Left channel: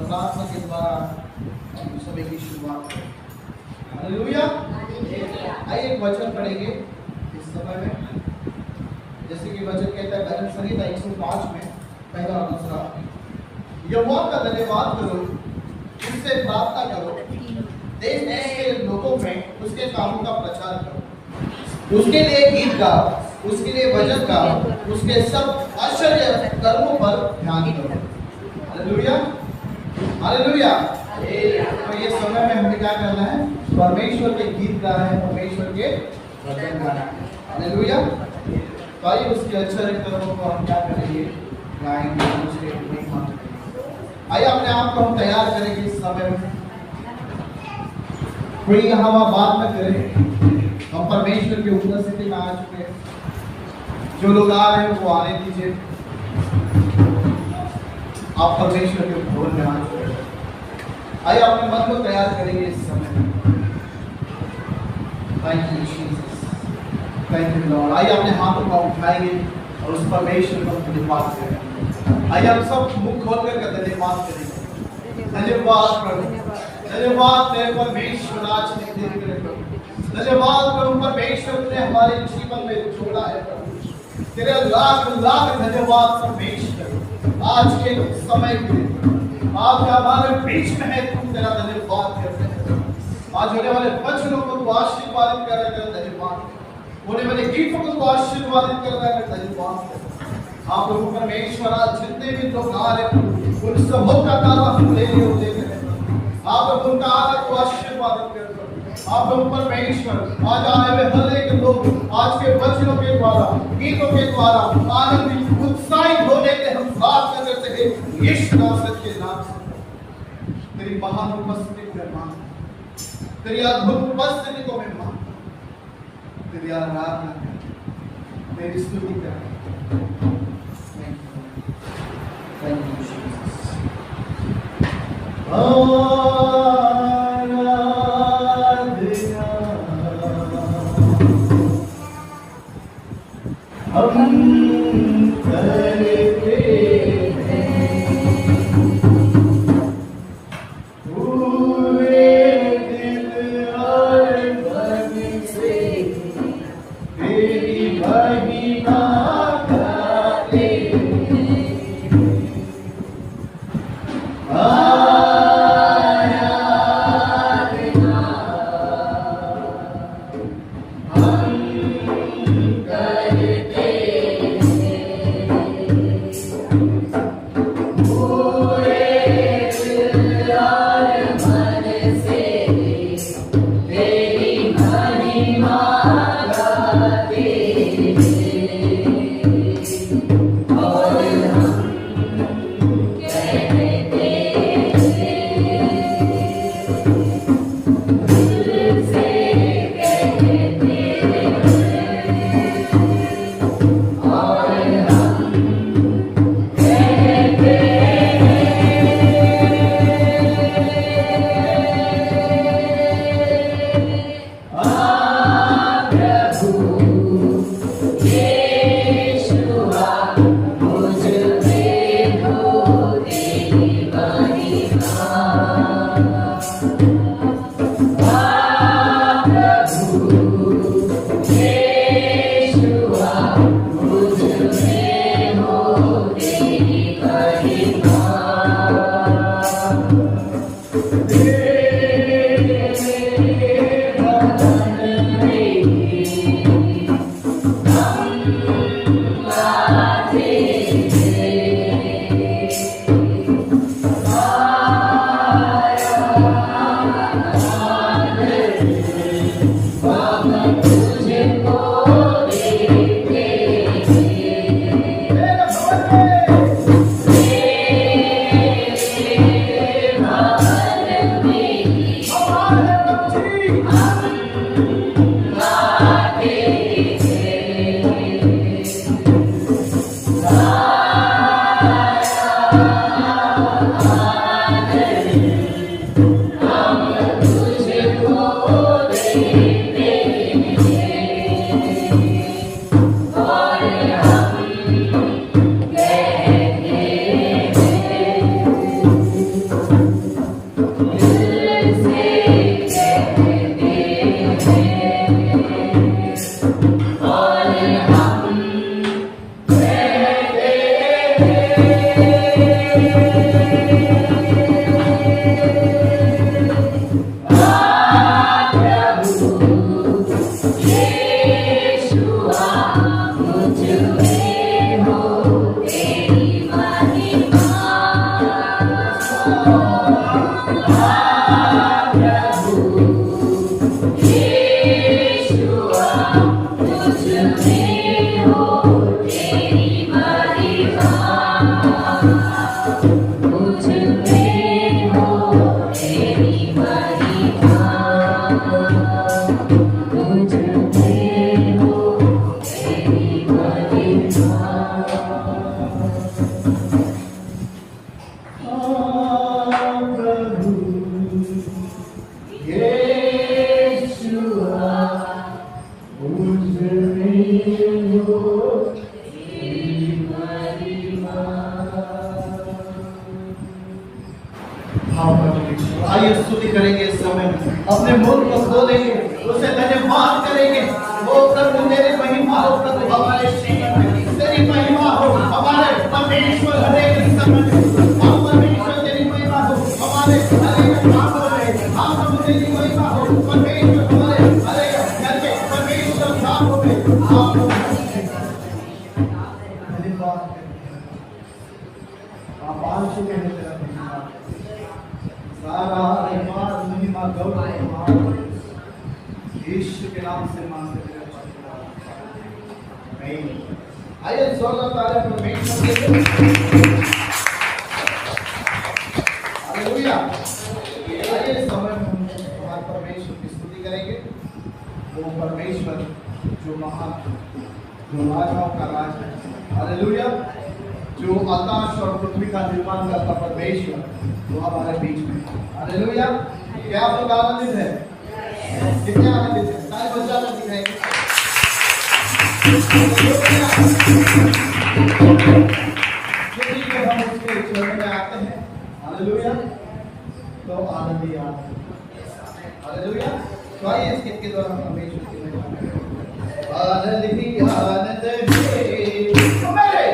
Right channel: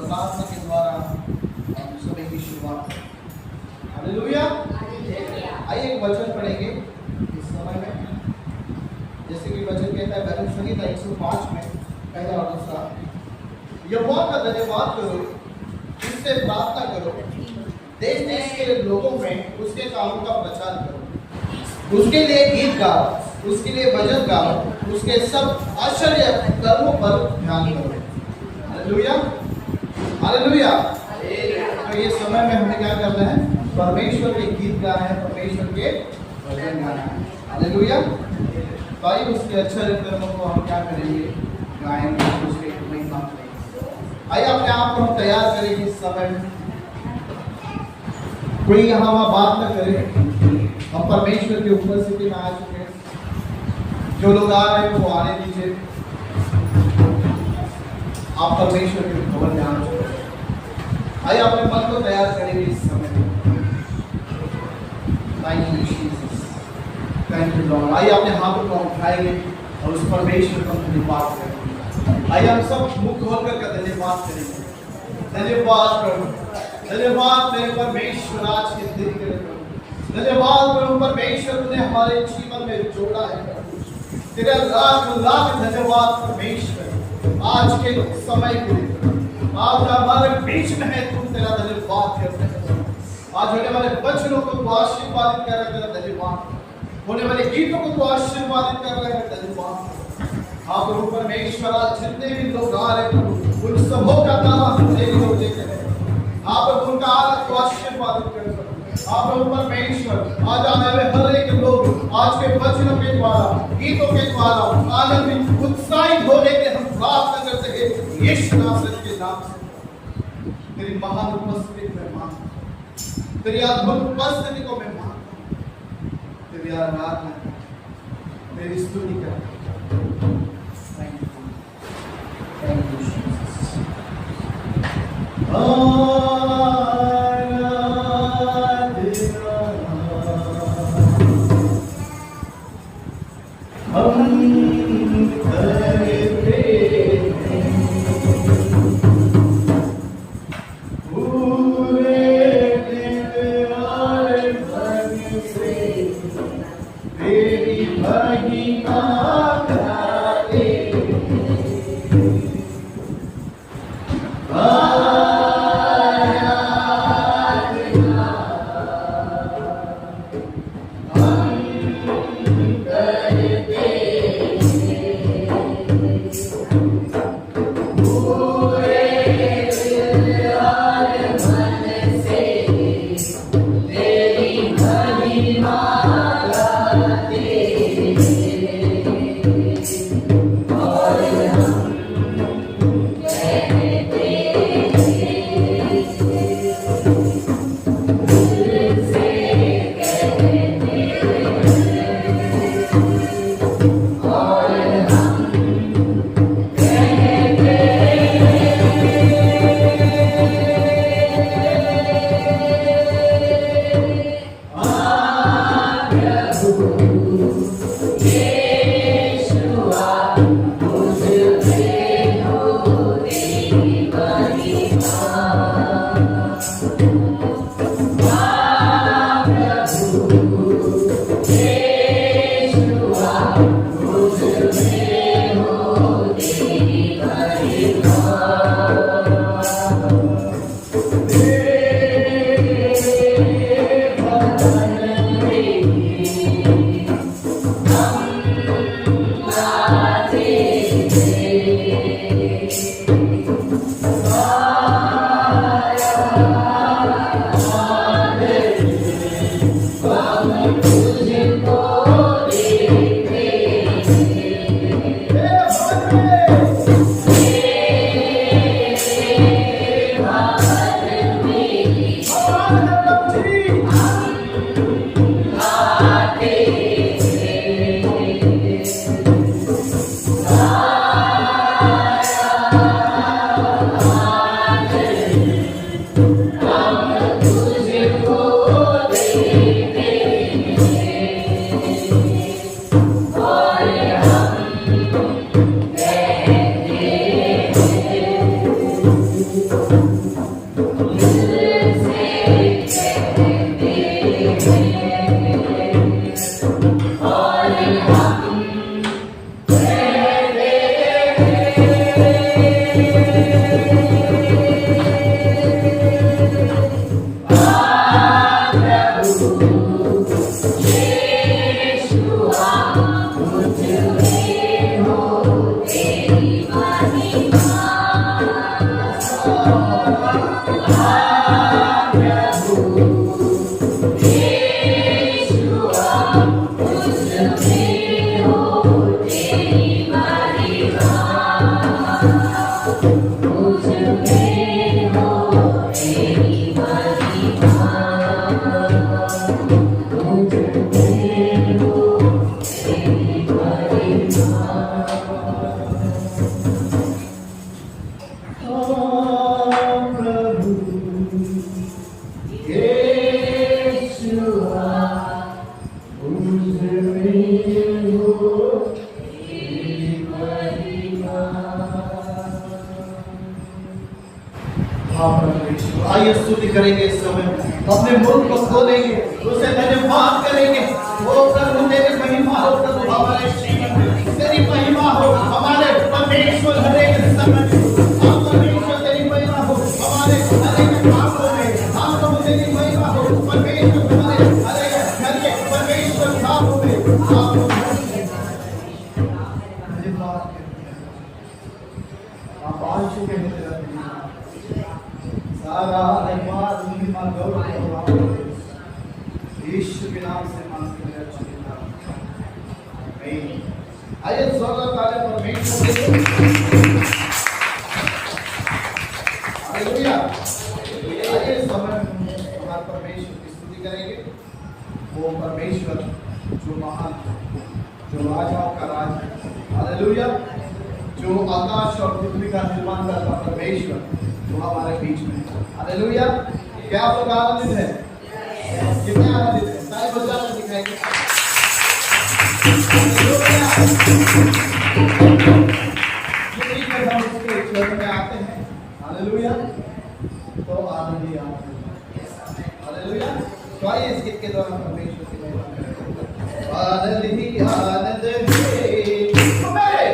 प्रार्थना के द्वारा हम सभी की शुरुआत करें। हालेलुया। आइए एक वचन पढ़ेंगे इस समय में, जैसे कि वचन कहता है भजन संगीता 105 में पहला और दूसरा, यहोवा का धन्यवाद करो, उससे प्रार्थना करो, देश देश के लोगों में उसके कामों का प्रचार करो, उसके लिए गीत गाओ, उसके लिए भजन गाओ, उसके सब आश्चर्य कर्मों पर ध्यान करो। Hallelujah, hallelujah. तो ये समय में हमें क्या करना है? परमेश्वर के गीत गाना है, परमेश्वर के भजन गाना है। हालेलुया। तो आइए उसके आश्चर्य कर्मों को हम क्या करेंगे? गाएंगे, उसके महिमा करेंगे। आइए अपने आप को हम तैयार करेंगे इस समय में। कोई यहाँ बात न करे, हम परमेश्वर के उपस्थिति में आ चुके हैं। जो लोग आ रहे हैं वो आने दीजिए। आप परमेश्वर के भवन में आ चुके हैं। आइए अपने मन को तैयार करेंगे इस समय में। Thank you Jesus, thank you Lord. आइए अपने हाथों को उठाएंगे और उस परमेश्वर को धन्यवाद करेंगे। आइए हम सब मुख खोल कर धन्यवाद करेंगे। धन्यवाद प्रभु, धन्यवाद तेरे परमेश्वर आज के दिन के लिए प्रभु। धन्यवाद प्रभु परमेश्वर ने हमारे जीवन में जोड़ा है प्रभु। तेरे लाख लाख धन्यवाद परमेश्वर आज के समय के लिए। आज हमारे बीच में है, तुम तेरा धन्यवाद करते हैं। आज होने वाले वचनों को तू आशीर्वादित कर रहा है, धन्यवाद। होने वाले गीतों को तू आशीर्वादित कर रहा है, धन्यवाद। आप प्रभु परमेश्वर आज जितने भी लोग आ रहे हैं उन सबों का ताला हम ले देते हैं। आप प्रभु उनका आदर को आशीर्वादित कर सकते। आप प्रभु परमेश्वर आज आने में हर एक लोग आज के वचनों के द्वारा, गीतों के द्वारा आनंदित उत्साहित होने के हम प्रार्थना करते हैं यीशु नासरत के नाम से। तेरी महान उपस्थिति में मान, तेरी अद्भुत उपस्थिति को मैं मान, तेरी आराधना कर, तेरी स्तुति कर। Thank you, thank you Jesus. Yeah. आइए स्तुति करेंगे इस समय अपने मुंह को खोलेंगे, उसे धन्यवाद करेंगे। ओ प्रभु तेरी महिमा हो, प्रभु हमारे जीवन में तेरी महिमा हो, हमारे परमेश्वर हरेक समय में। हाँ परमेश्वर तेरी महिमा हो हमारे हरेक मामलों में। हाँ प्रभु तेरी महिमा हो परमेश्वर हमारे हरेक घर के परमेश्वर कामों में। हाँ धन्यवाद आप आ चुके हैं तेरा धन्यवाद। सारा धन्यवाद महिमा गौरव यीशु के नाम से मांगते हैं। आमीन। आइए जोरदार तालियां परमेश्वर के लिए। हालेलुया। आइए इस समय में हम हमारे परमेश्वर की स्तुति करेंगे। वो परमेश्वर जो महान, जो राजाओं का राज है। हालेलुया। जो आकाश और पृथ्वी का निर्माण करता परमेश्वर वो हमारे बीच में। हालेलुया। क्या आप लोग आनंदित हैं? कितने आनंदित हैं? सारे बच्चा लोग दिखाएंगे। जब हम उसके चरणों में आते हैं, हालेलुया, तो आनंद ही आनंद है। हालेलुया। तो आइए इस गीत के द्वारा परमेश्वर की महिमा करें। आनंद ही आनंद है Hey!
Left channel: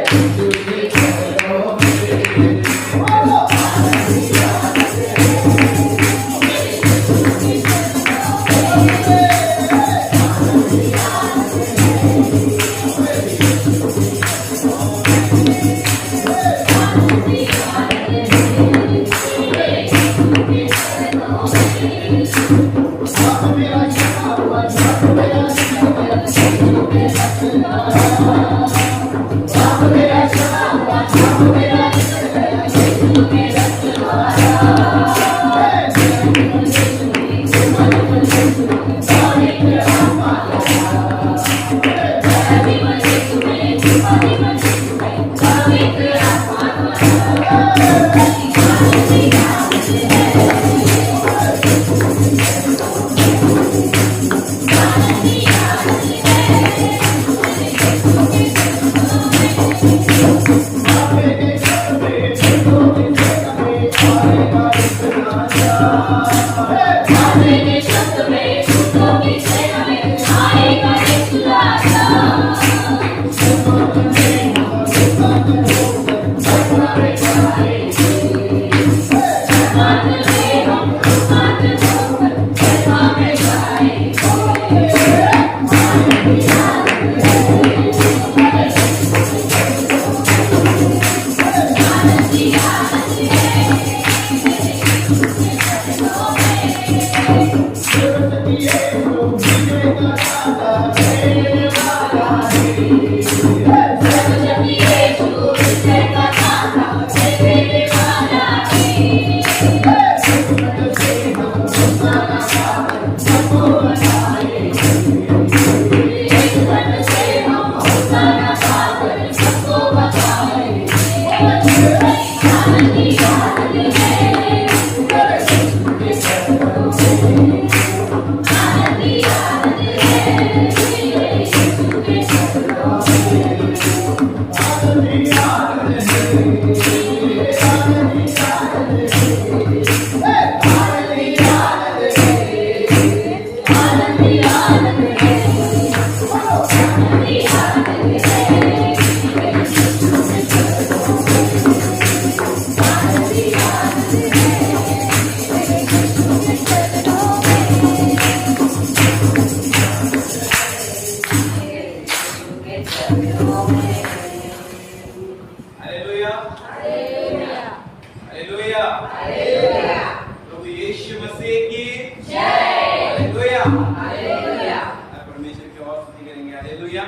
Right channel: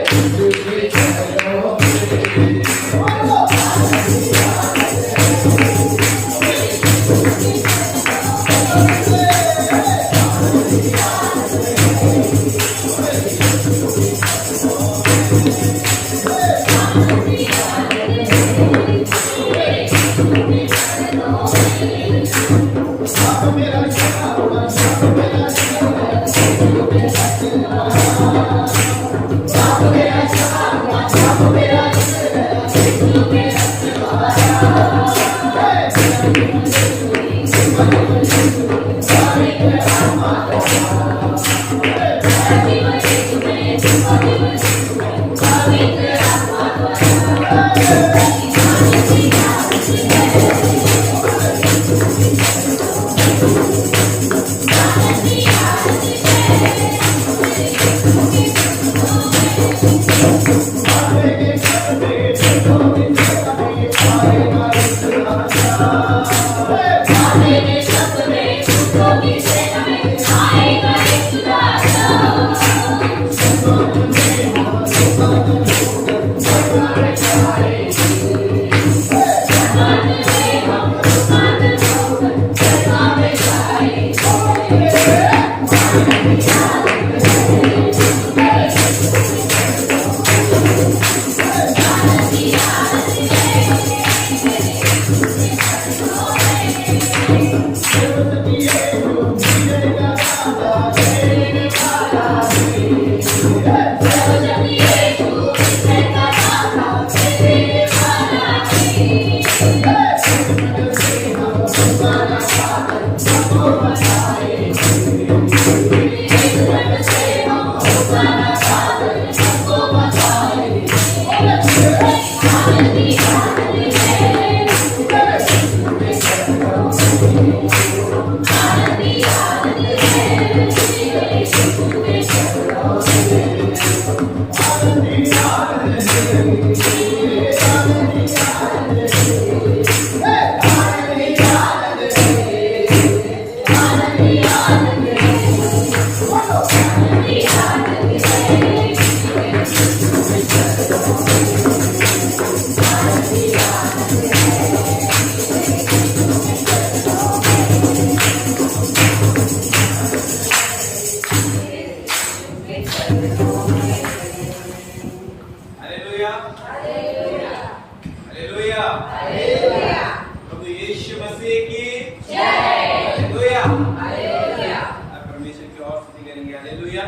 करेंगे। हालेलुया।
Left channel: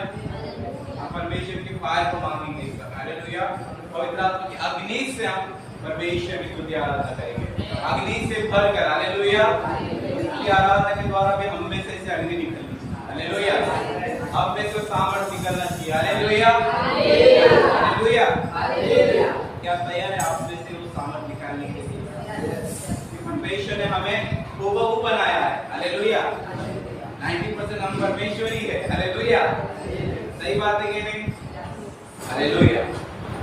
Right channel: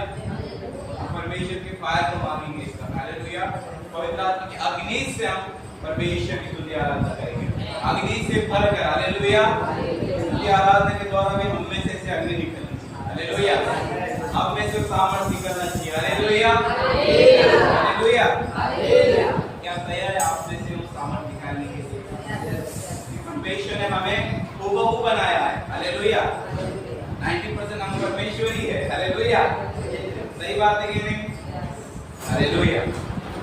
हम परमेश्वर की फायर को मांगेंगे इस बार। हालेलुया। पवित्र आत्मा की अग्नि से हम परमेश्वर की स्तुति आराधना करेंगे, अग्नि से भरकर। हालेलुया। स्तुति आराधना के द्वारा भी हम में से अग्नि निकलनी चाहिए। हालेलुया। अब में से सामर्थ निकलना चाहिए। हालेलुया। हालेलुया। क्या तैयार है आप में से वो सामर्थ निकालने के लिए? परमेश्वर ने हमें हूबहू बनाया है। हालेलुया। 90% हम परमेश्वर ही है। हालेलुया। सही बात है कि नहीं? हालेलुया।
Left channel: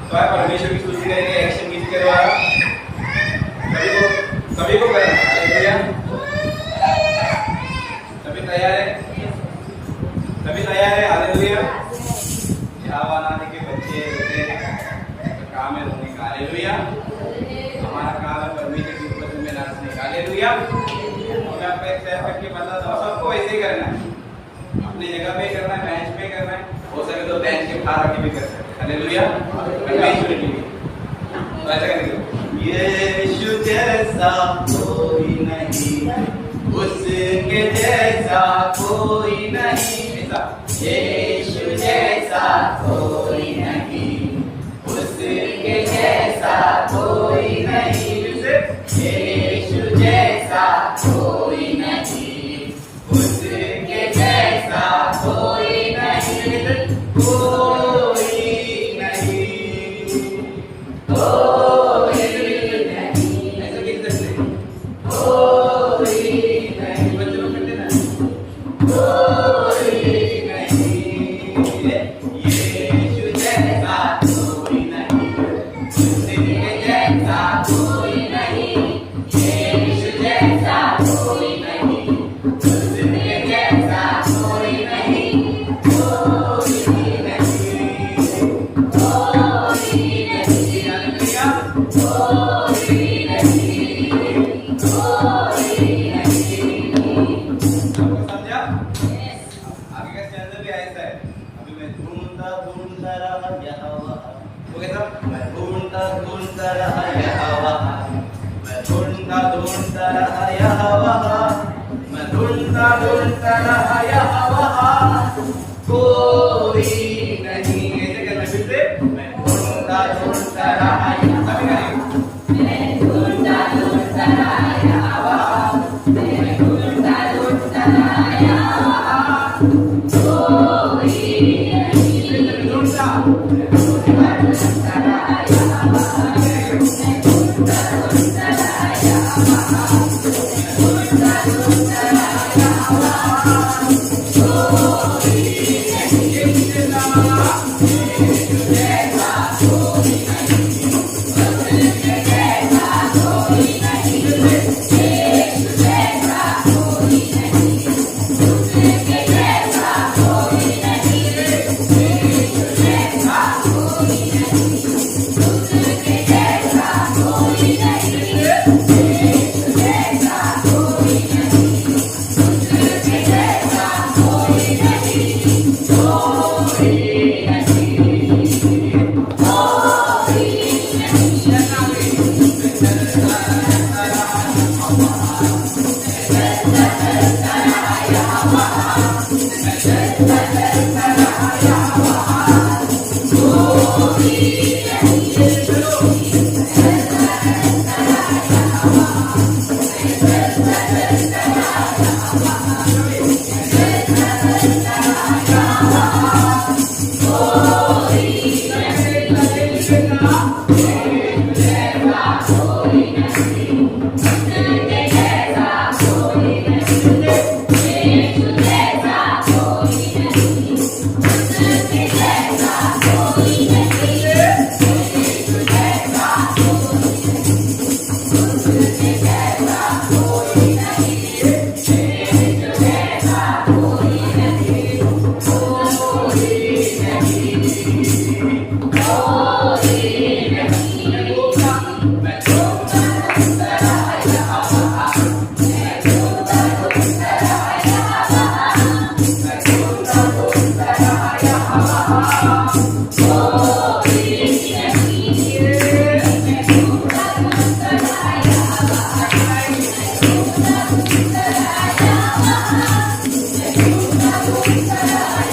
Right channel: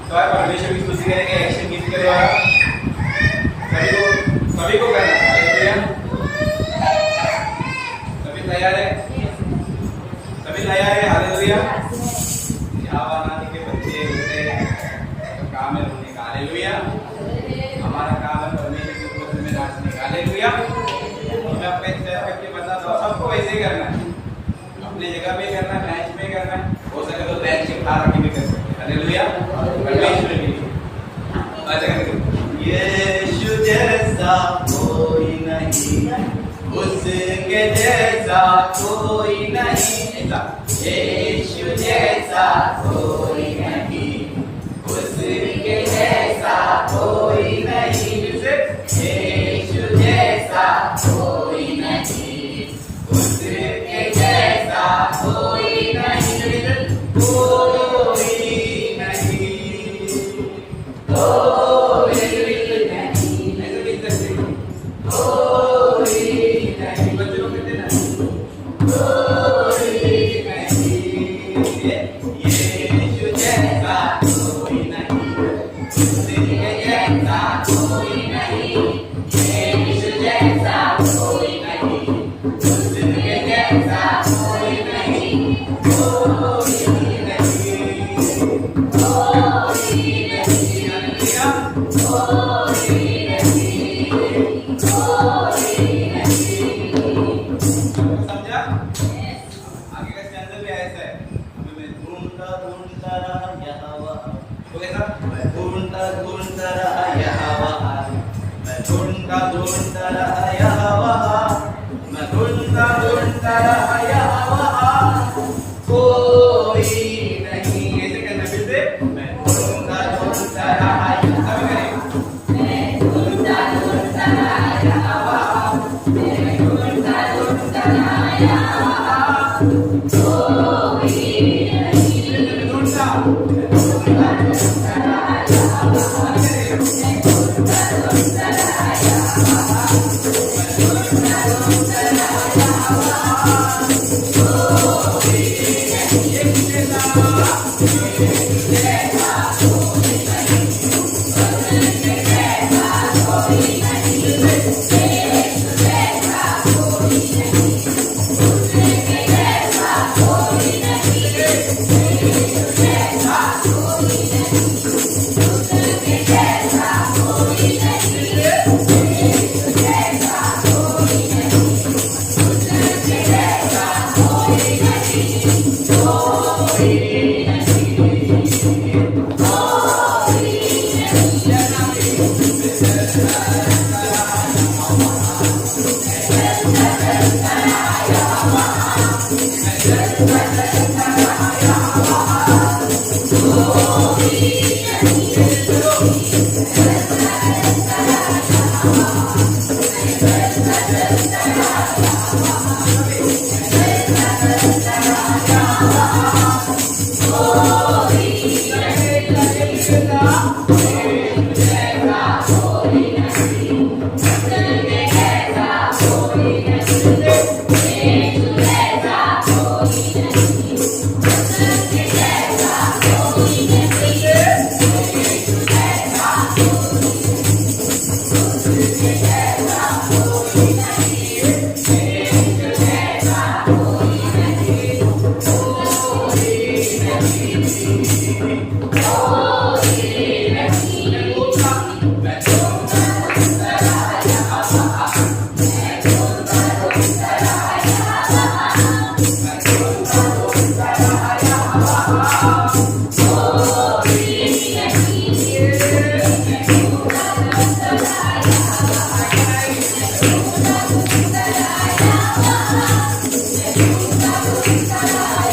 तो आप परमेश्वर की स्तुति करेंगे एक्शन गीत के द्वारा। सभी को करना है। हालेलुया। सभी तैयार है? सभी तैयार है? हालेलुया। आवानादि के बच्चे काम है रोने का। हालेलुया। हमारा काम है परमेश्वर के वचन में नाचने का। हालेलुया। मैं अपने तैयार करके बताता हूँ, सबको वैसे ही करना है, अपनी जगह पे करना है, बेंच पे करना है, हो सके तो बेंच के उठा रखे भी कर सकते हैं। हालेलुया। परमेश्वर के लिए ऐसा करेंगे। यीशु जैसा कोई नहीं, उसके जैसा कोई नहीं, ऐसा। यीशु जैसा कोई नहीं, उसके जैसा कोई नहीं, यीशु जैसा कोई नहीं, उसके जैसा कोई नहीं, कोई नहीं, कोई नहीं, ऐसा लिख सकते, कोई नहीं, बच्चों में देना, कोई नहीं, यीशु जैसा कोई नहीं, उसके जैसा कोई नहीं, यीशु जैसा कोई नहीं, उसके जैसा कोई नहीं, कोई नहीं, कोई नहीं, हालेलुया, कोई नहीं, कोई नहीं। समझा? आगे का स्टैंजा भी ऐसा है। अभी मैं ढूंढता ढूंढता रहा यहाँ वहाँ, वो कैसा? मैं ढूंढता ढूंढता रहा यहाँ वहाँ, मैं ढूंढता ढूंढता रहा यहाँ वहाँ, मैं ढूंढता ढूंढता रहा यहाँ वहाँ, कोई नहीं। ऐसे करना फिर से। मैं ढूंढता ढूंढता रहा यहाँ, मैं ढूंढता ढूंढता रहा यहाँ वहाँ, मैं ढूंढता ढूंढता रहा यहाँ वहाँ, कोई नहीं। ढूंढता ढूंढता रहा यहाँ वहाँ, मैं ढूंढता ढूंढता रहा यहाँ वहाँ, मैं ढूंढता ढूंढता रहा यहाँ वहाँ, कोई नहीं। यीशु जैसा कोई नहीं, उसके जैसा कोई नहीं, यीशु जैसा कोई नहीं, उसके जैसा कोई नहीं, यीशु जैसा कोई नहीं, उसके जैसा कोई नहीं, यीशु जैसा कोई नहीं, उसके जैसा कोई नहीं, कोई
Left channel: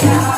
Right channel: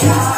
Yeah.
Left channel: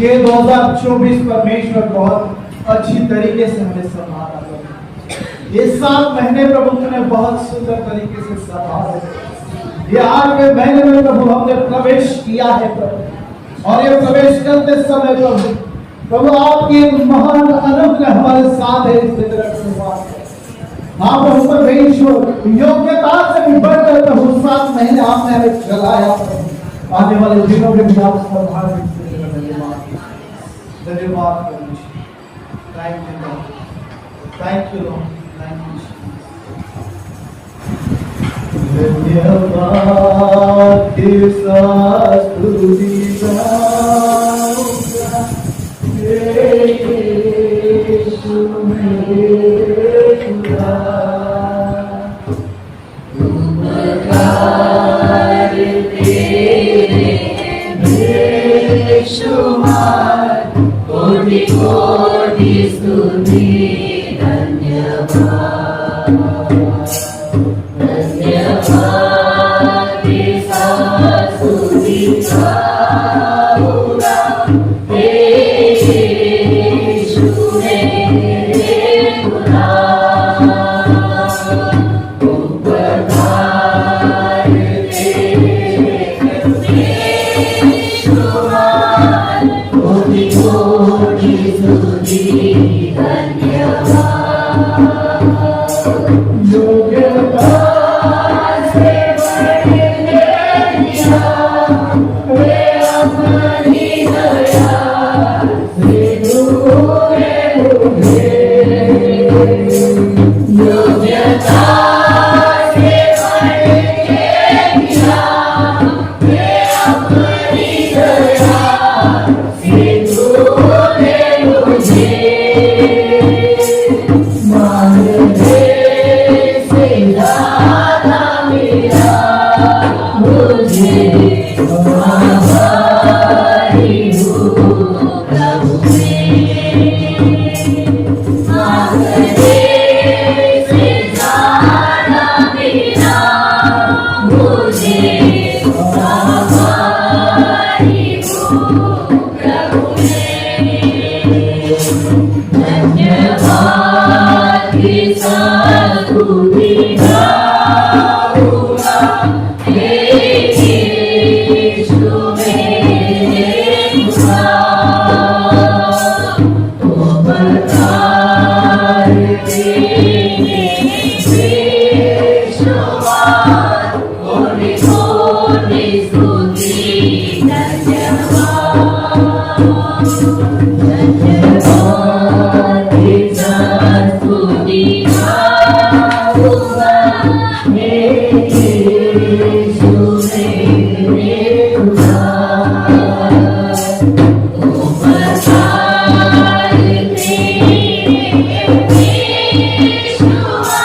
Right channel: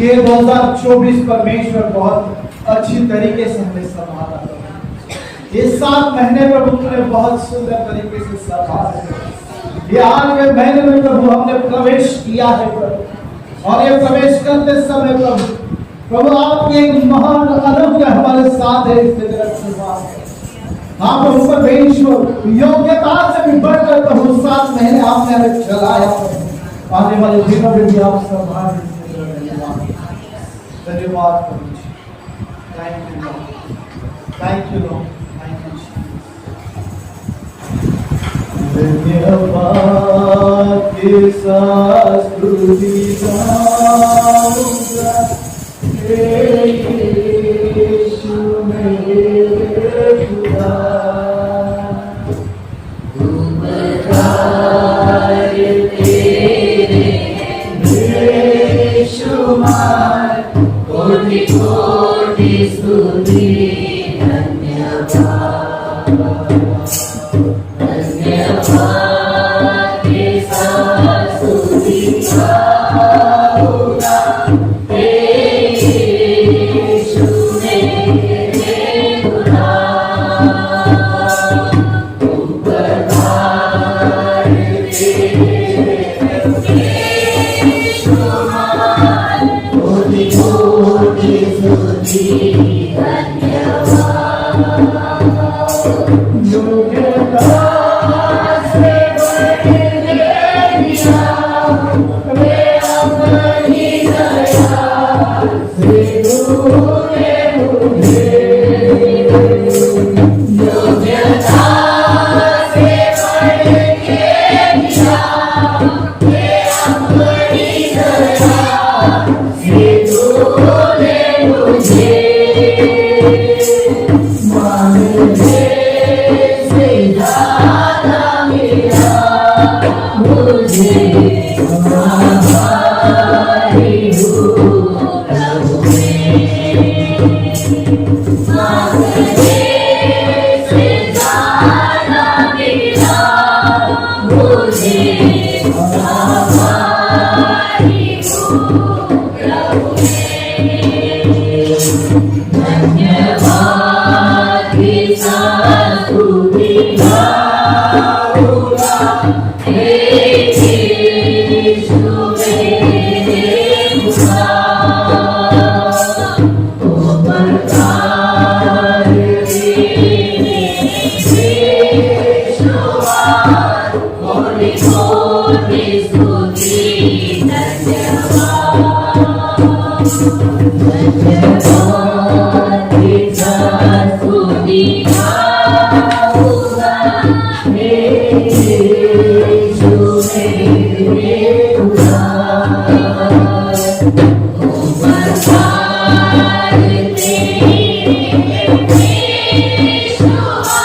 ये 2024 परमेश्वर बहुत अच्छी तरीके से हमें संभाला है। ये 7 महीने प्रभु ने बहुत सुंदर तरीके से संभाला। ये 8वें महीने में प्रभु हमने प्रवेश किया है प्रभु, और ये प्रवेश करते समय प्रभु आपकी एक महान अनुग्रह हमारे साथ है। इस तरह से बात है हाँ प्रभु परमेश्वर, योग्यता से भी बढ़कर प्रभु 7 महीने आपने हमें चलाया। आने वाले दिनों में भी आप संभाल धन्यवाद परमेश्वर। Thank you Lord, thank you Lord, thank you धन्यवाद के साथ स्तुति गाऊंगा यीशु मेरे खुदा। उपकार तेरे बेशुमार, कोटि कोटि स्तुति धन्यवाद। धन्यवाद के साथ स्तुति गाऊंगा यीशु मेरे खुदा। उपकार तेरे बेशुमार, कोटि कोटि स्तुति धन्यवाद। योग्यता से बढ़ने दिया वे अपनी दया से तूने मुझे। योग्यता से बढ़ने दिया वे अपनी दया से तूने मुझे। मांगने से ज्यादा मिला मुझे, आभारी हूँ प्रभु मेरे। मांगने से ज्यादा मिला मुझे, आभारी हूँ प्रभु मेरे। धन्यवाद के साथ स्तुति गाऊंगा यीशु मेरे खुदा। उपकार तेरे बेशुमार, कोटि कोटि स्तुति धन्यवाद। धन्यवाद के साथ स्तुति गाऊंगा यीशु मेरे खुदा। उपकार तेरे बेशुमार,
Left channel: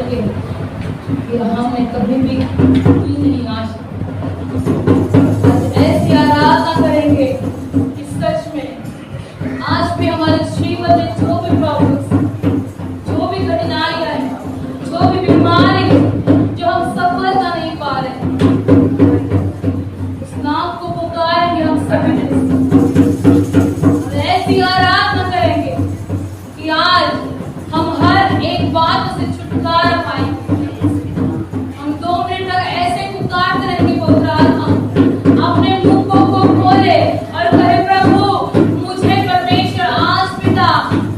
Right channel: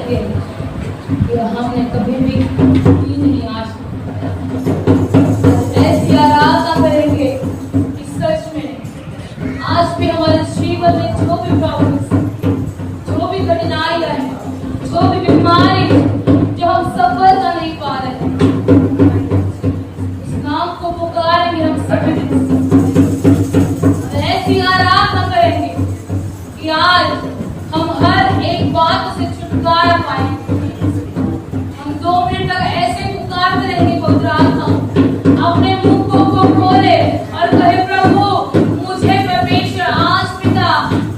करेंगे कि हमने कभी भी की नहीं आज ऐसी आराधना करेंगे कि सच में आज भी हमारे जीवन में जो भी प्रॉब्लम्स, जो भी कठिनाइयां हैं, जो भी बीमारी है, जो हम सफलता नहीं पा रहे हैं, उस नाम को पुकारेंगे हम सभी ऐसी आराधना करेंगे कि आज हम हर एक बात से छुटकारा पाएंगे। हम 2 मिनट तक ऐसे पुकारते रहेंगे पवित्र आत्मा अपने मुंह को खोले और कहे प्रभु मुझे परमेश्वर आज पिता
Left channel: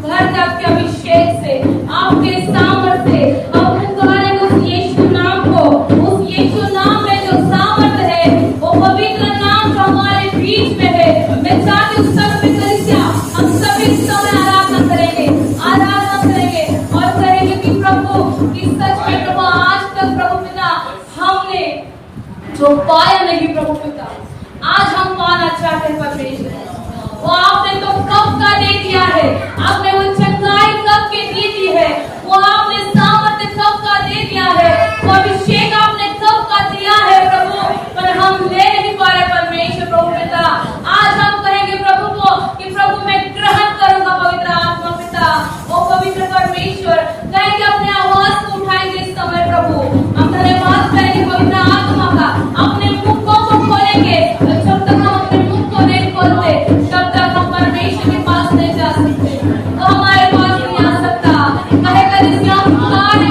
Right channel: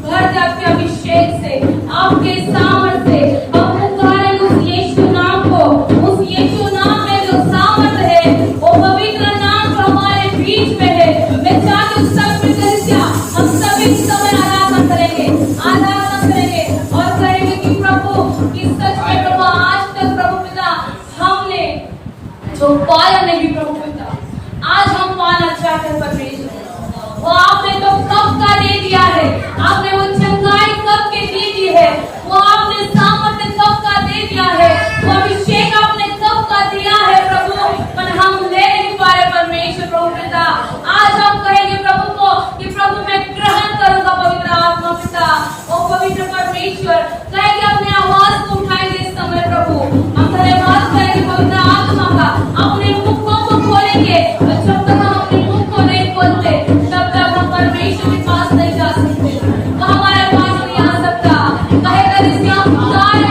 भर दे आपके अभिषेक से, आपके सामर्थ्य से। हम पुकारें उस यीशु नाम को, उस यीशु नाम में जो सामर्थ्य है, वो पवित्र नाम जो हमारे बीच में है। मैं चाहती हूँ सब कलीसिया हम सभी समय आराधना करेंगे और कहेंगे कि प्रभु कि सच में प्रभु आज तक प्रभु पिता हमने जो पाया नहीं प्रभु पिता आज हम पाना चाहते हैं परमेश्वर। वो आपने तो कब का दे दिया है, आपने वो चंगाई कब के दे दी है, वो आपने सामर्थ्य कब का दे दिया है, वो अभिषेक आपने कब का दिया है प्रभु, पर हम ले नहीं पा रहे परमेश्वर प्रभु पिता। आज हम कहेंगे प्रभु को कि प्रभु मैं ग्रहण करूंगा पवित्र आत्मा पिता। ओ पवित्र परमेश्वर कहेंगे अपने आवाज को उठाएंगे इस समय प्रभु, हम धन्यवाद करेंगे पवित्र आत्मा का। अपने मुखों को खोलेंगे, जब तक हम अपने मुख को नहीं खोलते तब तक हम परमेश्वर के पास नहीं जा सकते, तो हमारे पास नहीं आ सकता। कहेगा जिससे हम पुकारे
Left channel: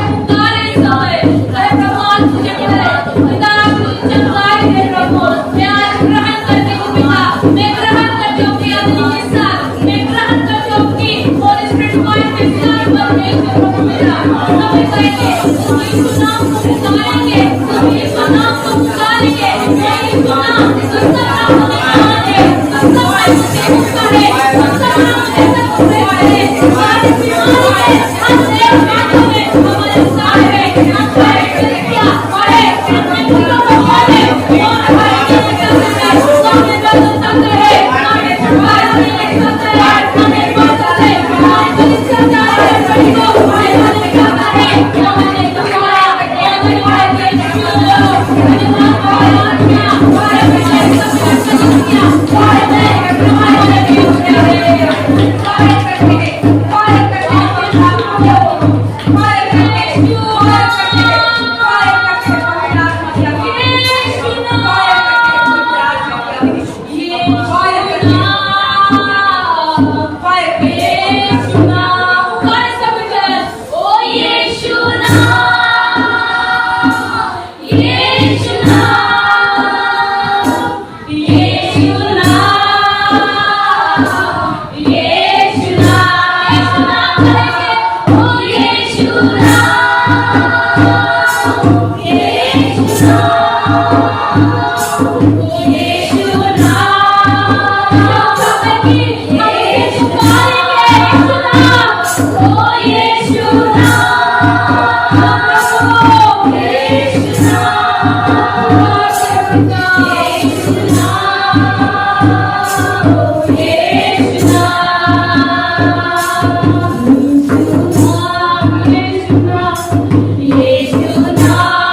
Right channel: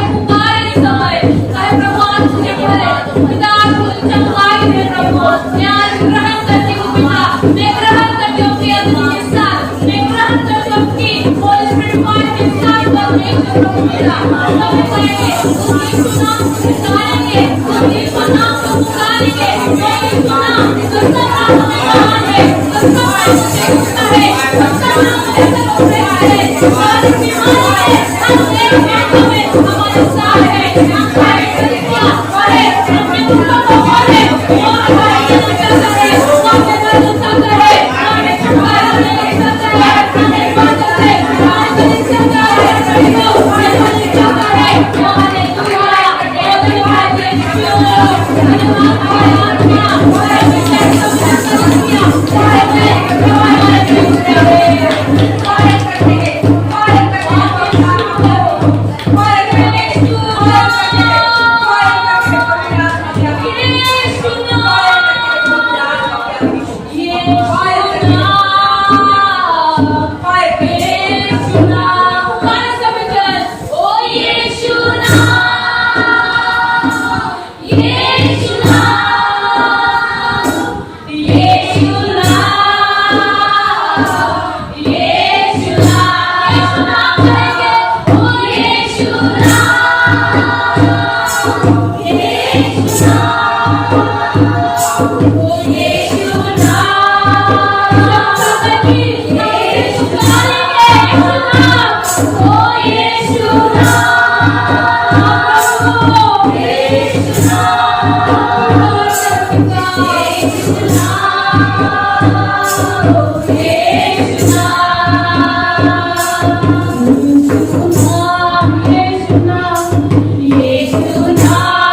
इस समय, कहे प्रभु आज मुझे बोले पिता आज मुझे चंगाई दे प्रभु, मैं आज ग्रहण करती हूँ पिता, मैं ग्रहण करती हूँ अपनी अग्नि के साथ, मैं ग्रहण करती हूँ अपनी होली स्पिरिट फायर के साथ परमेश्वर प्रभु पिता। हम कहेंगे यीशु नाम को पुकारेंगे, यीशु नाम को पुकारेंगे, यीशु नाम जिसका नाम हमें जान है, जिसका नाम जिसका है, जिसका नाम ऐसा होते है, हमारी बीमारी है, हमारे बेटों में हमारे साथ है, हम करेंगे क्या करे अपने मुखों को खोले और हमारे करता है, हमें बदलता है, हमें छुड़वाने नहीं सकता है, हमें बदलता है, हमें कलीसिया जा रहे हैं प्रभु, हमें करता है, हमारे द्वारा और हमारे Yeshua,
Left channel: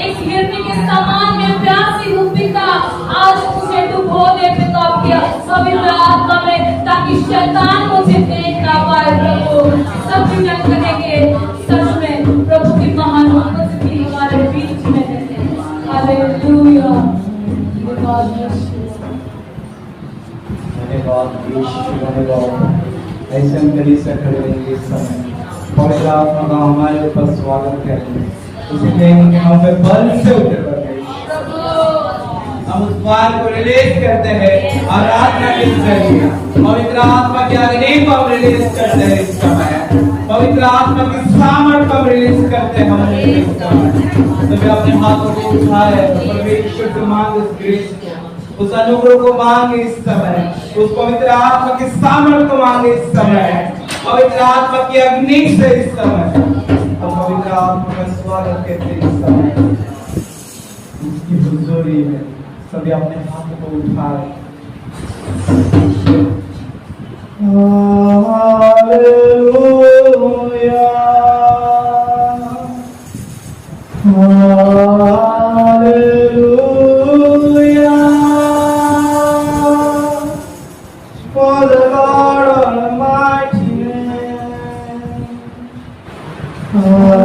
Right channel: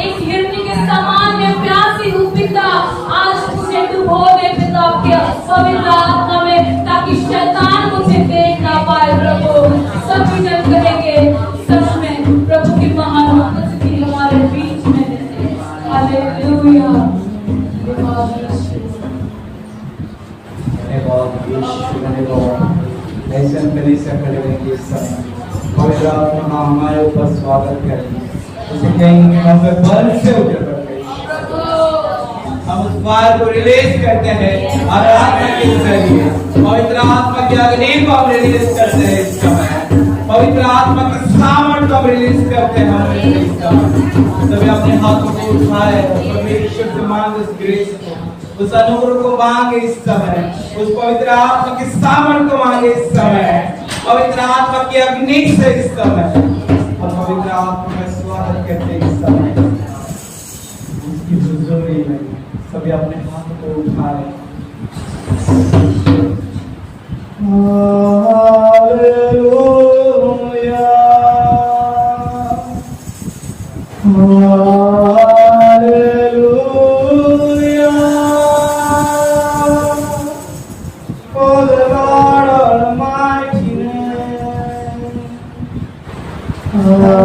एक हिरनी के समान में प्यासी हूँ पिता, आज मुझे डुबो दे पिता आपके पवित्र आत्मा में, ताकि शैतान मुझे देख ना पाए प्रभु। सब विजन करेंगे सच में प्रभु की महान उपस्थिति हमारे बीच में है। हालेलुया। धन्यवाद यीशु, धन्यवाद। ऐसे हम कलीसिया खड़े रहेंगे इस समय, पवित्र आत्मा का हमारे ऊपर स्वागत करेंगे, उसे कहेंगे कि हम पे बल से उतर पड़ गई। हम उस बार को रिलीज करते हैं आराधना के जरिए। पवित्र आत्मा की अग्नि को हम रिलीज करते हैं इस समय। पवित्र आत्मा की सामर्थ को हम रिलीज करते हैं इस समय। सभी अपने हाथों को उठाए और परमेश्वर से मांग उस ग्रेस को, उस अनुग्रह को मांगे इस समय, उस पवित्र आत्मा की सामर्थ को मांगे इस समय, पवित्र आत्मा की अग्नि से इस समय। और पवित्र आत्मा का स्वागत करते इस समय उसकी हुजूरी में। सभी अपने हाथ को उठाए। Hallelujah, hallelujah, for the Lord Almighty name. Hallelujah,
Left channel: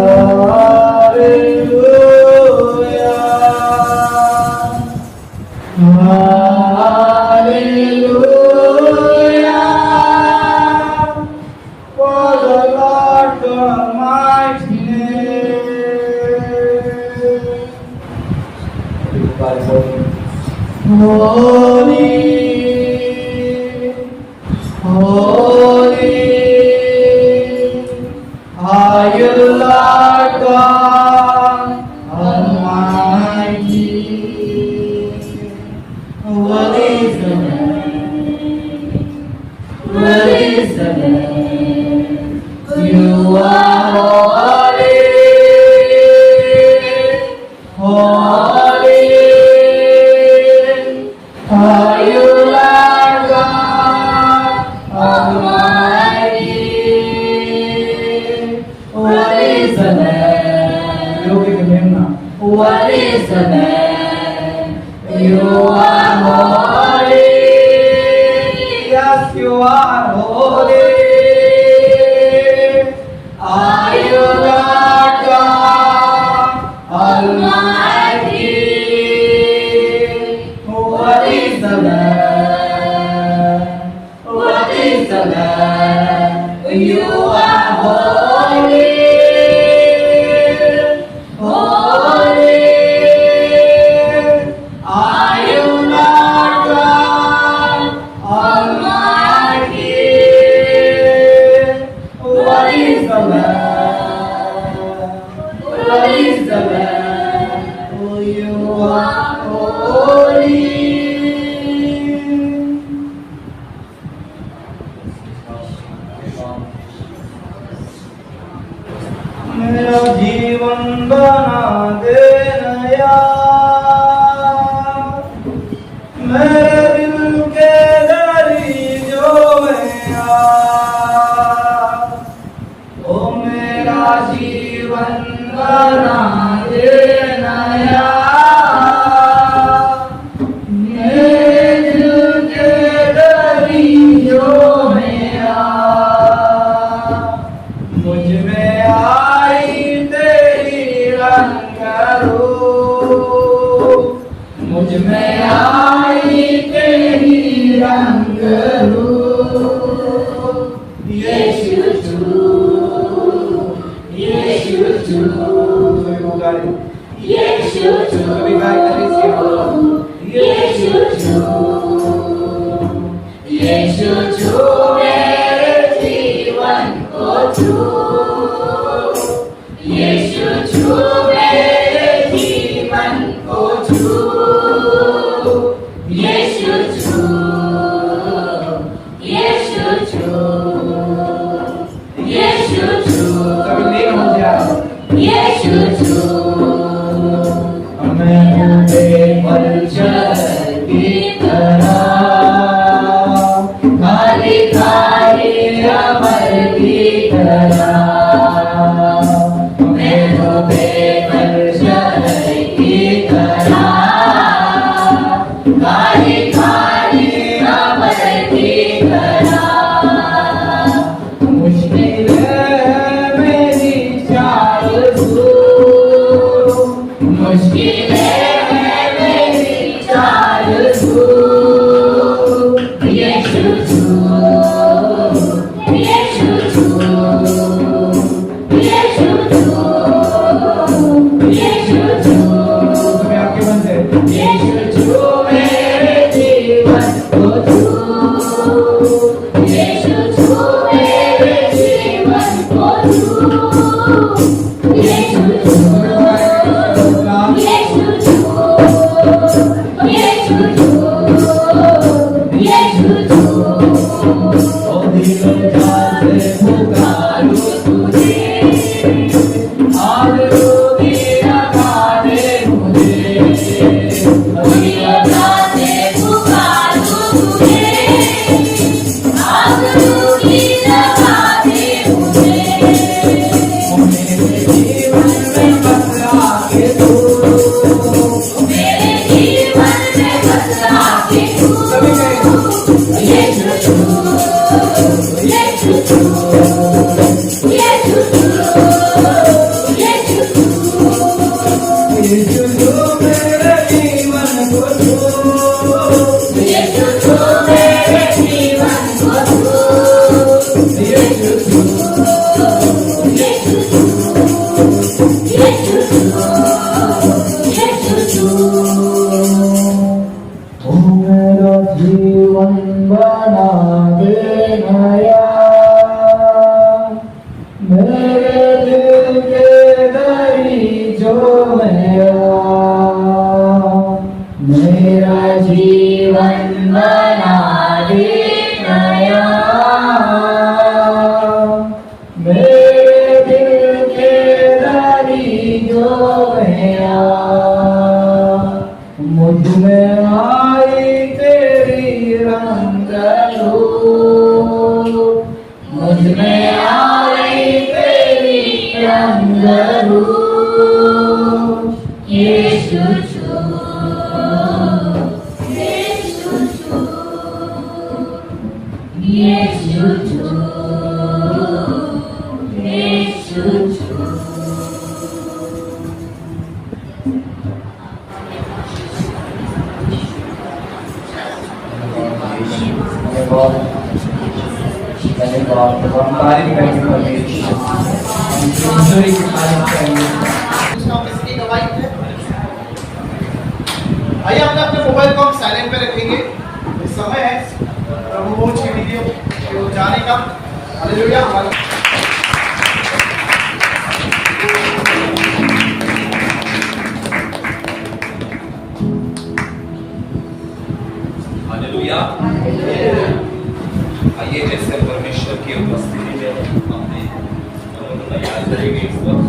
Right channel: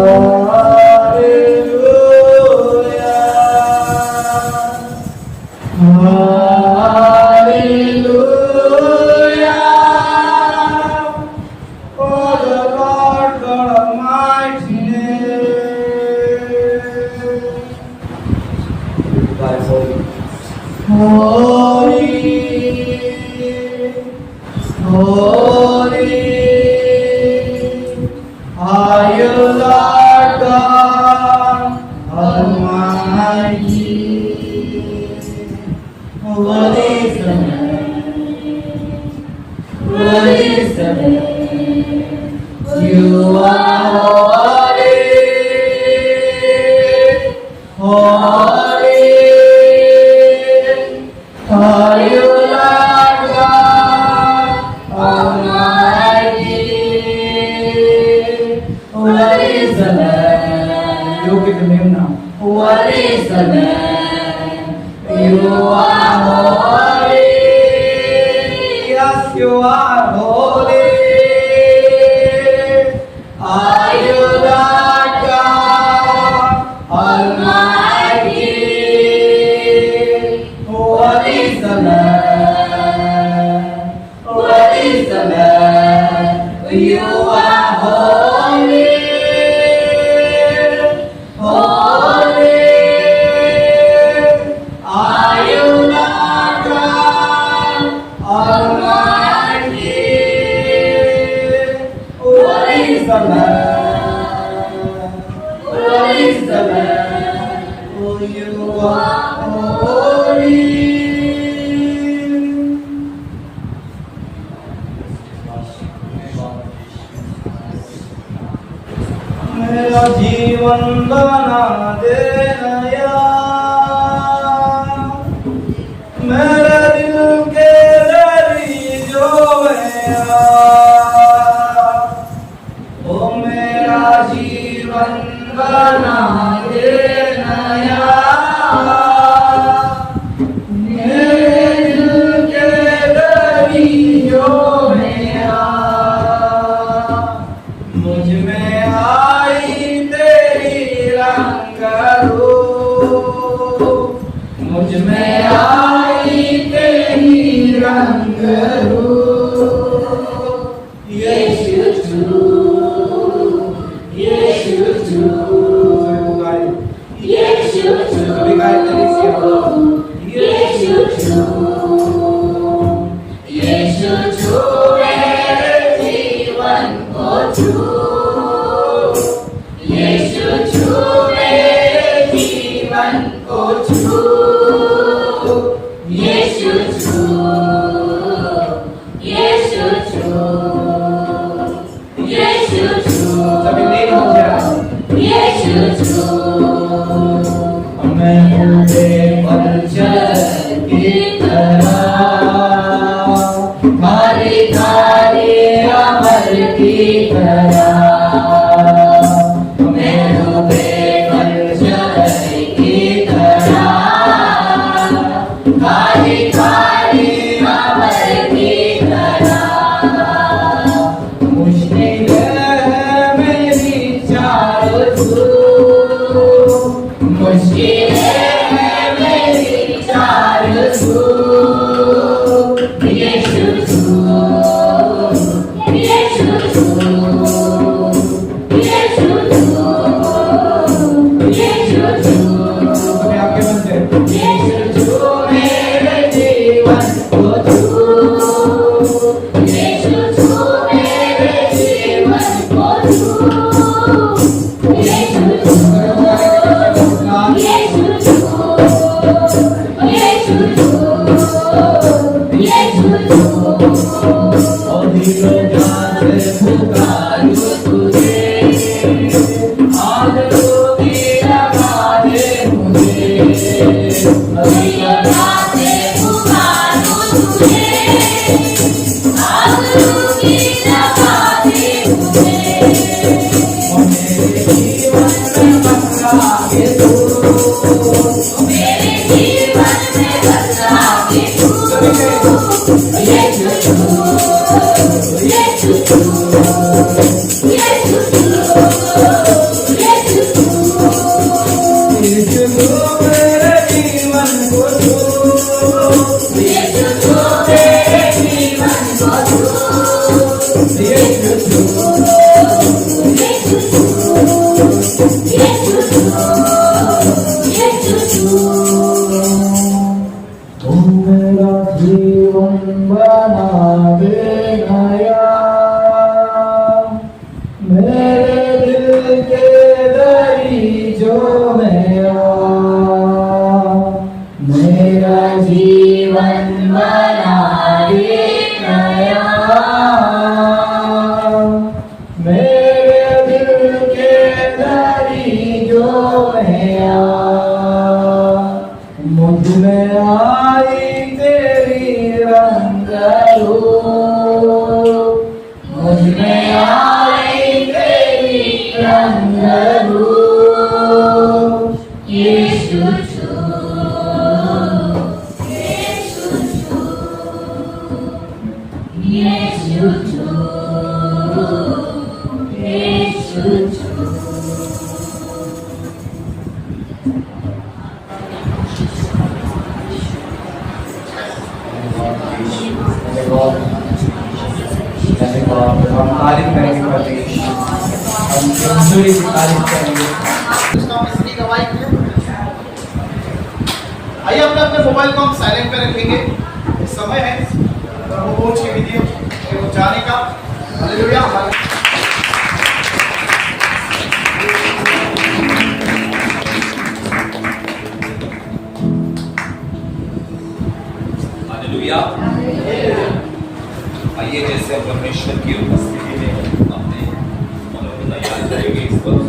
hallelujah, for the Lord God Almighty name. Holy, holy are you, Lord God Almighty. What is the name? What is the name? You are holy, holy are you, Lord God Almighty. What is the name? You give the name now. What is the name? You are holy. Yes, you are holy. Are you Lord God Almighty? What is the name? What is the name? You are holy, holy. Are you Lord God Almighty? What is the name? What is the name? Oh, you are holy. मेरा जीवन बना दे नया, मेरे दिल के दरियो में आ, ओ मेरा जीवन बना दे नया, मेरे दिल के दरियो में आ, मुझ में आई तेरी रंग रूप, मुझ में आई तेरी रंग रूप। यीशु तू, यीशु तू, यीशु तू, कभी गाय कलीसिया, यीशु तू, यीशु तू मेरे जीवन को छू, यीशु छू मेरे जीवन को छू, यीशु छू, यीशु छू, यीशु छू, सभी लीन हो जाए, यीशु छू। मैं मुझे पलचर की तरह खाली खाली अमर की तरह, मैं डूबे पलचर मेरे दिल के दरी जो मेरा, मेरा जीवन बना दे नया। मेरे दिल के दरी जो मेरा, मुझ में आई तेरी रंग रूप, मुझ में आई तेरी रंग रूप। यीशु छू, यीशु छू, यीशु छू, यीशु छू। धन्यवाद। तो हम तारीफ करेंगे परमेश्वर, हम ईश्वरी की तारीफ करेंगे। उसका किसकी गवाही है? आइए अपने अपने मोबाइल को हम साइलेंट पे रखेंगे। इस समय है प्रभु भोज की वीडियो के जाने का। हालेलुया। हमारे हालेलुया। आइए जैसे परमेश्वर की उपस्थिति में अपने मनों को तैयार करेंगे इस वक्त।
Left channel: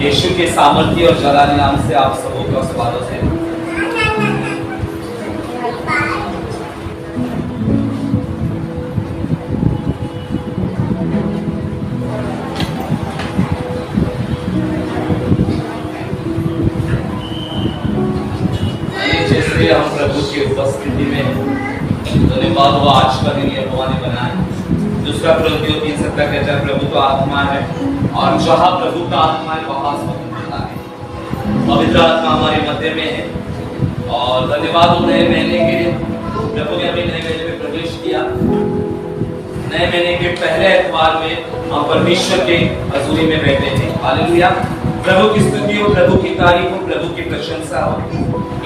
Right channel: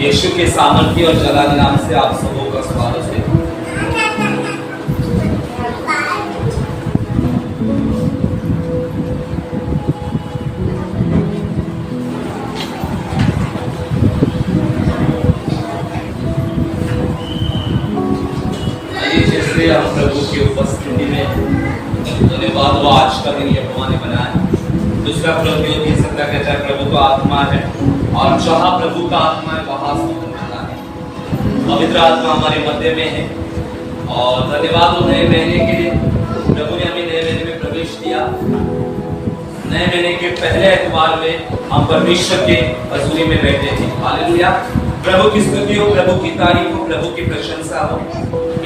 यीशु के सामर्थ्य और जलाली नाम से आप सबों का स्वागत है। जैसे हम प्रभु की उपस्थिति में धन्यवाद वो आज का दिन यहोवा ने बनाया। दूसरा कुरिन्थियों 3:17 कहता है प्रभु तो आत्मा है और जहाँ प्रभु का आत्मा है वहाँ स्वतंत्रता है। पवित्र आत्मा हमारे मध्य में है और धन्यवाद वो नए महीने के लिए। प्रभु ने हमें नए महीने में प्रवेश किया। नए महीने के पहले एतवार में हम परमेश्वर के हजूरी में बैठे थे। हालेलुया। प्रभु की स्तुति हो, प्रभु की तारीफ हो, प्रभु की प्रशंसा हो।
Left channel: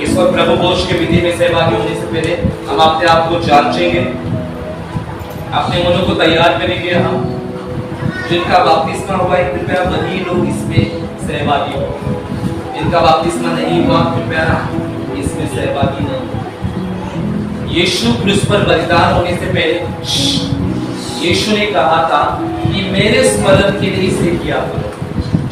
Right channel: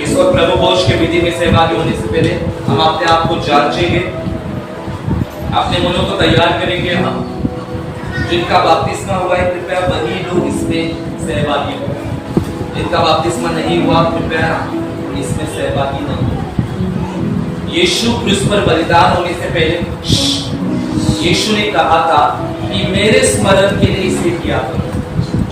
इस वक्त प्रभु भोज के विधि में सहभागी होने से पहले हम अपने आप को जांचेंगे, अपने मनों को तैयार करेंगे। हम जिनका बपतिस्मा हुआ है कृपया वही लोग इसमें सहभागी हो। जिनका बपतिस्मा नहीं हुआ कृपया इसमें सहभागी न हो। यीशु क्रूस पर बलिदान होने से पहले यीशु ने कहा था कि मेरे स्मरण के लिए इसे किया करो।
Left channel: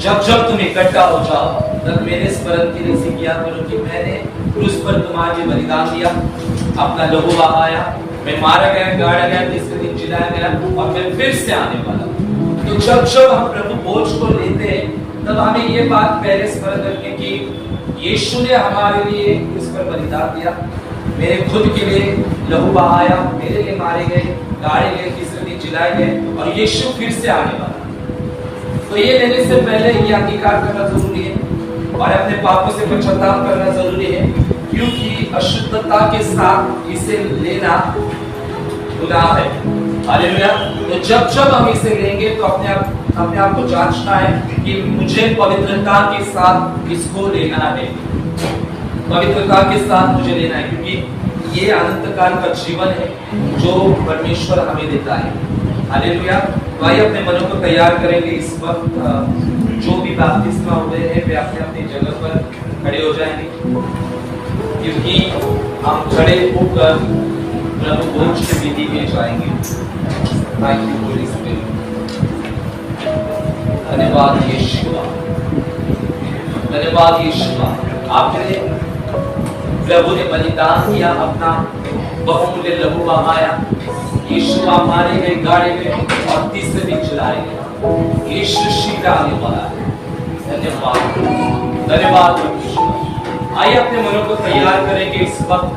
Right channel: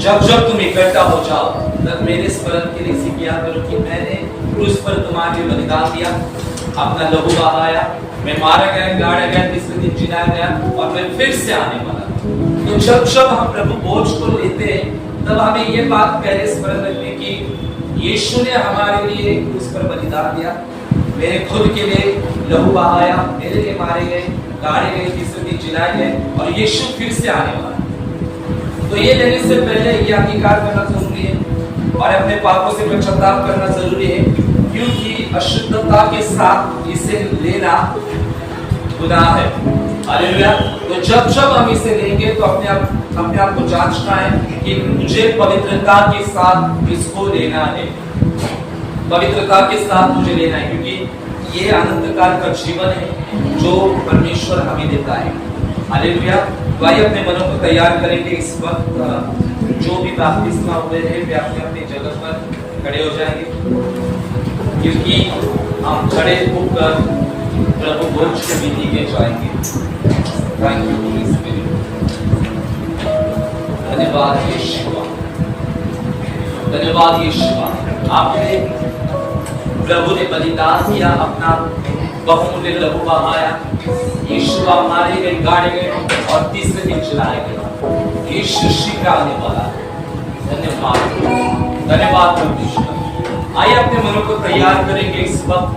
जब जब तुम इकट्ठा हो जाओ तब मेरे स्मरण के लिए इसे किया करो कि मैंने क्रूस पर तुम्हारे लिए बलिदान दिया, अपना लहू बहाया, मैं मारा गया, गाड़ा गया, तीसरे दिन जिलाया गया और मैं फिर से आने वाला। तो जब जब हम प्रभु भोज को लेते हैं तब हमें ये बात पहले स्मरण रखने की यीशु ने हमारे लिए क्रूस पर बलिदान दिया, मेरे खुद के लिए लहू बहाया, मेरे लिए मारे गए, गाड़े गए, तीसरे दिन जिलाए गए और यीशु फिर से आने वाला। तो ये लेने से पहले ये अंगीकार करना जरूरी है और अपने पापों से पश्चाताप करना जरूरी है, क्योंकि अशुद्धता के साथ इसे लेना गुनाह है। हालेलुया। तो जब जब हम इसे लेंगे तो अपने आप को जांचना है कि मुझे पवित्रता के साथ इसको लेना है। पवित्रता के साथ मुझे लेना है, क्योंकि ये अनंत काल का जीवन है जो परमेश्वर हमें देता है। हालेलुया। भाई अपने मनों को तैयार करेंगे। इस वक्त जो भी बपतिस्मा हुए हैं वे अपने अपनी जगह पर खड़े हो जाएंगे, क्योंकि हम खड़े होकर प्रभु भोज के विधि में जाएंगे। Thank you Holi spirit. धन्यवाद यीशु, धन्यवाद यीशु। आपने प्रभु ने बलिदान किया, अपना बहुमूल्य लहू बहाया। यीशु मारे गए, गाड़े गए और तीसरे दिन जलाए गए। यीशु शीघ्र आने वाला है। धन्यवाद, धन्यवाद परमेश्वर। आइए अपने मनों को तैयार करेंगे। इस वक्त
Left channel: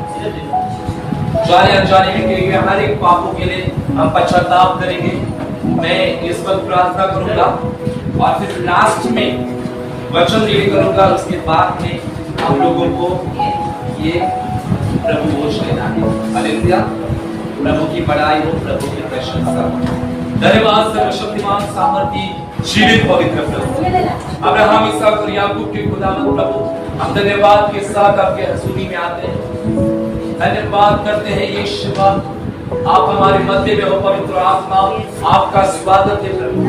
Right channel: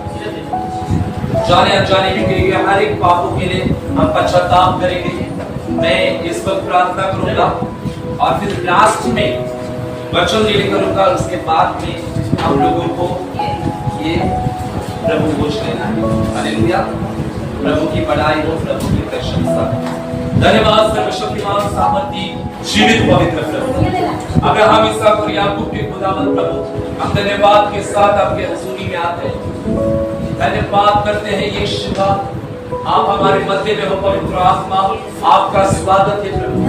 जाने अनजाने में किए गए हर एक पापों के लिए हम पश्चाताप करेंगे। मैं इस वक्त प्रार्थना करूंगा और फिर लास्ट में वचन रीड करूंगा। उसके बाद में हम लोगों को ये प्रभु भोज लेना है। हालेलुया। प्रभु की बड़ाई हो, प्रभु की प्रशंसा हो। धन्यवाद सर्वशक्तिमान सामर्थी जीवित पवित्र प्रभु, अब्राहम, इसहाक और याकूब के खुदावंद प्रभु, हम धन्यवाद के साथ आपके हजूरी में आते हैं। धन्यवाद करते हैं यीशु, आप हमारे मध्य में हो पवित्र आत्मा, आपका स्वागत है प्रभु।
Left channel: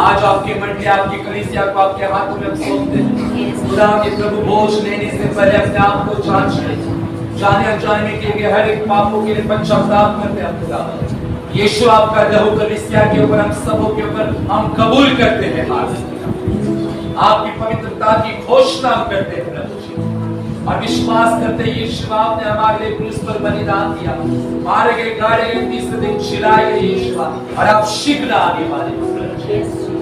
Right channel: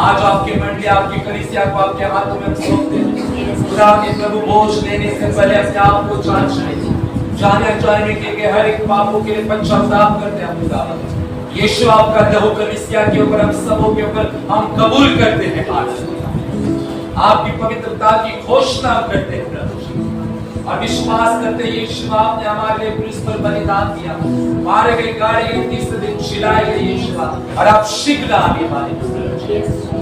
आज आपकी मंडली, आपकी कलीसिया को आपके हाथों में हम सौंपते हैं। खुदा के प्रभु बोझ लेने से पहले अपने आप को जांच ले, जाने अनजाने के हर एक पापों के लिए पश्चाताप करते हैं खुदा। यीशु आपका लहू कलीसिया के ऊपर, हम सबों के ऊपर हम कबूल करते हैं। आपकी पवित्रता की घोषणा करते हैं प्रभु जी, और विश्वास करते हैं यीशु आपने हमारे लिए क्रूस पर बलिदान दिया, मारे गए, गाड़े गए, तीसरे दिन जिलाए गए यीशु, और आप शीघ्र आने वाले प्रभु जी।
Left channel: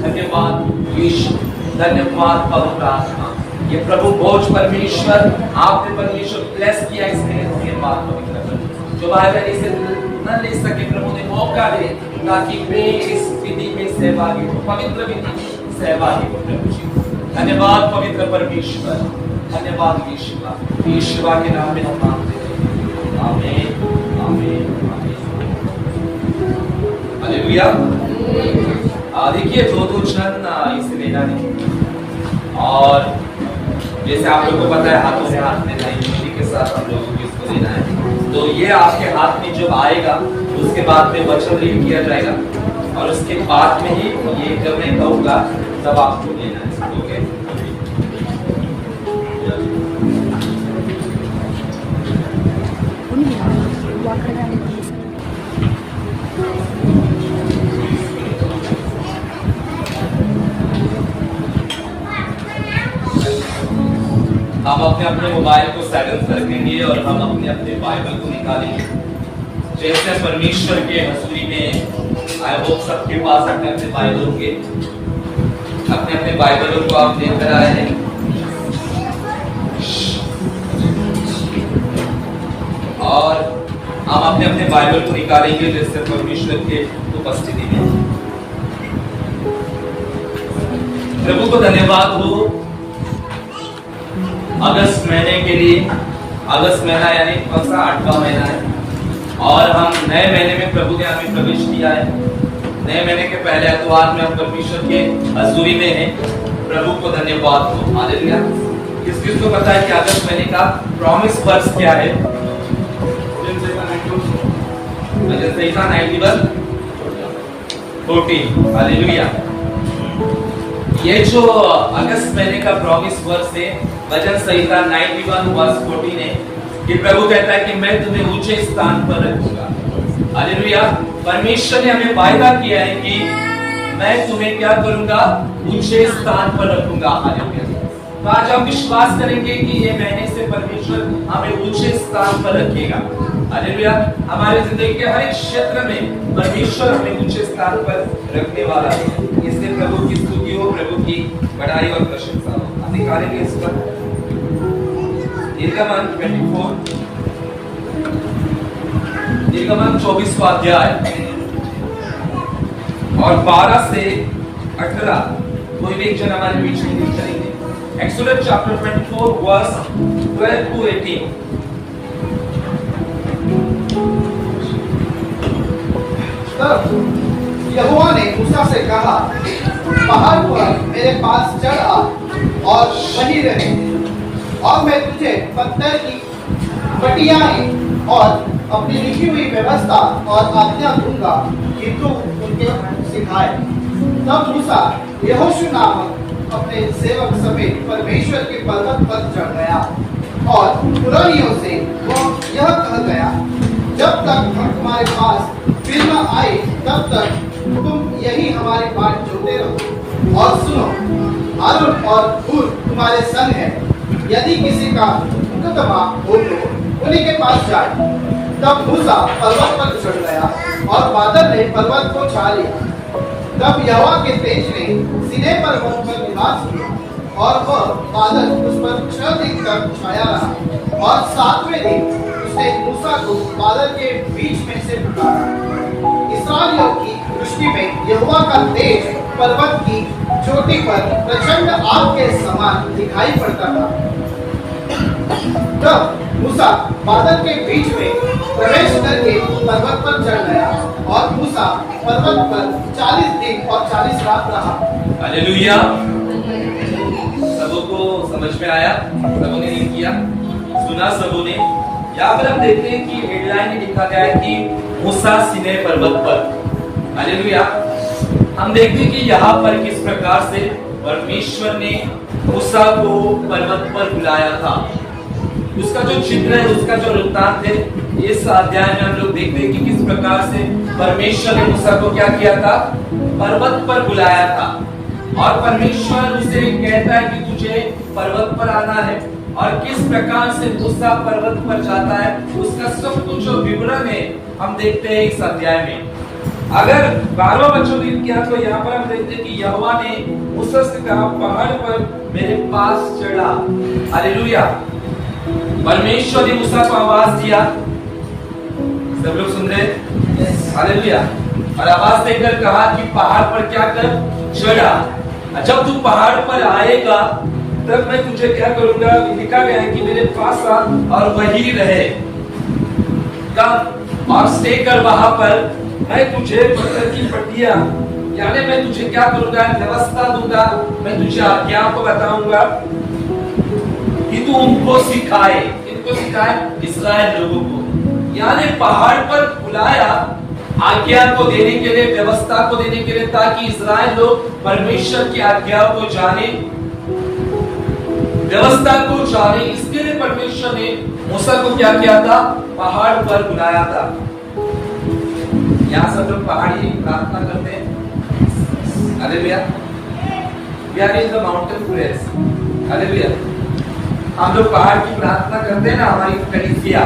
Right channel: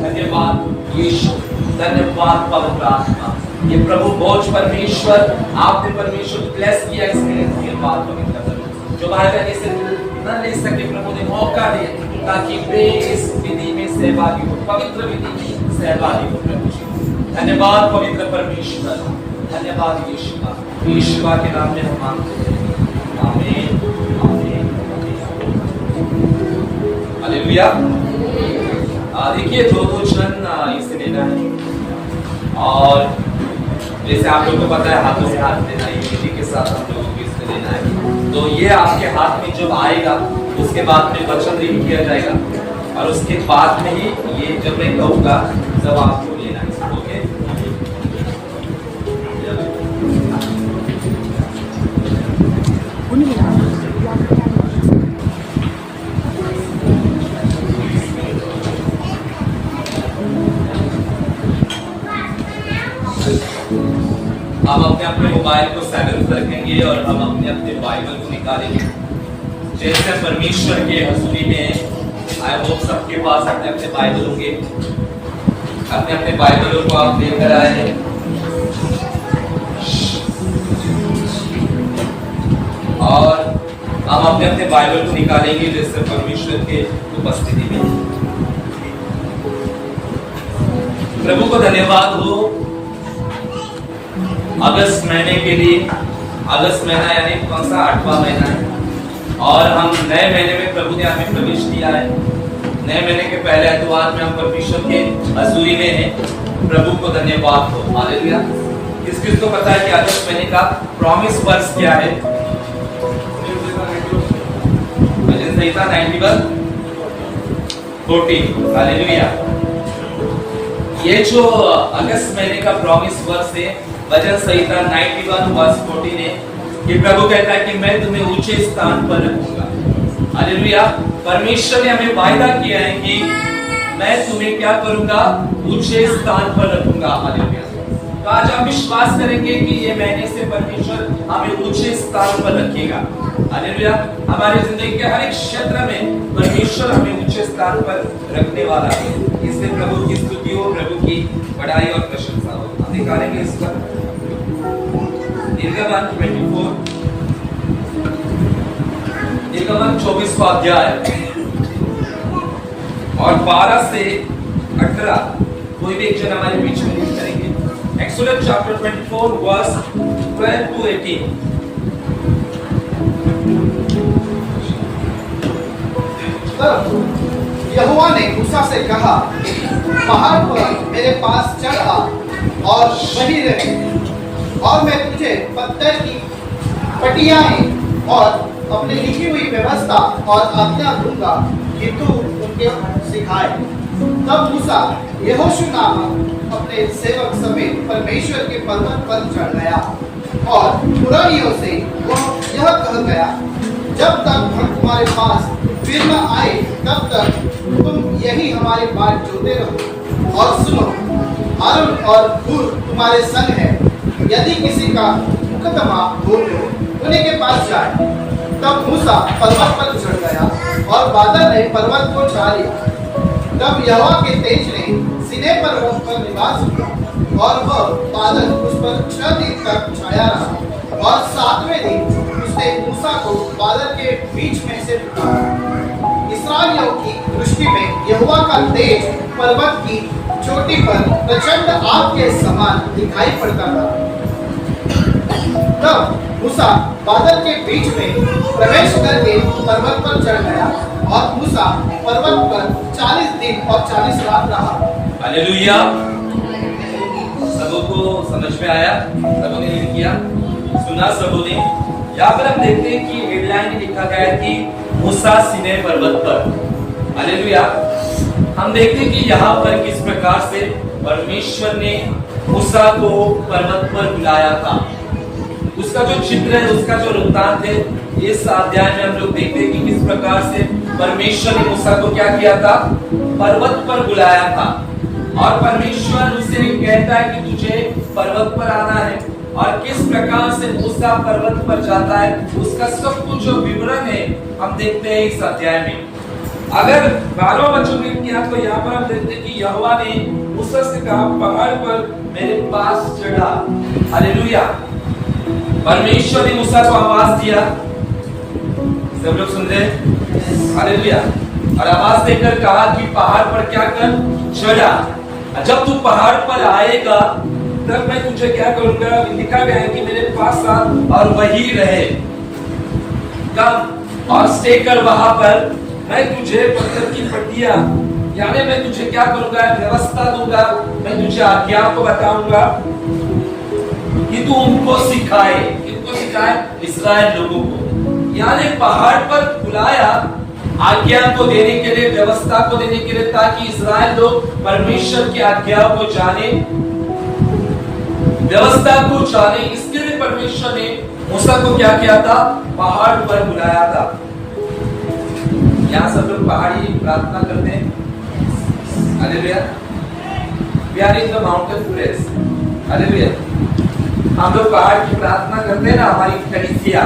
धन्यवाद यीशु, धन्यवाद पवित्र आत्मा। ये प्रभु बोझ परमेश्वर, आपने परमेश्वर ब्लेस किया इसके धन्यवाद पवित्र प्रभु। जो भाई से न ले सके प्रभु ने मौका दे ताकि वे इस विधि में सहभागी हो, पवित्र विधि में सहभागी हो प्रभु जी। धन्यवाद पवित्र परमेश्वर, धन्यवाद यीशु का, यीशु के नाम में हम मांगते हैं, आमीन आमीन हालेलुया। देखिए दो जन इसे लेना है, और जैसे आप लोगों को पता है हाथों में हाथ देना, यूनिटी के साथ हम लोगों को इसको लेना है। तो ये आपके हाथ में जब आएगा उसके बाद में वचन रीड किया जाएगा, और उसके बाद में ही ये जब मैं कहूँगा तब आपको लेना है। ओके, हम अपने अपने मोबाइल को साइलेंट रखेंगे और हम अपने अपने बाइबल को निकालेंगे। जैसे परमेश्वर के हजूरी में आई होप सबके पास अपने अपने बाइबल होंगे, अपने अपने बाइबलों को आप लेकर आए हैं। और हम अपने अपने बाइबल को निकालेंगे जैसे परमेश्वर के उपस्थिति में। प्रभु को धन्यवाद हो अगस्त महीने के लिए। अगस्त महीना यानी कौन सा 8वां महीना है, और हम नए महीने में प्रभु ने हमें प्रवेश किया है। नए महीने के पहले एतवार में हम परमेश्वर के हजूरी में हैं। प्रभु को धन्यवाद हो, हालेलुया। किस किस को पता है कि अगस्त महीने का प्रॉमिस वर्स क्या है? भजन संहिता 91:14, हालेलुया। ये जो अगस्त महीने का प्रॉमिस वर्स है भजन संहिता 91:14 है कि प्रभु कहता है कि मैं तुम्हें ऊंचे स्थान पर रखूंगा। हालेलुया। परमेश्वर ने हमें वायदा किया है कि मैं तुम्हें क्या करूंगा? ऊंचे स्थान पर रखूंगा। हालेलुया। तो आज हम विश्वास करेंगे कि ये महीने से परमेश्वर हमें ऊंचे स्थान पर रखेगा। हालेलुया। हमारी जिंदगी के हर एक क्षेत्र में परमेश्वर हमें ऊंचे स्थान पर रखने वाला है। इसलिए प्रभु की स्तुति हो, प्रभु की बड़ाई और प्रशंसा हो। हम निकालेंगे इस पर निर्गमन 24वां अध्याय और 12 से 18। कोई भी एक जन हमारे बीच में रीड करेंगे। Exodus chapter 24 verse 12 to 18। तब यहोवा ने मूसा से कहा, पहाड़ पर मेरे पास चढ़ आ और वहीं रहे, और मैं तुझे पत्थर की पटियाएं और अपनी लिखी हुई व्यवस्था और आज्ञा दूंगा कि तू उनके सिखाए। तब मूसा यहोशू नामक अपने सेवक समेत परमेश्वर के पर्वत पर चढ़ गया, और पुरानियों से वह यह कह गया, जब तक हम तुम्हारे पास फिर न आए तब तक तुम यही हमारे बाट जोते रहो। और सुनो, आरोन और हूर तुम्हारे संग है, यदि किसी का मुकदमा हो तो उन्हीं के पास जाए। तब मूसा पर्वत पर चढ़ गया और बादल ने पर्वत को छा लिया। तब यहोवा के तेज ने सीनै पर्वत पर निवास किया, और वह बादल उस पर 6 दिन तक छाया रहा, और 7वें दिन उसने मूसा को बादल के बीच में से पुकारा। इस्राएलियों की दृष्टि में यहोवा का तेज पर्वत की चोटी पर प्रचंड आग के समान दिखाई पड़ता था। तब मूसा बादल के बीच में प्रवेश करके पर्वत पर चढ़ गया, और मूसा पर्वत पर 40 दिन और 40 रात रहा। हालेलुया। सबों को समझ में आया? सबों ने लिख किया, सुना सबों ने? यहाँ पर हम देखते हैं कि हेडलाइन में लिखा गया है कि मूसा सीनै पर्वत पर। हालेलुया। हम देखते हैं कि यहाँ पर किस प्रकार से परमेश्वर ने मूसा को पर्वत पर बुलाया था। उसका जो चित्र है, उसका जो वृत्तांत है, इस अध्याय में हम लोग देखते हैं कि किस प्रकार से परमेश्वर ने मूसा को क्या किया था, पर्वत पर बुलाया था। और परमेश्वर उसे कहता है कि तुझे पर्वत पर आना है, और किस प्रकार से मूसा पर्वत पर जाता है उसका सब कुछ जो विवरण है हम देखते हैं इस अध्याय में। अगर 12वां वचन रीड किया तो यहाँ पर हम देखते हैं कि यहोवा ने मूसा से कहा, पहाड़ पर मेरे पास चढ़ा। हालेलुया। परमेश्वर ने मूसा को आवाज दिया। सब लोग सुन रहे हैं? हालेलुया। और आवाज देकर कहा कि पहाड़ पर क्या कर, चढ़ा। जब तू पहाड़ पर आएगा तब मैं तुझे क्या करूंगा, लिखा गया है कि मेरे पास आ और वही रहे, कम और स्टे कर वहां पर। मैं तुझे पत्थर की पट्टियां, यानी मैं तुझे क्या करूंगा, व्यवस्था दूंगा, मैं तुझे आज्ञा को बताऊंगा कि तू उनको सिखाए। किनको सिखाए? इस्राएल लोगों को। यानी पहाड़ पर बुलाया आज्ञा को देने के लिए, व्यवस्था को देने के लिए, ताकि इस्राएल लोग परमेश्वर की आज्ञा को जाने, व्यवस्था को जाने। इसके लिए परमेश्वर ने मूसा को क्या किया था, पहाड़ पर बुलाया था। यहाँ सब लोग पहाड़ी प्रार्थना करते हैं। Hallelujah. We are in the mountain prayers. Hallelujah. हम लोग पहाड़ की प्रार्थना करते हैं ना, हमारी कलीसिया,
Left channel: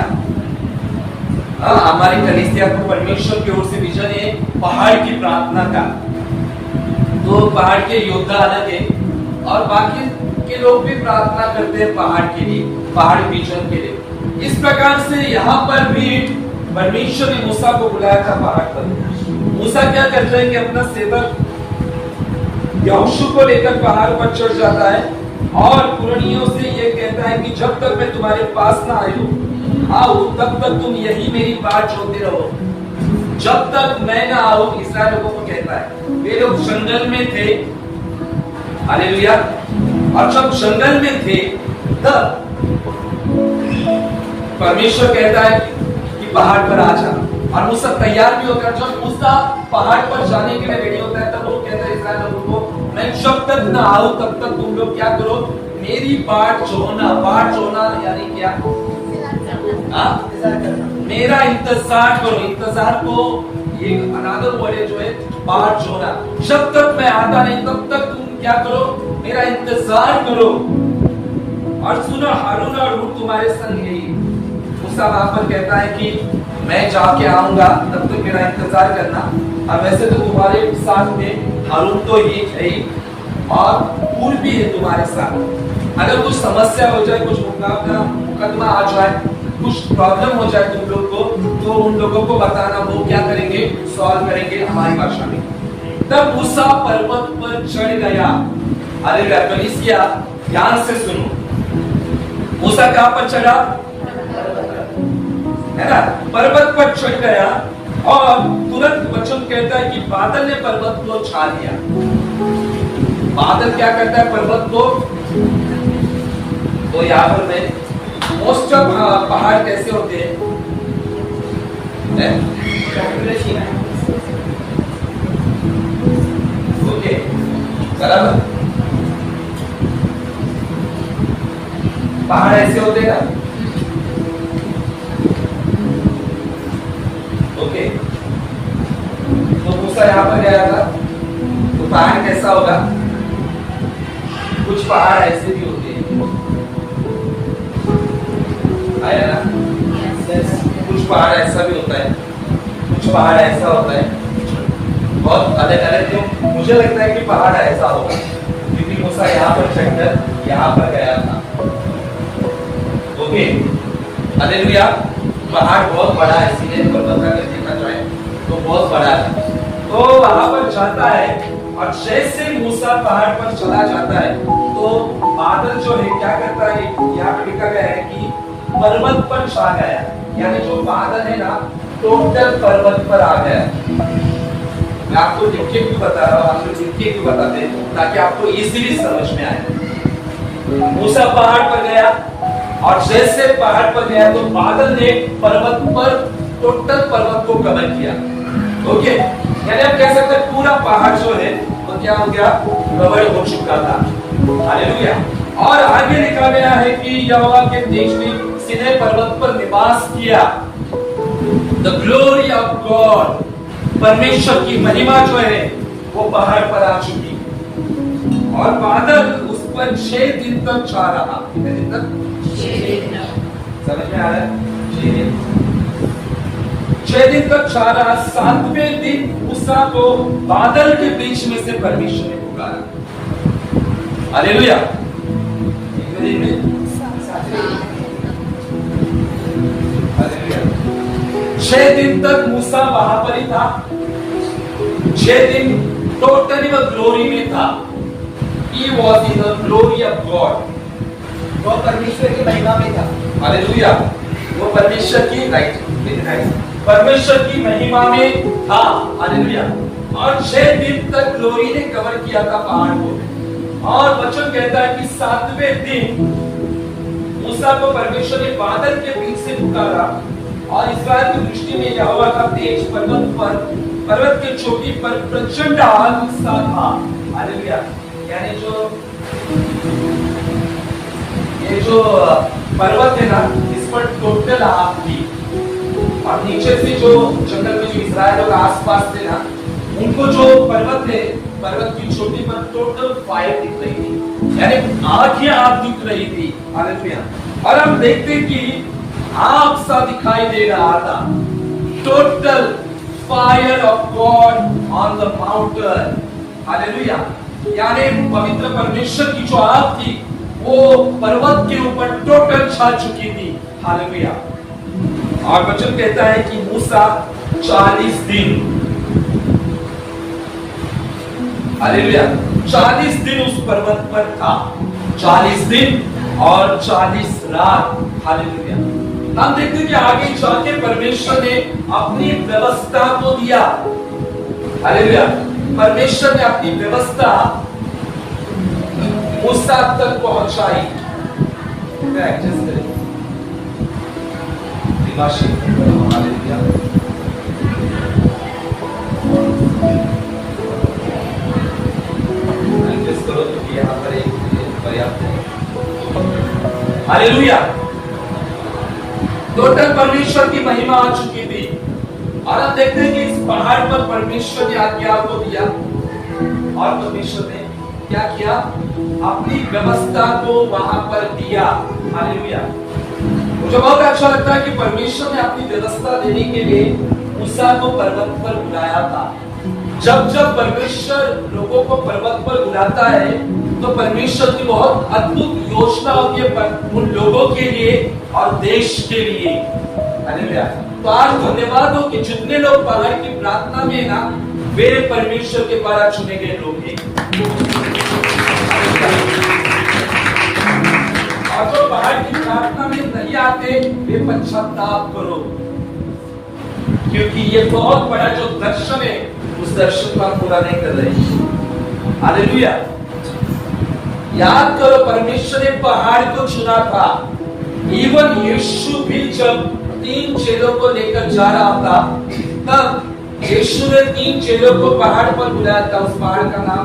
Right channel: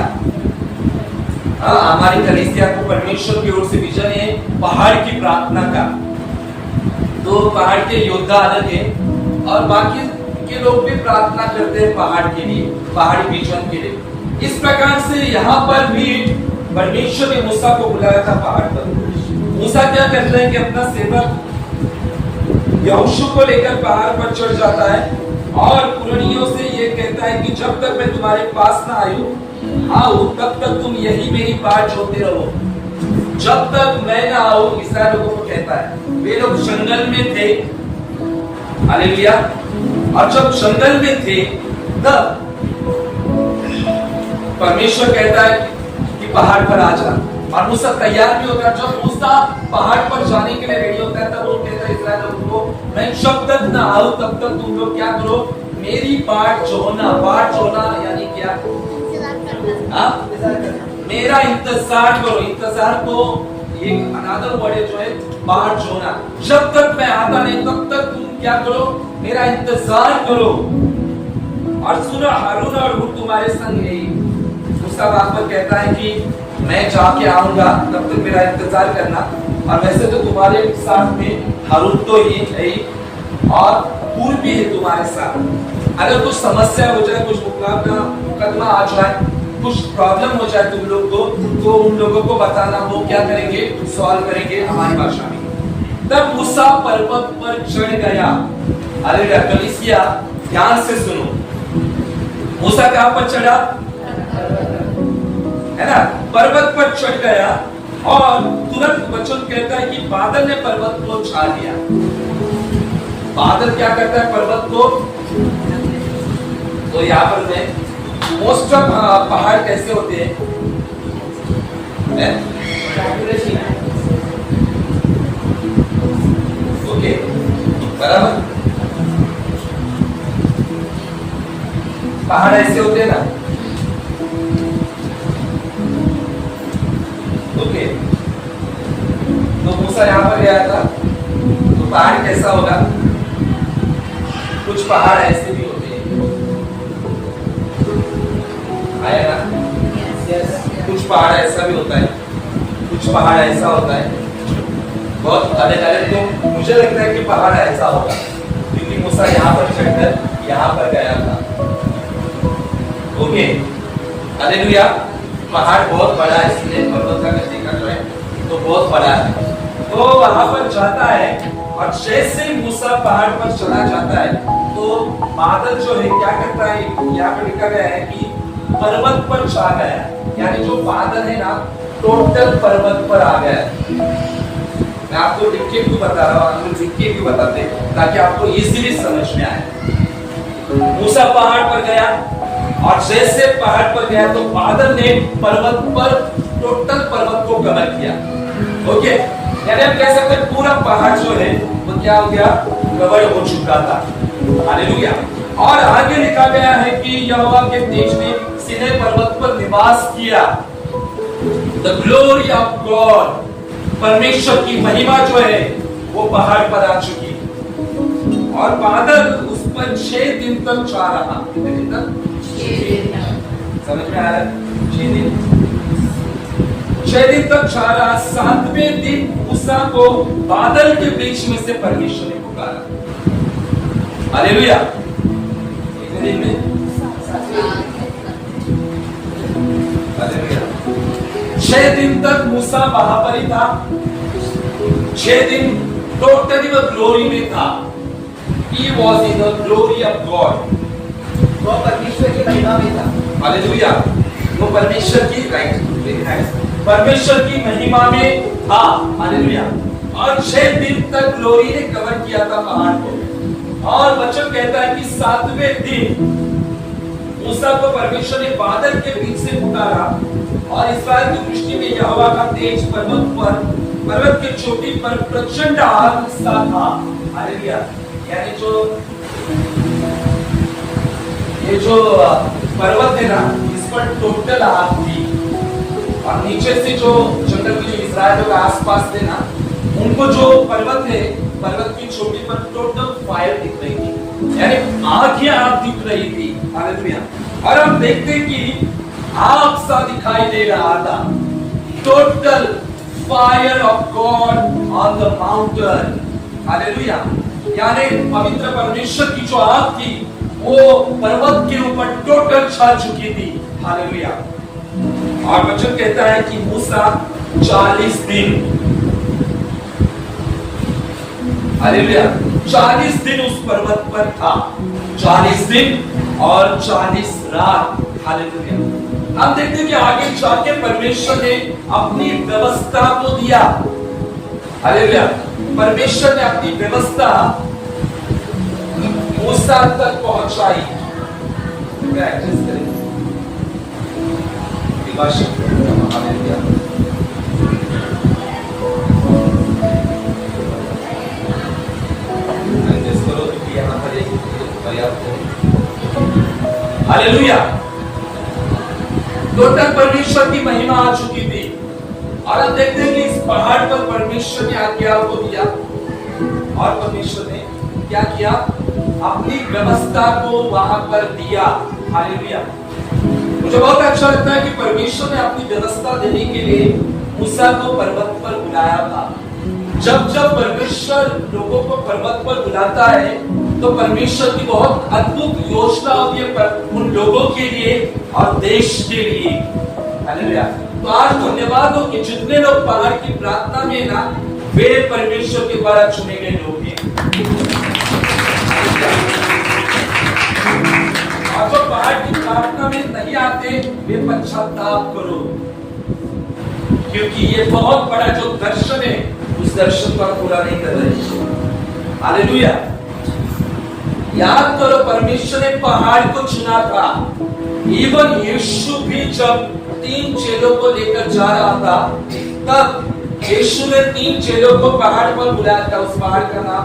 हमारी कलीसिया को परमेश्वर की ओर से विजन है पहाड़ की प्रार्थना का। तो पहाड़ के योद्धा अलग है और बाकी के लोग भी प्रार्थना करते हैं पहाड़ के लिए, पहाड़ी विजन के लिए। इस प्रकार से यहाँ पर भी परमेश्वर ने मूसा को बुलाया था पहाड़ पर। मूसा क्या करता है कि अपना सेवक यहोशू को लेकर पहाड़ पर चढ़ जाता है और पुरनियों से ये कहता है कि जब तक मैं तुम्हारे पास ना आऊं तब तक तुम यही मेरी बाट जोते रहो, जब तक मैं ना आऊं। इस्राएल लोगों को कहता है, वे लोग जंगल में थे। हालेलुया। और जब जंगल में थे तब परमेश्वर कहता है कि पहाड़ पर आ जा, और मूसा तैयार भी होता है। जब मूसा पहाड़ पर जाने के लिए रेडी होता है तब वो कहता है इस्राएल लोगों को, मैं जब तक ना आऊं तब तक तुम लोग क्या करो, मेरी बाट जोना। बाट जोना यानी क्या, मेरा इंतजार करो। इंतजार को एक अनादर वर्ड है जो है बाट जोना। जब तक मैं आता नहीं तब तक तुम क्या करो, मेरा इंतजार करो। और सुनो, हारून और हूर तुम्हारे संग यही। मूसा वहां पर कहता है कि मैं जाके आऊंगा, तब तक मेरा इंतजार करना। और वैसे तो तुम्हारे साथ में हारून तो ही है ही, और हूर भी है तुम्हारे साथ। अगर कुछ समस्या हो जाए, कुछ मुकदमा आ जाए, कुछ प्रॉब्लम हो जाए तुम लोग को, तो उन लोगों को बताना, वो क्या करेंगे, सॉल्व करेंगे हमारी भाषा में। तब मूसा पर्वत पर चढ़ गया। अरे कलीसिया ध्यान से सुनो, मूसा कहां पर चढ़ा, है ना, पर्वत पर चढ़ गया। और तुरंत वचन कहता है कि बादल ने पर्वत को छा लिया। बादल क्या करता है, पर्वत को। तो यहाँ पर मैं मोस्ट ऑफ पहाड़ कैसे होते हैं, ओके, बराबर। पहाड़ ऐसे होते हैं ना, ओके। तो मूसा यहाँ पर गया था, तो पहाड़ कैसा होगा, कुछ पहाड़ ऐसे भी होते हैं, आया ना। कुछ पहाड़ ऐसा भी होता है, कुछ पहाड़ ऐसा होता है, बहुत अलग अलग। तो मुझे लगता है कि पहाड़ ऐसा होगा क्योंकि मूसा यहाँ पर चढ़कर यहाँ पर गया था, ओके। हालेलुया। पहाड़ बहुत बड़ा है, इसलिए पर्वत का देखा जाए तो बहुत बड़ा है। तो वहां पर जाता है, और जैसे मूसा पहाड़ पर चला जाता है तो बादल जो है क्या करता है, यहाँ पर लिखा गया है कि पर्वत पर छा गया। यानी जो बादल है ना, टोटल पर्वत पर आ गया। मैं आपको लिख के क्यों बता रहा हूँ, हम लोग लिख के क्यों बताते हैं, ताकि आपको इजीली समझ में आए। मूसा पहाड़ पर गया, और जैसे पहाड़ पर गया तो बादल ने पर्वत पर टोटल पर्वत को कवर किया। ओके, यानी हम कह सकते हैं पूरा पहाड़ जो है वो क्या हो गया, कवर हो चुका था। हालेलुया। और आगे लिखा गया है कि यहोवा के तेज ने सीनै पर्वत पर निवास किया। द ग्लोरी ऑफ गॉड, परमेश्वर की महिमा जो है वो पहाड़ पर आ चुकी, और बादल उस पर 6 दिन तक छा रहा। कितने दिन तक? 6 दिन। समझ में आ रहा है? 6 दिन, 6 दिन तक छा रहा। 7वें दिन मूसा को बादल के बीच में से परमेश्वर ने पुकारा। हालेलुया। कितने दिन में? 6 दिन तक मूसा वहां पर ही था। 6 दिन टोटली वो ग्लोरी में था। He was in the glory of God. वो परमेश्वर की महिमा में था। हालेलुया। वो परमेश्वर की, राइट, वेरी नाइस, परमेश्वर की महिमा में था। हालेलुया। और 6 दिन तक ग्लोरी ने कवर किया था पहाड़ को। और वचन कहता है कि 7वें दिन मूसा को परमेश्वर ने बादल के बीच से पुकारा, और इस्राएल की दृष्टि में यहोवा का तेज पर्वत के चोटी पर प्रचंड आग सा था। हालेलुया। यानी ये जो पर्वत है ना, इस पर टोटल आग थी, और नीचे से जो जंगल में जो इस्राएल के आसपास थे ना, उनको जो पर्वत है, पर्वत की चोटी पर टोटल फायर दिख रही थी, यानी आग ही आग दिख रही थी। हालेलुया। और हम देखते कि आग सा दिखाई दे रहा था। Total fire of God on the mountain. Hallelujah. यानी पवित्र परमेश्वर की जो आग थी वो पर्वत के ऊपर टोटल छा चुकी थी। हालेलुया। और वचन कहता है कि मूसा 40 दिन, हालेलुया, 40 दिन उस पर्वत पर था। 40 दिन और 40 रात। हालेलुया। हम देखते हैं कि आगे जाके परमेश्वर ने अपनी व्यवस्था को दिया। हालेलुया। परमेश्वर ने अपनी व्यवस्था मूसा तक पहुंचाई। एडजस्ट करें। हालेलुया। एडजस्ट करो क्योंकि यहाँ पर एक पर्याप्त है। हालेलुया। टोटल परमेश्वर की महिमा आ चुकी थी, और अब देखते हैं कि इस पहाड़ पर परमेश्वर ने आज्ञा को दिया, और परमेश्वर ने क्या किया, अपनी व्यवस्था को वहां पर दिया। हालेलुया। मुझे बहुत अच्छा लगता है कि परमेश्वर ने अपनी व्यवस्था देने के लिए मूसा को पर्वत पर बुलाया था। जब जब परमेश्वर लोगों को पर्वत पर बुलाता है तो परमेश्वर की बहुत अद्भुत योजना होती है उन लोगों के लिए और देश के लिए। हालेलुया। तो आज धन्यवाद हो कि जितने लोग पहाड़ की प्रार्थना में ना, वे परमेश्वर के द्वारा चुने गए लोग हैं। और जो पहाड़ की प्रार्थना में नहीं आते, वे पश्चाताप करो, क्योंकि ये बहुत बड़ा जो दर्शन है, उस दर्शन को आप पूरा नहीं कर रहे। हालेलुया। याद करो, परमेश्वर ने पहाड़ को चुना था। इवन यीशु भी जब 3 चेलों को लेकर जा रहा था, तब यीशु ने 3 चेलों को पहाड़ पर बुलाया था। उस पहाड़ का नाम,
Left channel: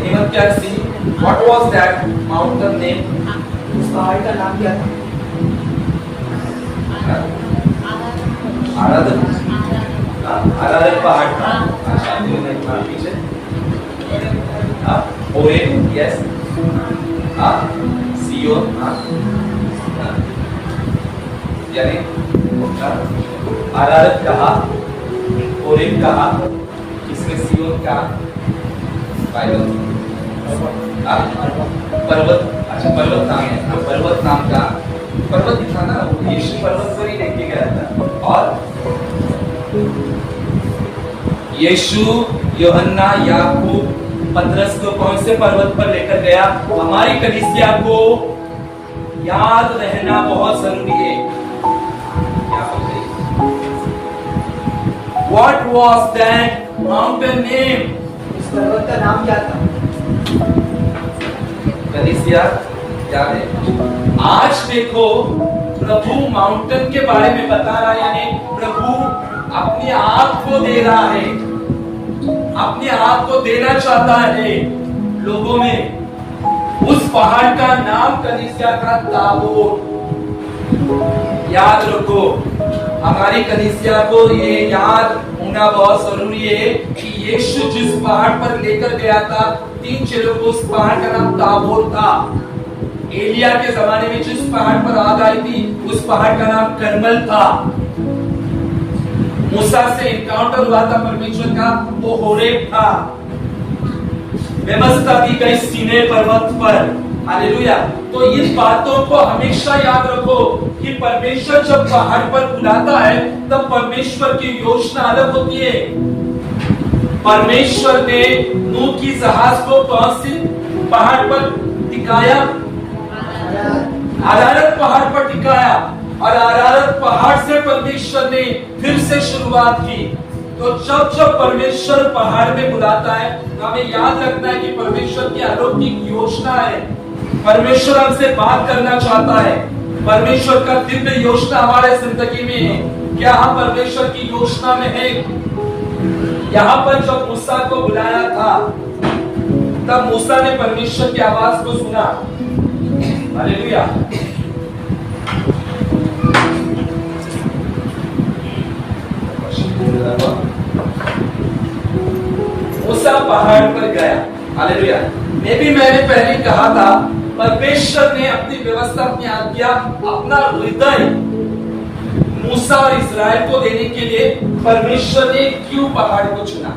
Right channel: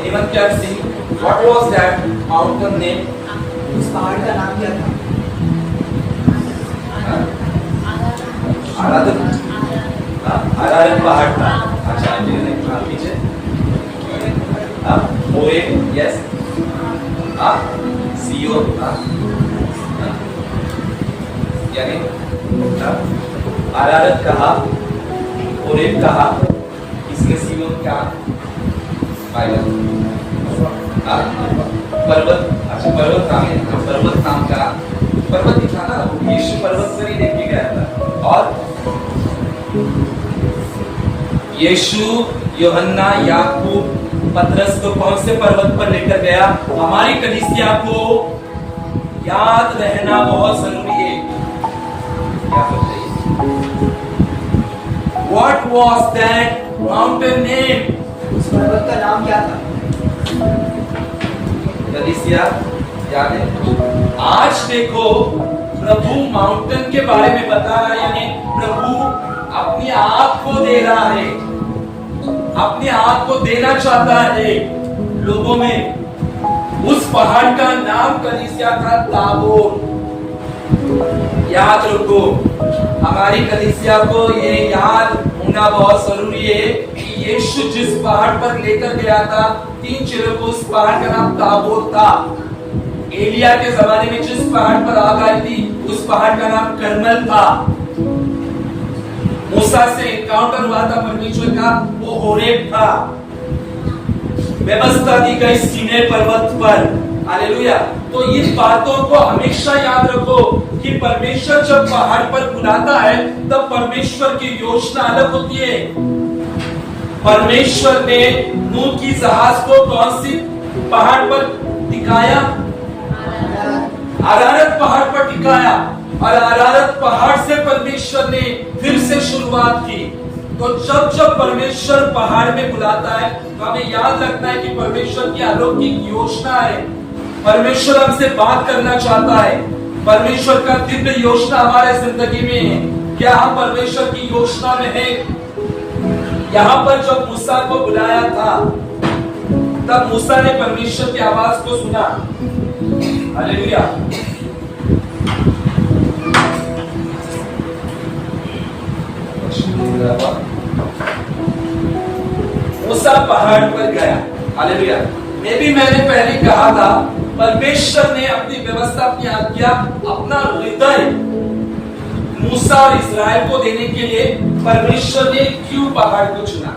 anyone can see what was that mountain name? उस पहाड़ का नाम क्या था? आराधन पहाड़ था। अच्छा, पीछे ओरेब, यस, सियोन, यानी आराधन कहा, ओरेब कहा, किसने सियोन कहा? पर्वत। अच्छा, पर्वत नाम है। पर्वत नाम का पर्वत ही था ना, यीशु पर्वत पर ही लेके गया था। और यीशु, यूहन्ना, याकूब, पतरस को कौन से पर्वत पर लेकर गया? हमारी कलीसिया को याद रहना बहुत जरूरी है। क्या बताइए? What was that mountain name? उस पर्वत का नाम क्या था? कलीसिया याद है? आज देखो, प्रभु माउंटेन के बारे में बता रहा है, यानी प्रभु अपनी आँख को दे रहा है, अपनी आँख को देना चाहता है लोगों में। उस पहाड़ का नाम कलीसिया था ताबोर। याद रखो, हमारी कलीसिया को ये याद होना बहुत जरूरी है कि यीशु जिस पहाड़ पर लेकर गया था 3 चेलों को, उस पहाड़ का नाम ताबोर था। एलिया के जमाने में जिस पहाड़ पर आग आई थी उस पहाड़ का नाम करमल था। मूसा से एनकाउंटर हुआ था परमेश्वर का, वो होरेब था। व्यवस्था दी गई सीने पर्वत पर। हालेलुया। तो इन बातों को हमेशा याद रखो कि परमेश्वर जब पहाड़ पर बुलाता है तब परमेश्वर की योजना अलग होती है। परमेश्वर ने नूह की जहाज को कौन सी पहाड़ पर टिकाया? अरारत पहाड़ पर टिकाया, और अरारत पहाड़ से परमेश्वर ने फिर से शुरुआत की। तो जब जब परमेश्वर पहाड़ में बुलाता है तो हमें याद रखना है कि परमेश्वर की अलौकिक योजना है। परमेश्वर हमसे बात करना चाहता है। परमेश्वर का दिव्य योजना हमारे जिंदगी में है। क्या हम परमेश्वर की योजना में है? यहाँ पर जब मूसा को बुलाया था तब मूसा ने परमेश्वर की आवाज को सुना। हालेलुया। मूसा पहाड़ पर गया। हालेलुया। मैंने पहले कहा था, परमेश्वर ने अपनी व्यवस्था, अपनी आज्ञा, अपना हृदय मूसा और इस्राएल को देने के लिए परमेश्वर ने क्यों पहाड़ को चुना?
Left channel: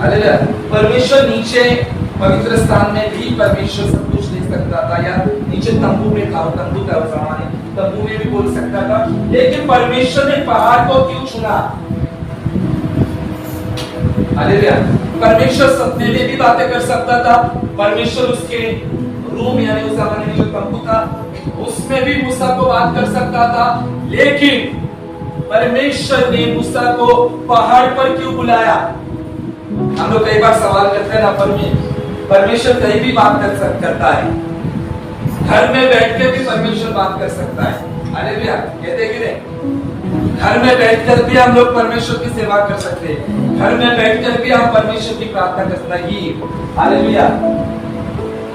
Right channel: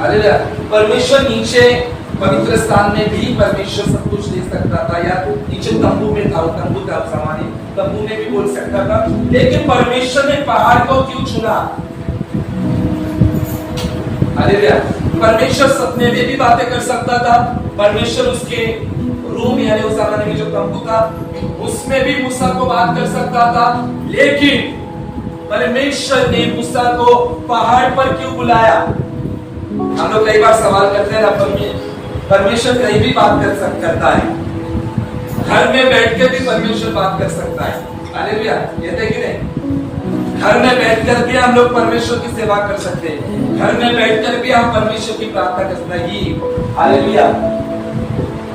हालेलुया। परमेश्वर नीचे पवित्र स्थान में भी परमेश्वर सब कुछ दे सकता था, या नीचे तंबू में था, तंबू था उस जमाने, तंबू में भी बोल सकता था, लेकिन परमेश्वर ने पहाड़ को क्यों चुना? हालेलुया। परमेश्वर सपने में भी बातें कर सकता था। परमेश्वर उसके रूम, यानी उस जमाने में जो तंबू था उसमें भी मूसा को बात कर सकता था, लेकिन परमेश्वर ने मूसा को पहाड़ पर क्यों बुलाया? हम लोग कई बार सवाल करते हैं ना, परमेश्वर कहीं भी बात करता है। घर में बैठ के भी परमेश्वर बात कर सकता है। हालेलुया। कहते कि नहीं? घर में बैठकर भी हम लोग परमेश्वर की सेवा कर सकते हैं। घर में बैठकर भी हम परमेश्वर की प्रार्थना कर सकते हैं। हालेलुया।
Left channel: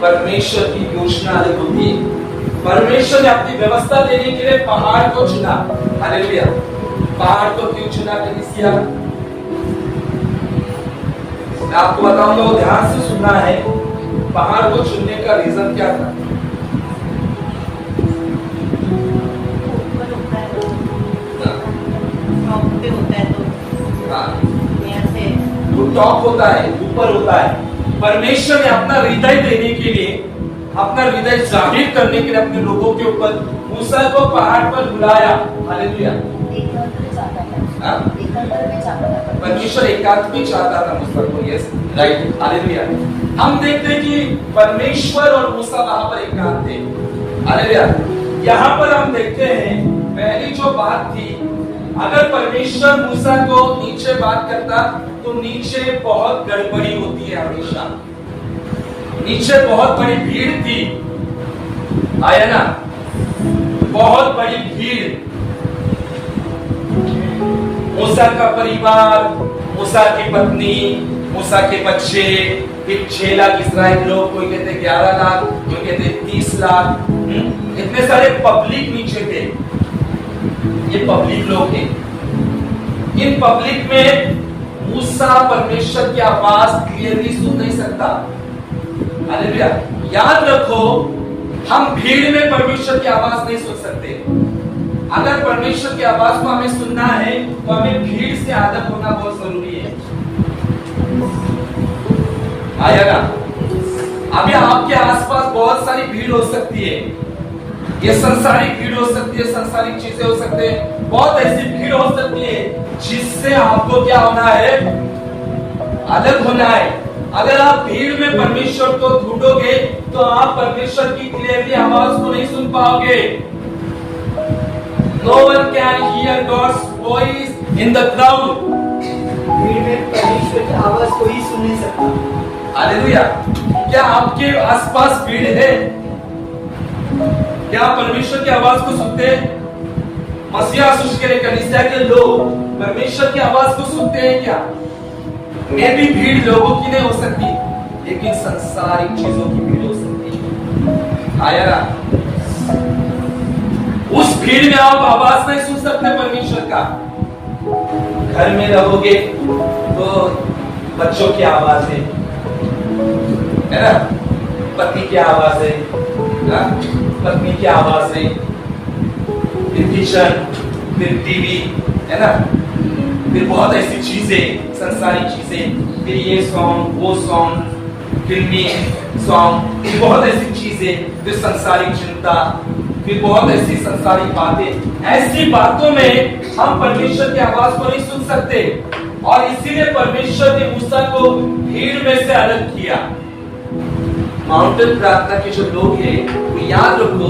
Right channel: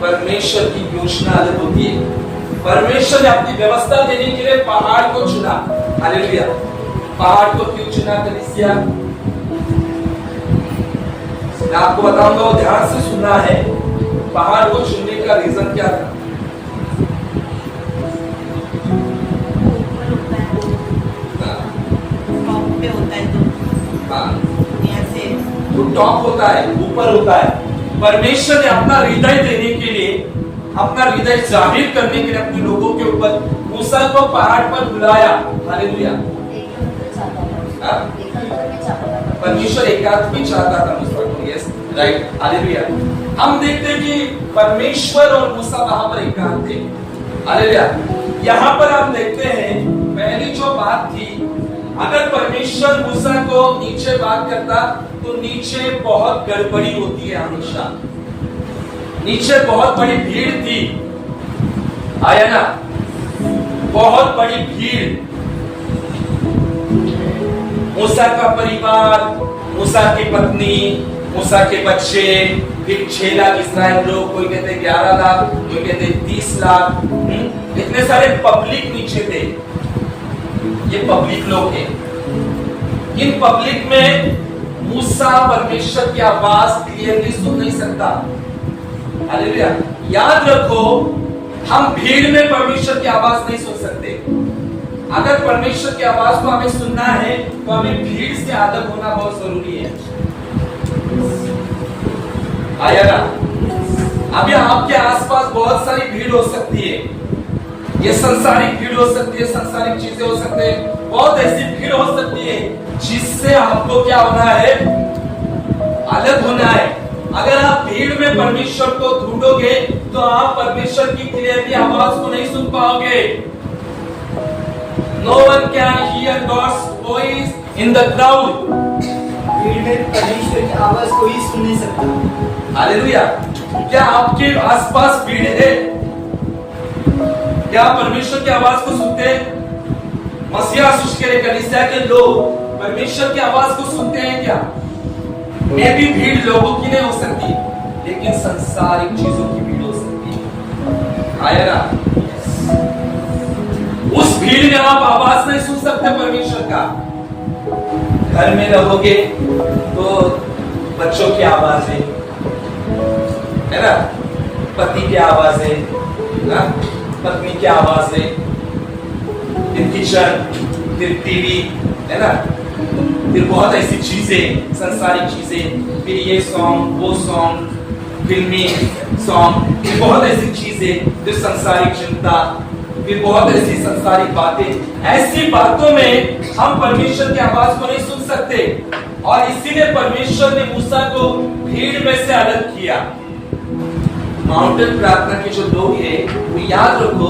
परमेश्वर की योजना अलग होती है। परमेश्वर ने अपनी व्यवस्था देने के लिए पहाड़ को चुना। हालेलुया। पहाड़ को क्यों चुना कलीसिया? मैं आपको बताऊंगा, वो ध्यान से सुनना है। पहाड़ को चुनने का रीजन क्या था? टॉप होता है, ऊपर होता है। परमेश्वर ने अपना हृदय देने के लिए, अपना हृदय जाहिर करने के लिए अपने लोगों के ऊपर मूसा को पहाड़ पर बुलाया। हालेलुया। परमेश्वर एकांत भी चाहता था मूसा को। Yes, right. हालेलुया। हम देखते हैं कि परमेश्वर और मूसा वहां पर एकांत थे। हालेलुया। यहाँ पर हम देखते हैं पहली जो बात थी, अगर परमेश्वर मूसा को नीचे बात करता तो नीचे बहुत गड़बड़ी होती है। हमेशा नीचे बहुत बड़ी भीड़ थी, आया ना? बहुत बड़ी भीड़। मूसा का परिवार, मूसा की पत्नी, मूसा के बच्चे, फिर 6 लाख इस्राएल लोग, कोई कहते 11 लाख, कोई कहते 30 लाख। इतने सारे पब्लिक नीचे थे। ये पब्लिक लोग हैं। इन पब्लिक में मूसा परमेश्वर की आवाज क्लियरली सुन नहीं सकता। हालेलुया। याद रखो, हम भीड़ में परमेश्वर की आवाज नहीं सुन सकते। अगर परमेश्वर की आवाज को हमें सुनना है तो हमें भीड़ से अलग होना बहुत जरूरी है। आया ना? अभी आपके आसपास बहुत सारी भीड़ हो सकती है। ये संसारिक भीड़ हो सकती है, संसारिक चीजें हो सकते हैं, बहुत ऐसी भीड़ हो सकती है जिससे आपको क्या होना है? अलग होना है। अगर आप भीड़ में परमेश्वर को ढूंढोगे तो आप परमेश्वर की क्लियरली आवाज को नहीं सुन पाओगे। No one can hear God's voice in the crowd. भीड़ में परमेश्वर की आवाज कोई सुन नहीं सकता। हालेलुया। क्या आपके आसपास भीड़ है? क्या परमेश्वर की आवाज को सुनते हैं? मसीहा के लिए कलीसिया के लोग परमेश्वर की आवाज को सुनते हैं क्या? मैं भी भीड़ लोगों की नहीं हो सकती, लेकिन संसारिक चीजों की भीड़ हो सकती है। आया ना? उस भीड़ में आप आवाज नहीं सुन सकते परमेश्वर का। घर में रहोगे तो बच्चों की आवाज है ना, पति की आवाज है ना, पत्नी की आवाज है, फिर किचन, फिर टीवी, है ना, फिर बहुत ऐसी चीजें, संसारिक चीजें, फिर ये सॉन्ग, वो सॉन्ग, फिल्मी सॉन्ग, फिर बहुत ऐसी चीजें, फिर संसारिक चिंता, फिर बहुत ऐसी संसारिक बातें। ऐसी बातों में हम परमेश्वर की आवाज को नहीं सुन सकते, और इसीलिए परमेश्वर ने मूसा को भीड़ में से अलग किया। माउंटेन प्रार्थना के जो लोग हैं वो याद रखो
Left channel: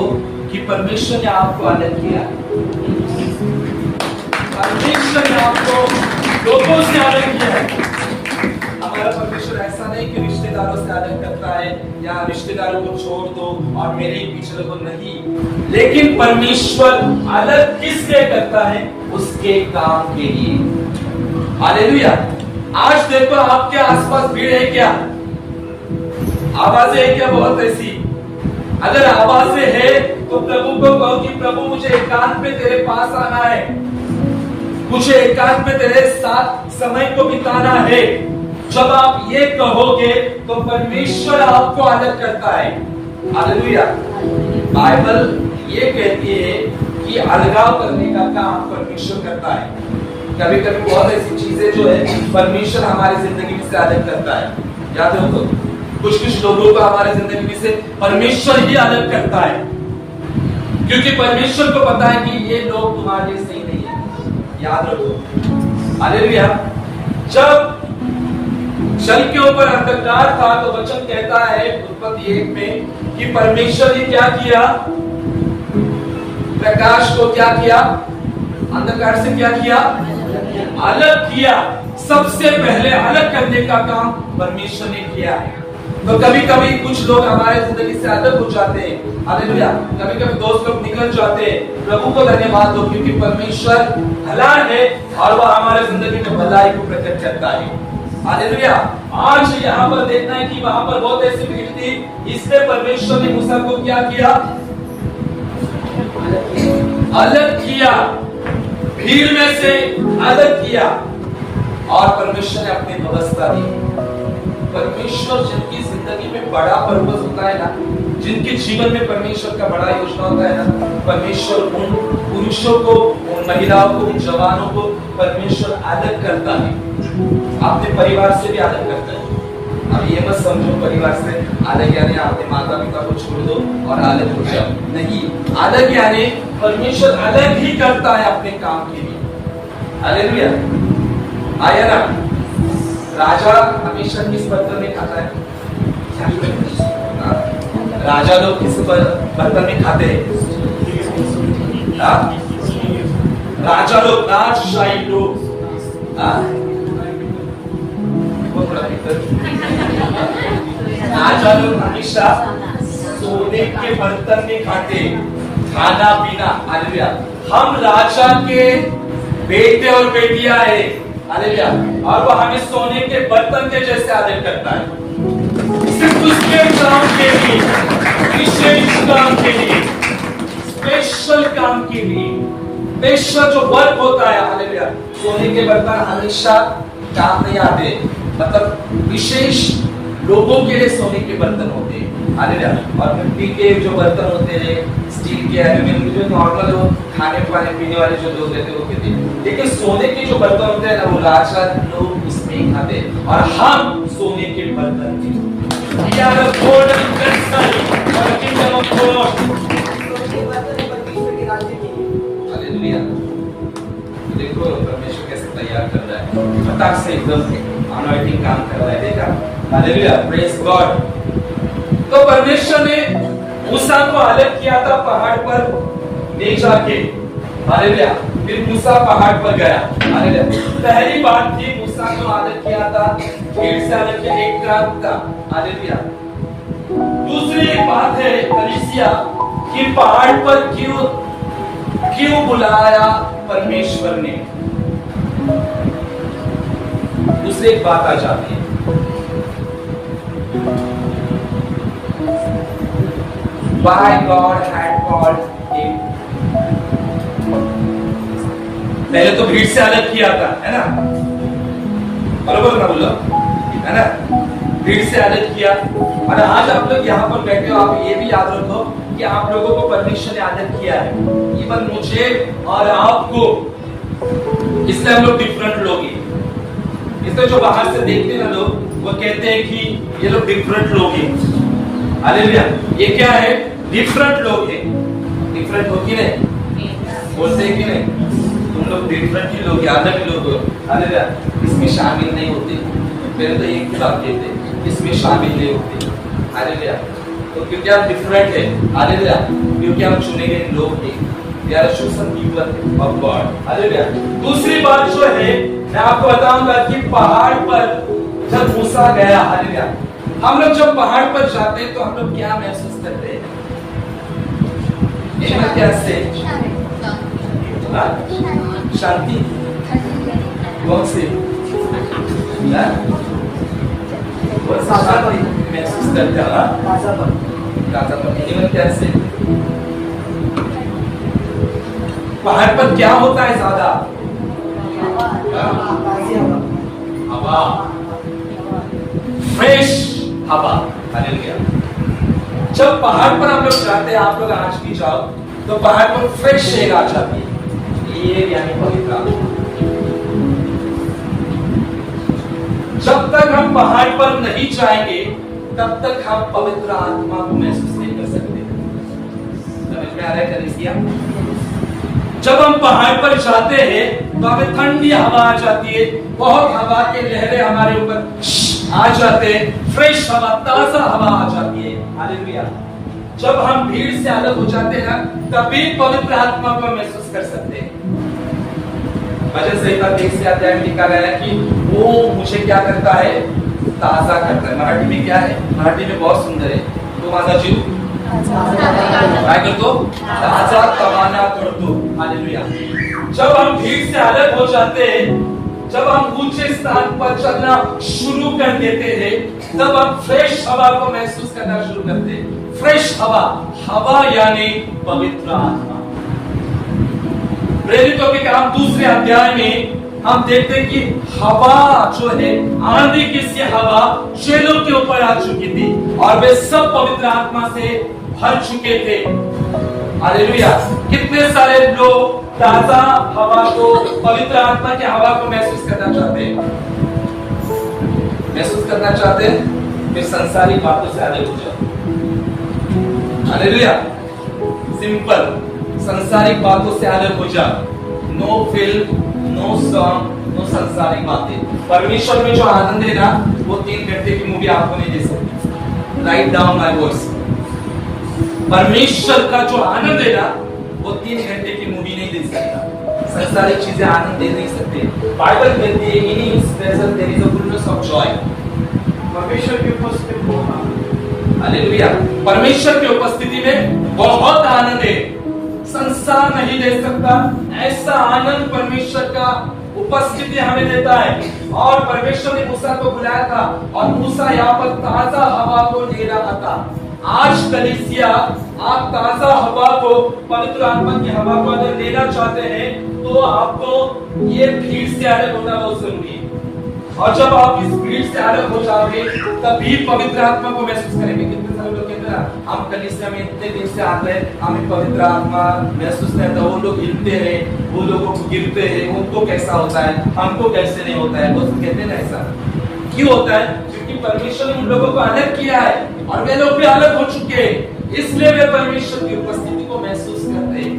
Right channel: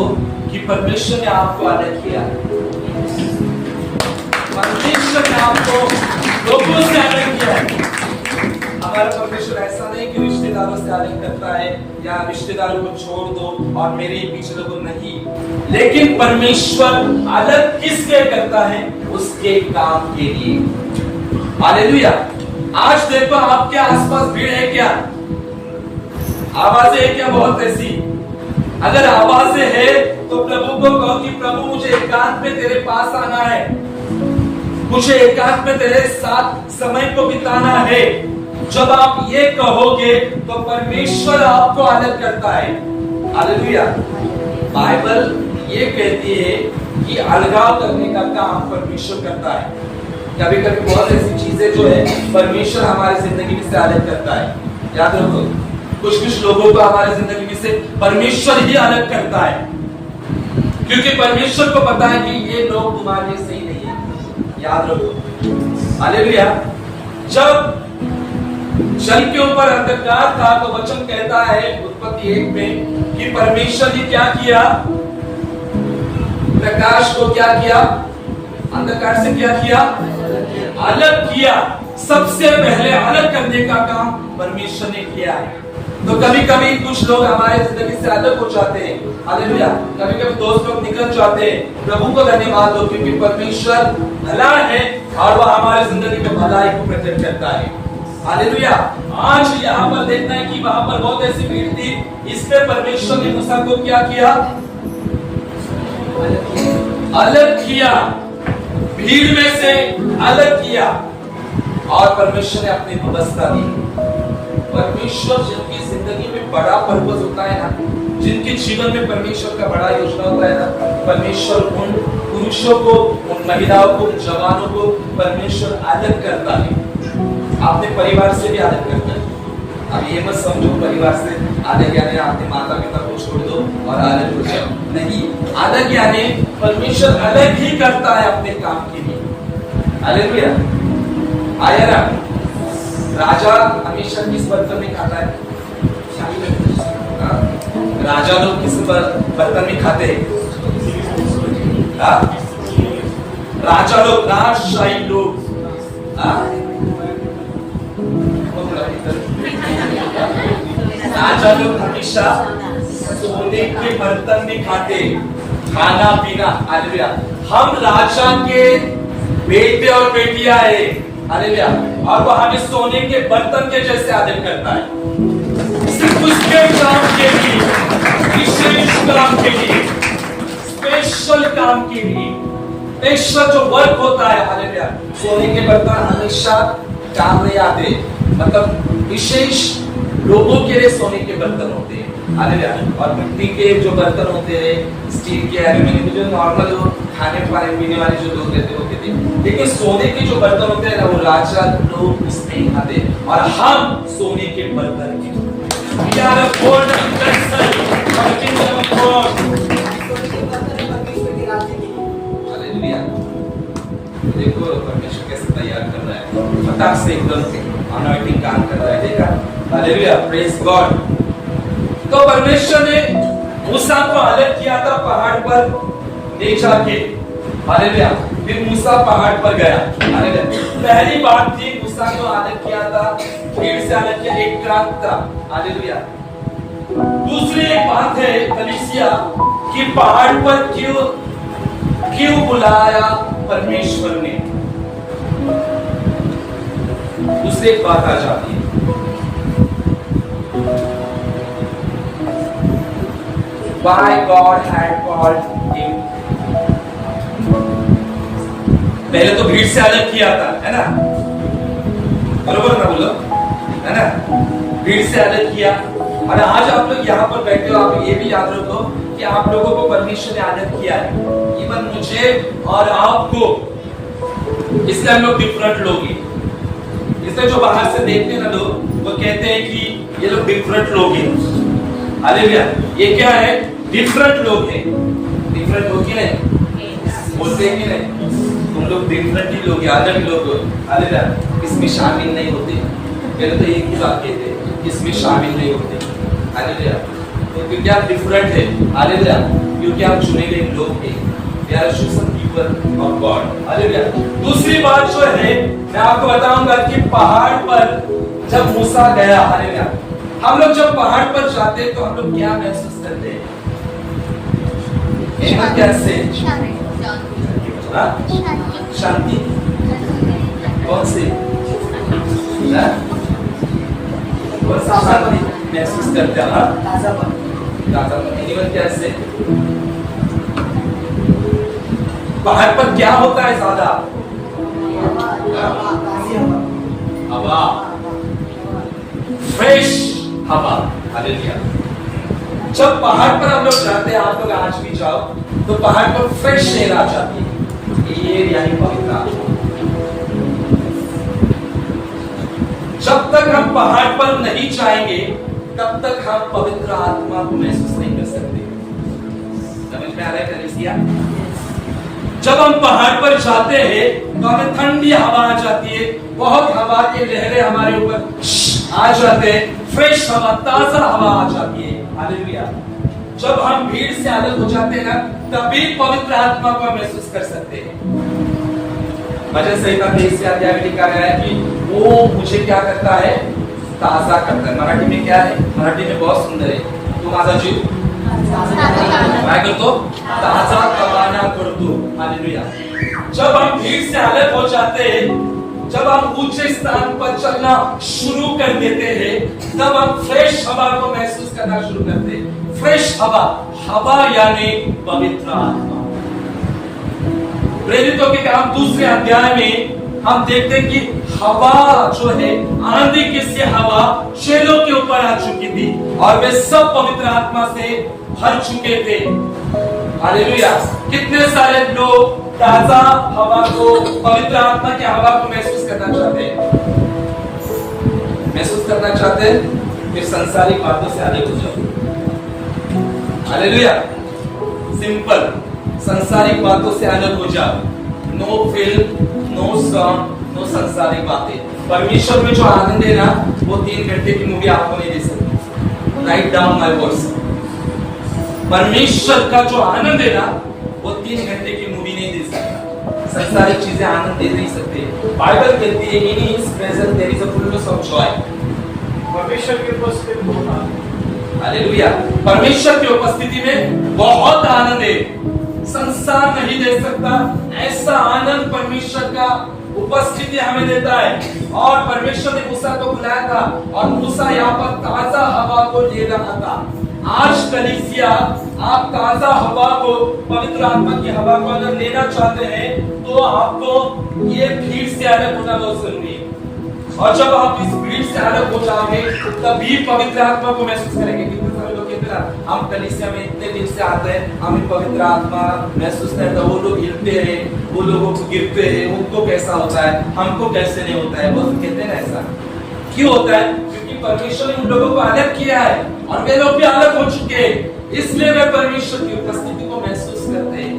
कि परमेश्वर ने आपको अलग किया। परमेश्वर ने आपको लोगों से अलग किया है। हमारा परमेश्वर ऐसा नहीं कि रिश्तेदारों से अलग करता है या रिश्तेदारों को छोड़ दो और मेरे ही पीछे लोगों नहीं, लेकिन परमेश्वर अलग किस लिए करता है? उसके काम के लिए। हालेलुया। आज देखो आपके आसपास भीड़ है क्या? आवाजें है क्या? बहुत ऐसी। अगर आवाजें है तो प्रभु को कहो कि प्रभु मुझे एकांत में तेरे पास आना है, मुझे एकांत में तेरे साथ समय को बिताना है। जब आप ये कहोगे तो परमेश्वर आपको अलग करता है। हालेलुया। बाइबल ये कहती है कि अलगाव करने का काम परमेश्वर करता है। कभी कभी बहुत ऐसी चीजें जो है परमेश्वर हमारी जिंदगी में से अलग करता है। याद रखो, कुछ लोगों को हमारी जिंदगी में से परमेश्वर ही अलग करता है, क्योंकि परमेश्वर को पता है कि ये लोग तुम्हारे लिए सही नहीं है। याद रखो। हालेलुया। जब जल के ऊपर अंधकार था तो वचन कहता है उत्पत्ति 1 में कि परमेश्वर ने क्या किया? प्रकाश को क्या किया? अंधकार से क्या किया? अलग किया। सबसे पहले अलग करने का काम परमेश्वर ने किया है। तो कभी कभी कुछ लोग हमारे जिंदगी से अलग हो जाते हैं। हालेलुया। कभी कभी दोस्त लोग निकल जाते हैं। प्रभु को धन्यवाद हो, क्योंकि परमेश्वर भला है और वह हमारे जिंदगी में भलाई को प्रकट करता है। हालेलुया। आज यहाँ पर देखना है कि वहां पर बहुत ऐसी भीड़ थी, इसलिए परमेश्वर ने मूसा को क्या किया? अलग किया, भीड़ में से अलग किया, और परमेश्वर ने अपनी व्यवस्था दी। परमेश्वर जिनकी जिंदगी में बड़ा पर्पस होता है ना, जिनके जीवन में परमेश्वर का बड़ा योजना होता है ना, परमेश्वर उन पुरुषों को, उन महिलाओं को, उन जवानों को परमेश्वर अलग करता है। अपने परिवार से भी अलग करता है। अब ये मत समझो परिवार से अलग यानी अपने माता पिता को छोड़ दो और अलग हो जाओ, नहीं। अलग यानी परमेश्वर अलग ही करता है अपने काम के लिए। हालेलुया। आया ना? राजा हमेशा किस बर्तन में खाता है? राजा लोग किस बर्तन में खाते हैं? राजा लोग, राजशाही लोग राजा लोग हमेशा सोने के बर्तन में खाते, खाना पीना। हालेलुया। हम राजा के बेटे और बेटियां है। हालेलुया। और वह हमें सोने के बर्तन के जैसे आदर करता है, सिर्फ उसके काम के लिए, विशेष काम के लिए, स्पेशल काम के लिए, स्पेशल जो वर्क होता है। हालेलुया। सोने के बर्तन हमेशा काम नहीं आते, मतलब विशेष लोगों के लिए सोने के बर्तन होते हैं। हालेलुया। और मिट्टी के जो बर्तन होते हैं, स्टील के, एल्यूमिनियम के, जो नॉर्मल वो खाने पाने पीने वाले जो लोग रहते हैं वो कहते हैं, लेकिन सोने के जो बर्तन होते हैं ना, वो राजा लोग उसमें ही खाते हैं, और हम सोने के बर्तन की। We are a golden vessel for the kingdom of God. Hallelujah. देखो परमेश्वर कैसे तैयार कर रहा है, फटाक से एकदम अनॉइंटिंग काम कर रहा है। देखा? हालेलुया। Praise God. तो परमेश्वर ने मूसा को अलग किया था पहाड़ पर ले जाके। हालेलुया। फिर मूसा पहाड़ पर गया। हालेलुया। पहली बात थी मूसा को अलग किया था, भीड़ से अलग किया, एक रात था। हालेलुया। दूसरी एक बात है कलीसिया, कि पहाड़ पर क्यों बुलाया परमेश्वर ने। दूसरी एक बात आ जाती है, why God had called him। पहले तो भीड़ से अलग किया था, है ना, बरोबर ना बोलो, है ना, भीड़ से अलग किया। और आज आप लोग यहाँ पर बैठे हो, आप ये भी याद रखो कि आप लोगों को परमेश्वर ने अलग किया है, इवन मुझे और आपको, इसलिए हम लोग डिफरेंट लोग हैं। इसलिए जो बाहर से देखते हैं ना लोग, वो कहते हैं कि ये लोग डिफरेंट लोग हैं। हालेलुया, ये क्या है, डिफरेंट लोग हैं। डिफरेंट लोग ही नहीं बोलते हैं कि नहीं, तुम लोग डिफरेंट ही लोग, अलग लोग हो। हालेलुया, इसमें शामिल नहीं होते। पहले तो एक ही बात कहते हैं, इसमें शामिल नहीं होते। हालेलुया, तो क्योंकि आप डिफरेंट है, हालेलुया, क्योंकि आप चुने गए लोग हैं। We are chosen people of God। Hallelujah. दूसरी बात जो है, मैं आपको बताऊंगा कि पहाड़ पर जब मूसा गया, हालेलुया, हम लोग जब पहाड़ पर जाते हैं तो हम लोग क्या महसूस करते हैं? कैसे? शांति। कौन सी? कौन सा शांति महसूस करते हैं? ताज़ापन। कैसे? पहाड़ पर क्या होता है ज्यादा? हवा, फ्रेश हवा। हालेलुया। जब पहाड़ पर हम लोग जाते हैं, आप लोग आज भी जाओ तो पहाड़ पर फ्रेश एयर आ जाती है, ये यानी पवित्र आत्मा। जब तक हम पहाड़ पर नहीं जाएंगे तब तक हम पवित्र आत्मा को महसूस नहीं कर सकते। समझ में आ रहा है कलीसिया? जब हम पहाड़ पर जाते हैं तो हमें ठंडी हवा आ जाती है, बहुत हवा के लहरें हमारे ऊपर आ जाते हैं, फ्रेश हवा, ताजा हवा आ जाती है। हालेलुया। जब हम भीड़ से अलग हो जाते हैं ना, तभी पवित्र आत्मा को महसूस कर सकते हैं। वचन संहिता 23 अध्याय में लिखा गया है कि वो मुझे क्या करता है, ताजा करता है। मराठी में क्या है? मराठी में बहुत सुंदर है, तो माझा जीव काय करतो, ताजा रवाना करतो। हालेलुया। जब हम भीड़ से अलग हो जाते हैं, जब हम ऊंचे स्थान पर चलना शुरू कर देते हैं, तब हम फ्रेश हवा को महसूस करना शुरू करते हैं। फ्रेश हवा, हवा यानी पवित्र आत्मा। प्रेरितों के काम 2 अध्याय में हम देखते हैं कि हवा जो है, आंधी की सी हवा चेलों के ऊपर आ चुकी थी और वे सब पवित्र आत्मा से भर चुके थे। हालेलुया। कितने सारे लोग ताजा हवा को, पवित्र आत्मा की हवा को महसूस करना चाहते हैं? महसूस करना चाहते हैं? फिर संसारिक बातों से अलग हो जाओ। हालेलुया। सिंपल, संसारिक बातों से अलग हो जाओ। No film, no song, no संसारिक बातें। परमेश्वर में जो आनंद है ना, वो 3 घंटे की मूवी आपको नहीं दे सकती। Write down my words. परमेश्वर का जो आनंद है ना, वो 3 घंटे की मूवी नहीं दे सकता। संसारिक चीजें आनंद दे नहीं सकते। बाइबल कहती है in his presence there is a fullness of joy. परमेश्वर की उपस्थिति में, हालेलुया, परमेश्वर की उपस्थिति में बहुत आनंद है। संसार नहीं दे सकता ऐसा आनंद परमेश्वर का उपस्थिति हमें देता है। और परमेश्वर ने मूसा को बुलाया था और मूसा यहाँ पर ताजा हवा को ले रहा था। आज कलीसिया, आप ताजा हवा को, पवित्र आत्मा की हवा को अगर लेना चाहते हैं तो आपको ये भीड़ से अलग होना बहुत जरूरी है। और जब आप इस भीड़ से अलग हो जाओगे तभी पवित्र आत्मा को महसूस करेंगे। कितने सारे लोग कहते हैं ना, हम कलीसिया में इतने दिन से आते हैं, हमें पवित्र आत्मा महसूस नहीं होता। वो लोग हिलते हैं, वो लोगों को गिरते हैं, उनको कैसा होता है, हमको कैसे नहीं होता है। वो कहते हैं ना, ऐसा क्यों होता है? क्योंकि परमेश्वर ने उन लोगों को अलग किया है और वे लोग भी अलग हो चुके हैं, इसलिए वे परमेश्वर की उपस्थिति को महसूस करते हैं।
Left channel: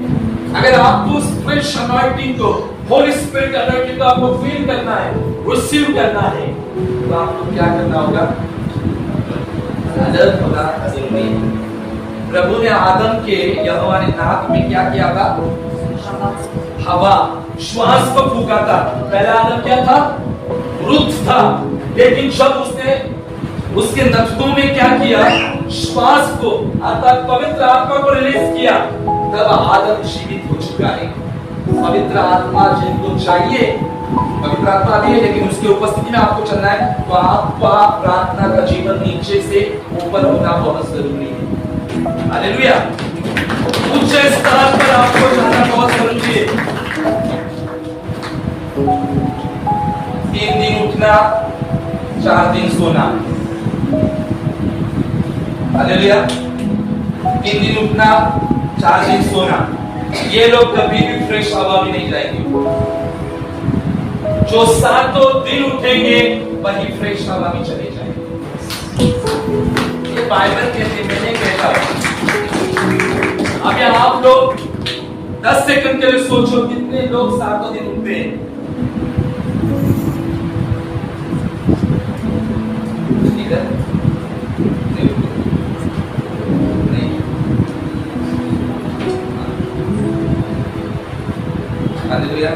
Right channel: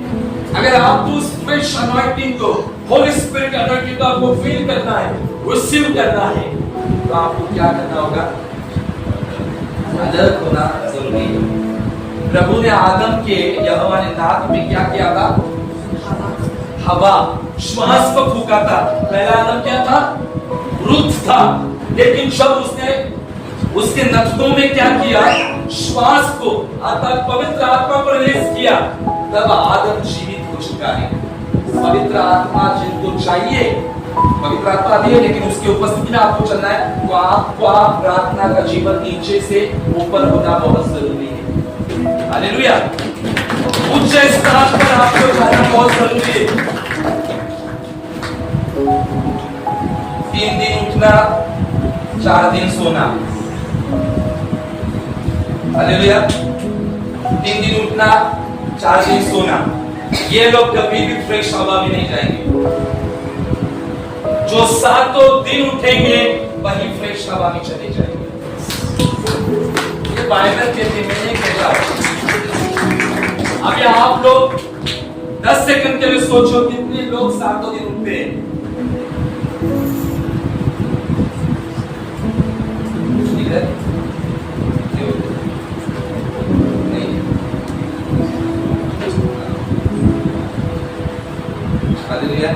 अगर आपको उस फ्रेश अनॉइंटिंग को, होली स्पिरिट अनॉइंटिंग को आपको फील करना है, रिसीव करना है, तो आपको क्या करना होगा? अलग होना जरूरी है। प्रभु ने आदम के, यहोवा ने नाक में क्या किया था? हवा, श्वास को फूका था। पहला आदम क्या था? मृत था। लेकिन जब उसने उसके नथनों में क्या किया? श्वास को अर्थात पवित्र आत्मा को रिलीज किया, तब आदम जीवित हो चुका है। पवित्र आत्मा जिनको चाहिए, पवित्र आत्मा आती है लेकिन उसकी उपस्थिति में आपको चलना है, तो आपका प्रार्थना का जीवन नीचे से ऊपर होना बहुत जरूरी है। हालेलुया। उच्च स्थान पर आपको जाना बहुत जरूरी है। 3 दिन उठना, 4 दिन सोना। हालेलुया। 3 दिन उठना, 4 दिन सोना। ये लोग कभी भी फ्रेश हवा में नहीं जाएंगे। जो 7 दिन उठेंगे वही फ्रेश हवा में चले जाएंगे। ये बाइबल कहती, मैंने कहता। अब आप लोग 10 सेकंड के लिए सोचो, कितने लोग 7 दिन उठते हैं? ठीक है? नहीं। हालेलुया।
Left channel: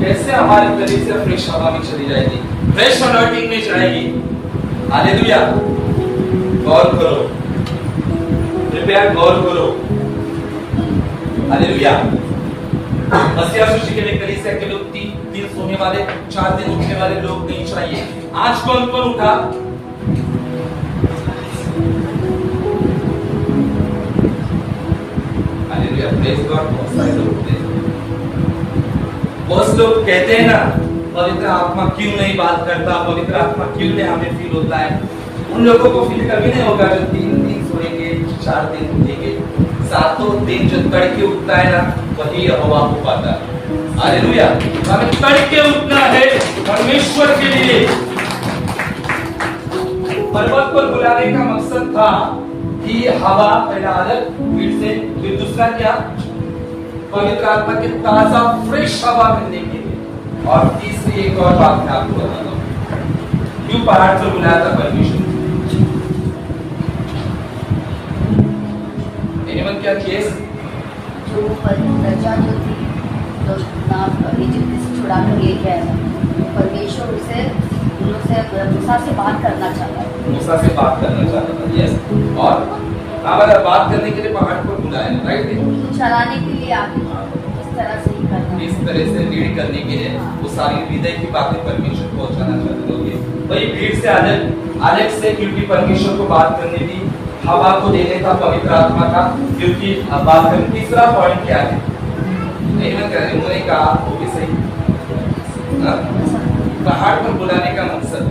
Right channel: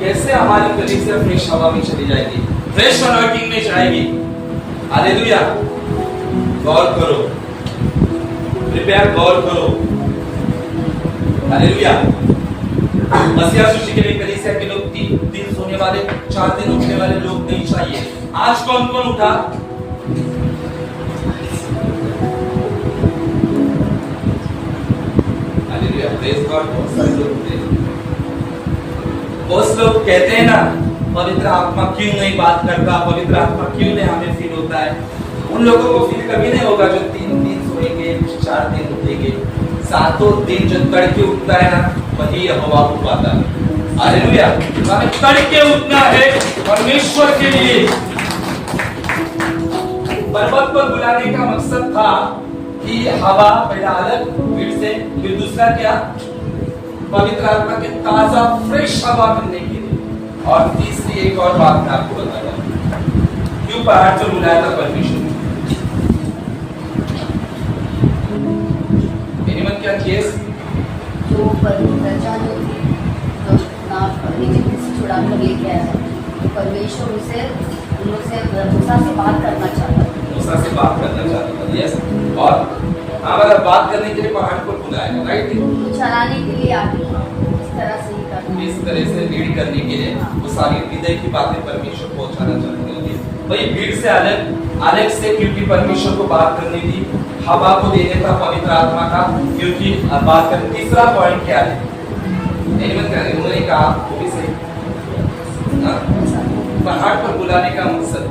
कैसे हमारी कलीसिया फ्रेश हवा में चली जाएगी, फ्रेश अनॉइंटिंग में जाएगी? हालेलुया। गौर करो, कृपया गौर करो। हालेलुया। मसीहा सूची के लिए कलीसिया के लोग 3 दिन सोने वाले, 4 दिन उठने वाले लोग नहीं चाहिए। आज कौन कौन उठा? हालेलुया। Praise God. बहुत सारे लोग उठते हैं। बहुत लोग कहते हैं ना, पवित्र आत्मा क्यों नहीं बात करता, पवित्र आत्मा क्यों नहीं हमें फील होता है। उन लोगों को फील कभी नहीं होगा जो 3 दिन सोएंगे, 4 दिन उठेंगे। 7 दिन जो तड़के उठता है ना, वही हवा को पाता है। हालेलुया। हमें तड़के उठना है परमेश्वर के लिए। पर्वत पर बुलाने का मकसद था कि हवा पहला अलग भीड़ से, फिर दूसरा क्या, पवित्र आत्मा के ताजा फ्रेश हवा मिलने के लिए। और तीसरी एक और बात मैं आपको बताता हूँ, क्यों पहाड़ पर बुलाया था परमेश्वर? एनीवन क्या केस? जो प्रजा जो थी, जो इजिप्ट से छुड़ा कर लेके आया, तो परमेश्वर उसे उन लोग से मूसा से बात करना चाहता था। मूसा से बात करना चाहता था, यस। और हमारा बात करने के लिए पहाड़ पर बुलाया, राइट? चलाने के लिए आगे इस तरह से ही करना, इस तरह से लीड करने के लिए वो सारी हृदय की बातें परमेश्वर को पहुंचाना चाहते होंगे। वही भीड़ से अलग से, क्योंकि परमेश्वर को बात करनी थी, हवा को देने था पवित्र आत्मा का, क्योंकि बात करने। तीसरा पॉइंट क्या है? नहीं मैं कह रही, उन्होंने कहा वो भी सही, पहाड़ पर बुलाने का मकसद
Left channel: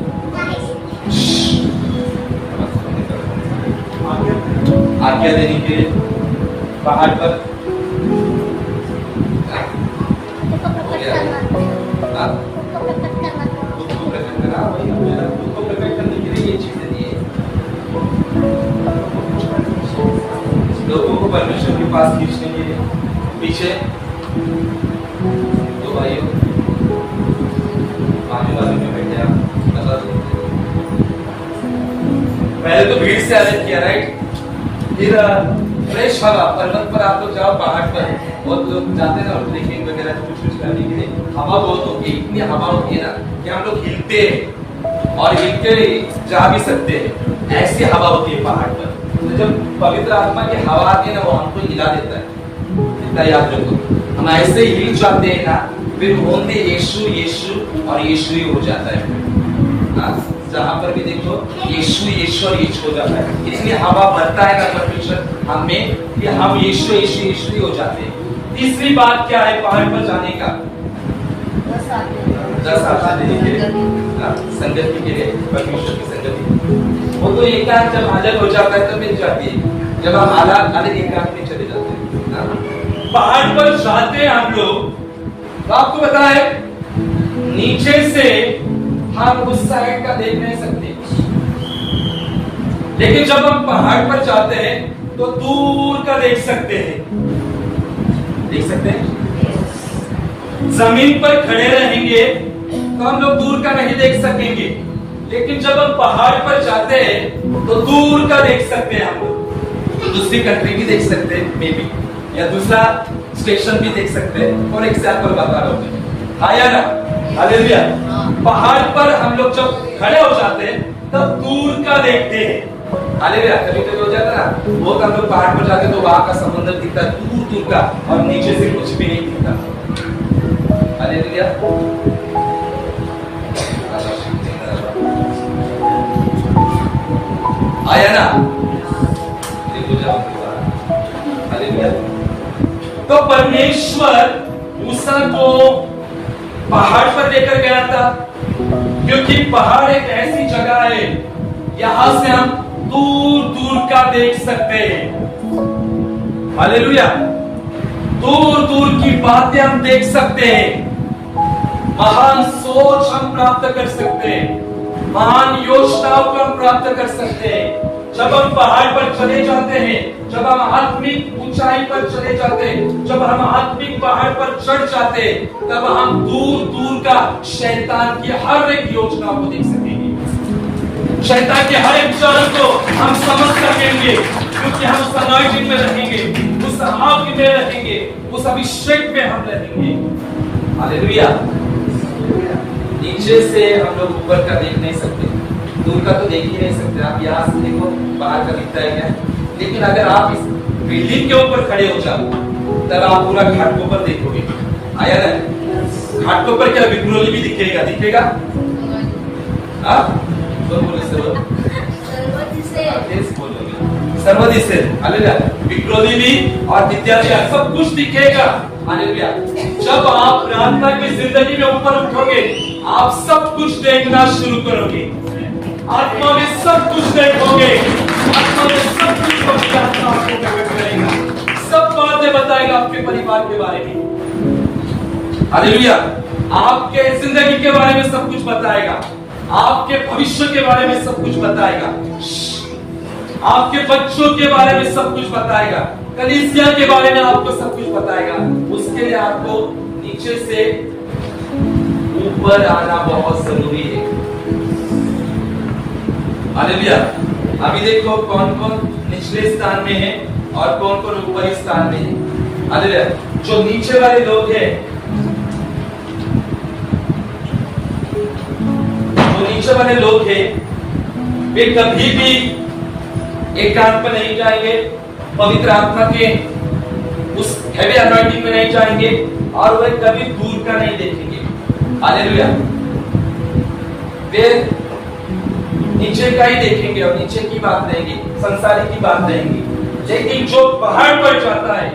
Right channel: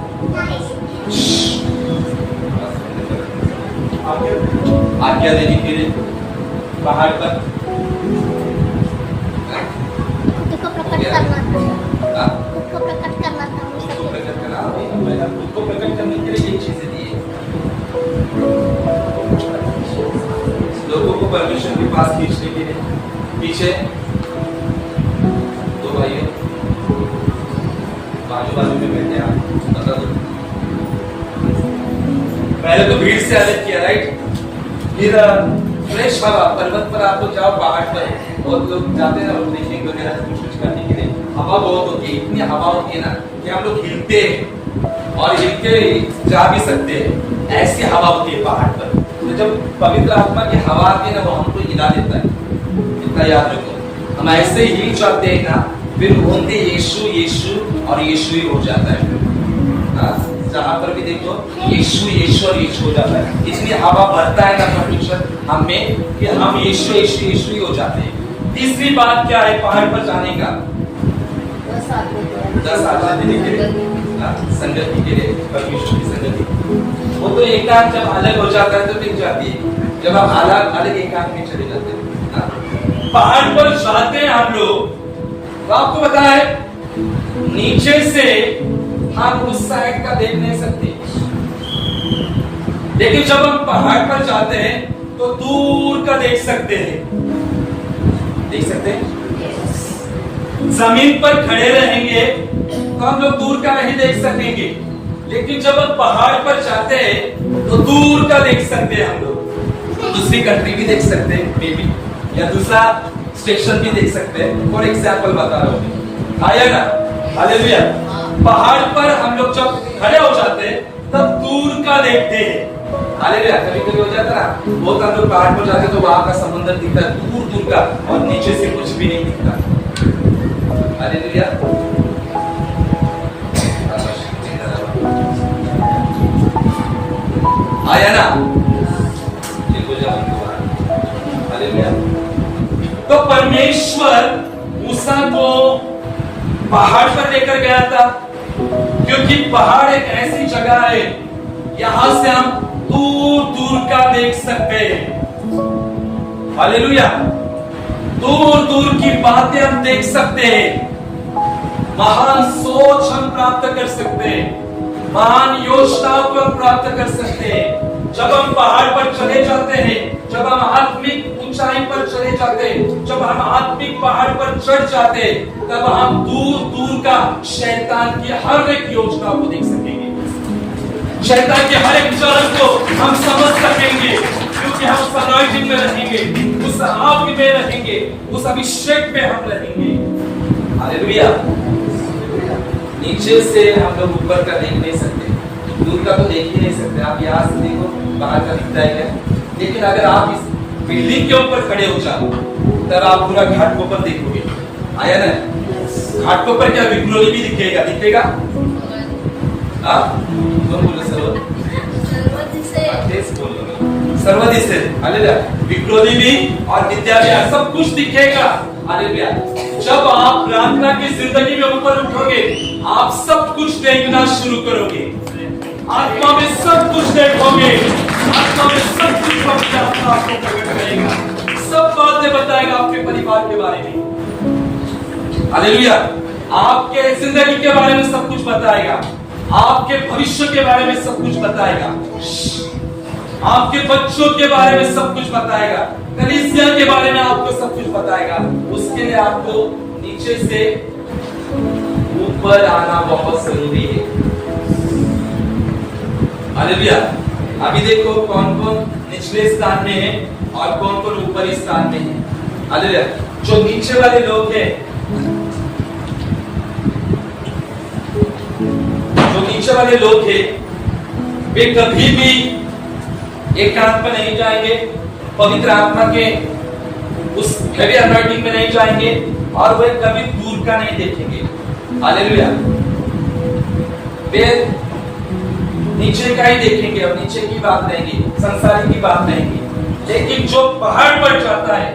आज्ञा देने के लिए पहाड़ पर खुद को प्रकट करने के लिए ये चीजें दी है। लोगों को परमेश्वर के पास खींचने के लिए। पीछे तो भाइयों बाजू में बैठे, आप बता दो। पहले तो भीड़ से अलग किया, राइट? फिर फ्रेश हवा, पर्वत पर आप लोग जाओ, पहाड़ पर बहुत लोग जाते हैं ना ट्रेकिंग वगैरह कुछ करने के लिए। हवा बहुत होती है, इतनी हवा होती है ना कि हम लोग हिलते हैं और हिलते जा भी सकते हैं। ऐसी हवा होती है पहाड़ पर। तो जब पवित्र आत्मा की हवा आती है ना, वो हमको हिला देता है। इतना याद रखो, हम ऐसे ही हिल जाते हैं ना, फिर बोलते यीशु यीशु और यीशु ही हो जाता है। फिर जहां पर भी देखो यीशु यीशु और यीशु हो जाता है। इतनी हवा भरता है ना परमेश्वर हमें कि हम यीशु यीशु यीशु ही हो जाते हैं। तीसरी बात क्या है पहाड़ पर जाने का? 10 आज्ञा देने के लिए, संगति के लिए, परमेश्वर की संगति। वो तो एकांत जब अलग हो जाता है तो मिल जाती है, जब हम अलग एकांत में चले जाते हैं। पहाड़ पर जाते हैं हम लोग, तो आपको पता है नीचे से हम उस साइड का देख नहीं सकते, लेकिन जब हम पहाड़ पर जाते हैं तो दूर का देख सकते हैं। देख सकते हैं? जमीन पर खड़े रहेंगे तो हम लोग दूर का नहीं देख सकेंगे, लेकिन जब हम पहाड़ पर जाते हैं तो दूर का देख सकते हैं। हम लोग दूसरी कंट्री भी देख सकते हैं, मे बी, या दूसरा स्टेशन भी देख सकते हैं। फॉर एग्जाम्पल बता रहा हूं, आया ना? हालेलुया। पहाड़ पर हम लोग जब खड़े हो जाते हैं तब दूर का देखते हैं। हालेलुया। कभी कभी हो जाता ना, बहुत हम लोग पहाड़ पर जाते तो वहां का समंदर दिखता दूर दूर का और नीचे से कुछ भी नहीं दिखता। हालेलुया। आया ना, देखो जब हालेलुया। तो परमेश्वर मूसा को पहाड़ पर लेकर गया था, क्योंकि पहाड़ एक ऐसी जगह है यहां से हम दूर दूर का देख सकते हैं। हालेलुया। दूर दूर की बातें हम देख सकते हैं, महान सोच हम प्राप्त कर सकते हैं, महान योजनाओं को हम प्राप्त कर सकते हैं। जब हम पहाड़ पर चले जाते हैं, जब हम आत्मिक ऊंचाई पर चले जाते हैं, जब हम आत्मिक पहाड़ पर चढ़ जाते हैं, तब हम दूर दूर का शैतान की हर एक योजना को देख सकेंगे, शैतान के हर एक चरण को हम समझ सकेंगे, क्योंकि हम उस अनॉइंटिंग में रहेंगे, उस आग में रहेंगे, उस अभिषेक में हम रहेंगे। हालेलुया। नीचे से हम लोग ऊपर का देख नहीं सकते, दूर का तो देख ही नहीं सकते। आप यहाँ से देखो बाहर का दिखता है क्या, लेकिन अगर आप इस बिल्डिंग के ऊपर खड़े हो जाओ तब आप पूरा घाट के ऊपर देखोगे। आया ना, घाट के ऊपर क्या विक्रोली भी दिखेगा, दिखेगा। सर्वदिशे हालेलुया। विक्रोली भी और विद्या भी, सब कुछ दिखेगा। हालेलुया। जब आप प्रार्थना की जिंदगी में ऊपर उठोगे, आप सब कुछ देखना शुरू करोगे, आत्मा में सब कुछ देखोगे, आत्मा में सब कुछ पवित्र आत्मा आपको प्रकट करेगा, सब बातें बताएगा आपके परिवार के बारे में। हालेलुया। आपके जिंदगी के बारे में सब कुछ बताएगा, आपके भविष्य के बारे में सब कुछ बताएगा, आपके बच्चों के बारे में सब कुछ बताएगा, कलीसिया के बारे में आपको सब कुछ बताएगा। उसके लिए आपको नीचे से ऊपर आना बहुत जरूरी है। हालेलुया। अभी देखो कौन कौन निचले स्थान में है और कौन कौन ऊपरी स्थान में है। हालेलुया। जो नीचे वाले लोग हैं, जो नीचे वाले लोग हैं, वे कभी भी एकांत पर नहीं जाएंगे, पवित्र आत्मा के उस हेवी अनॉइंटिंग में नहीं जाएंगे और वे कभी दूर का नहीं देखेंगे। हालेलुया। वे नीचे का ही देखेंगे और नीचे की बात रहेगी, संसारी की बात रहेगी। लेकिन जो पहाड़ पर जाता है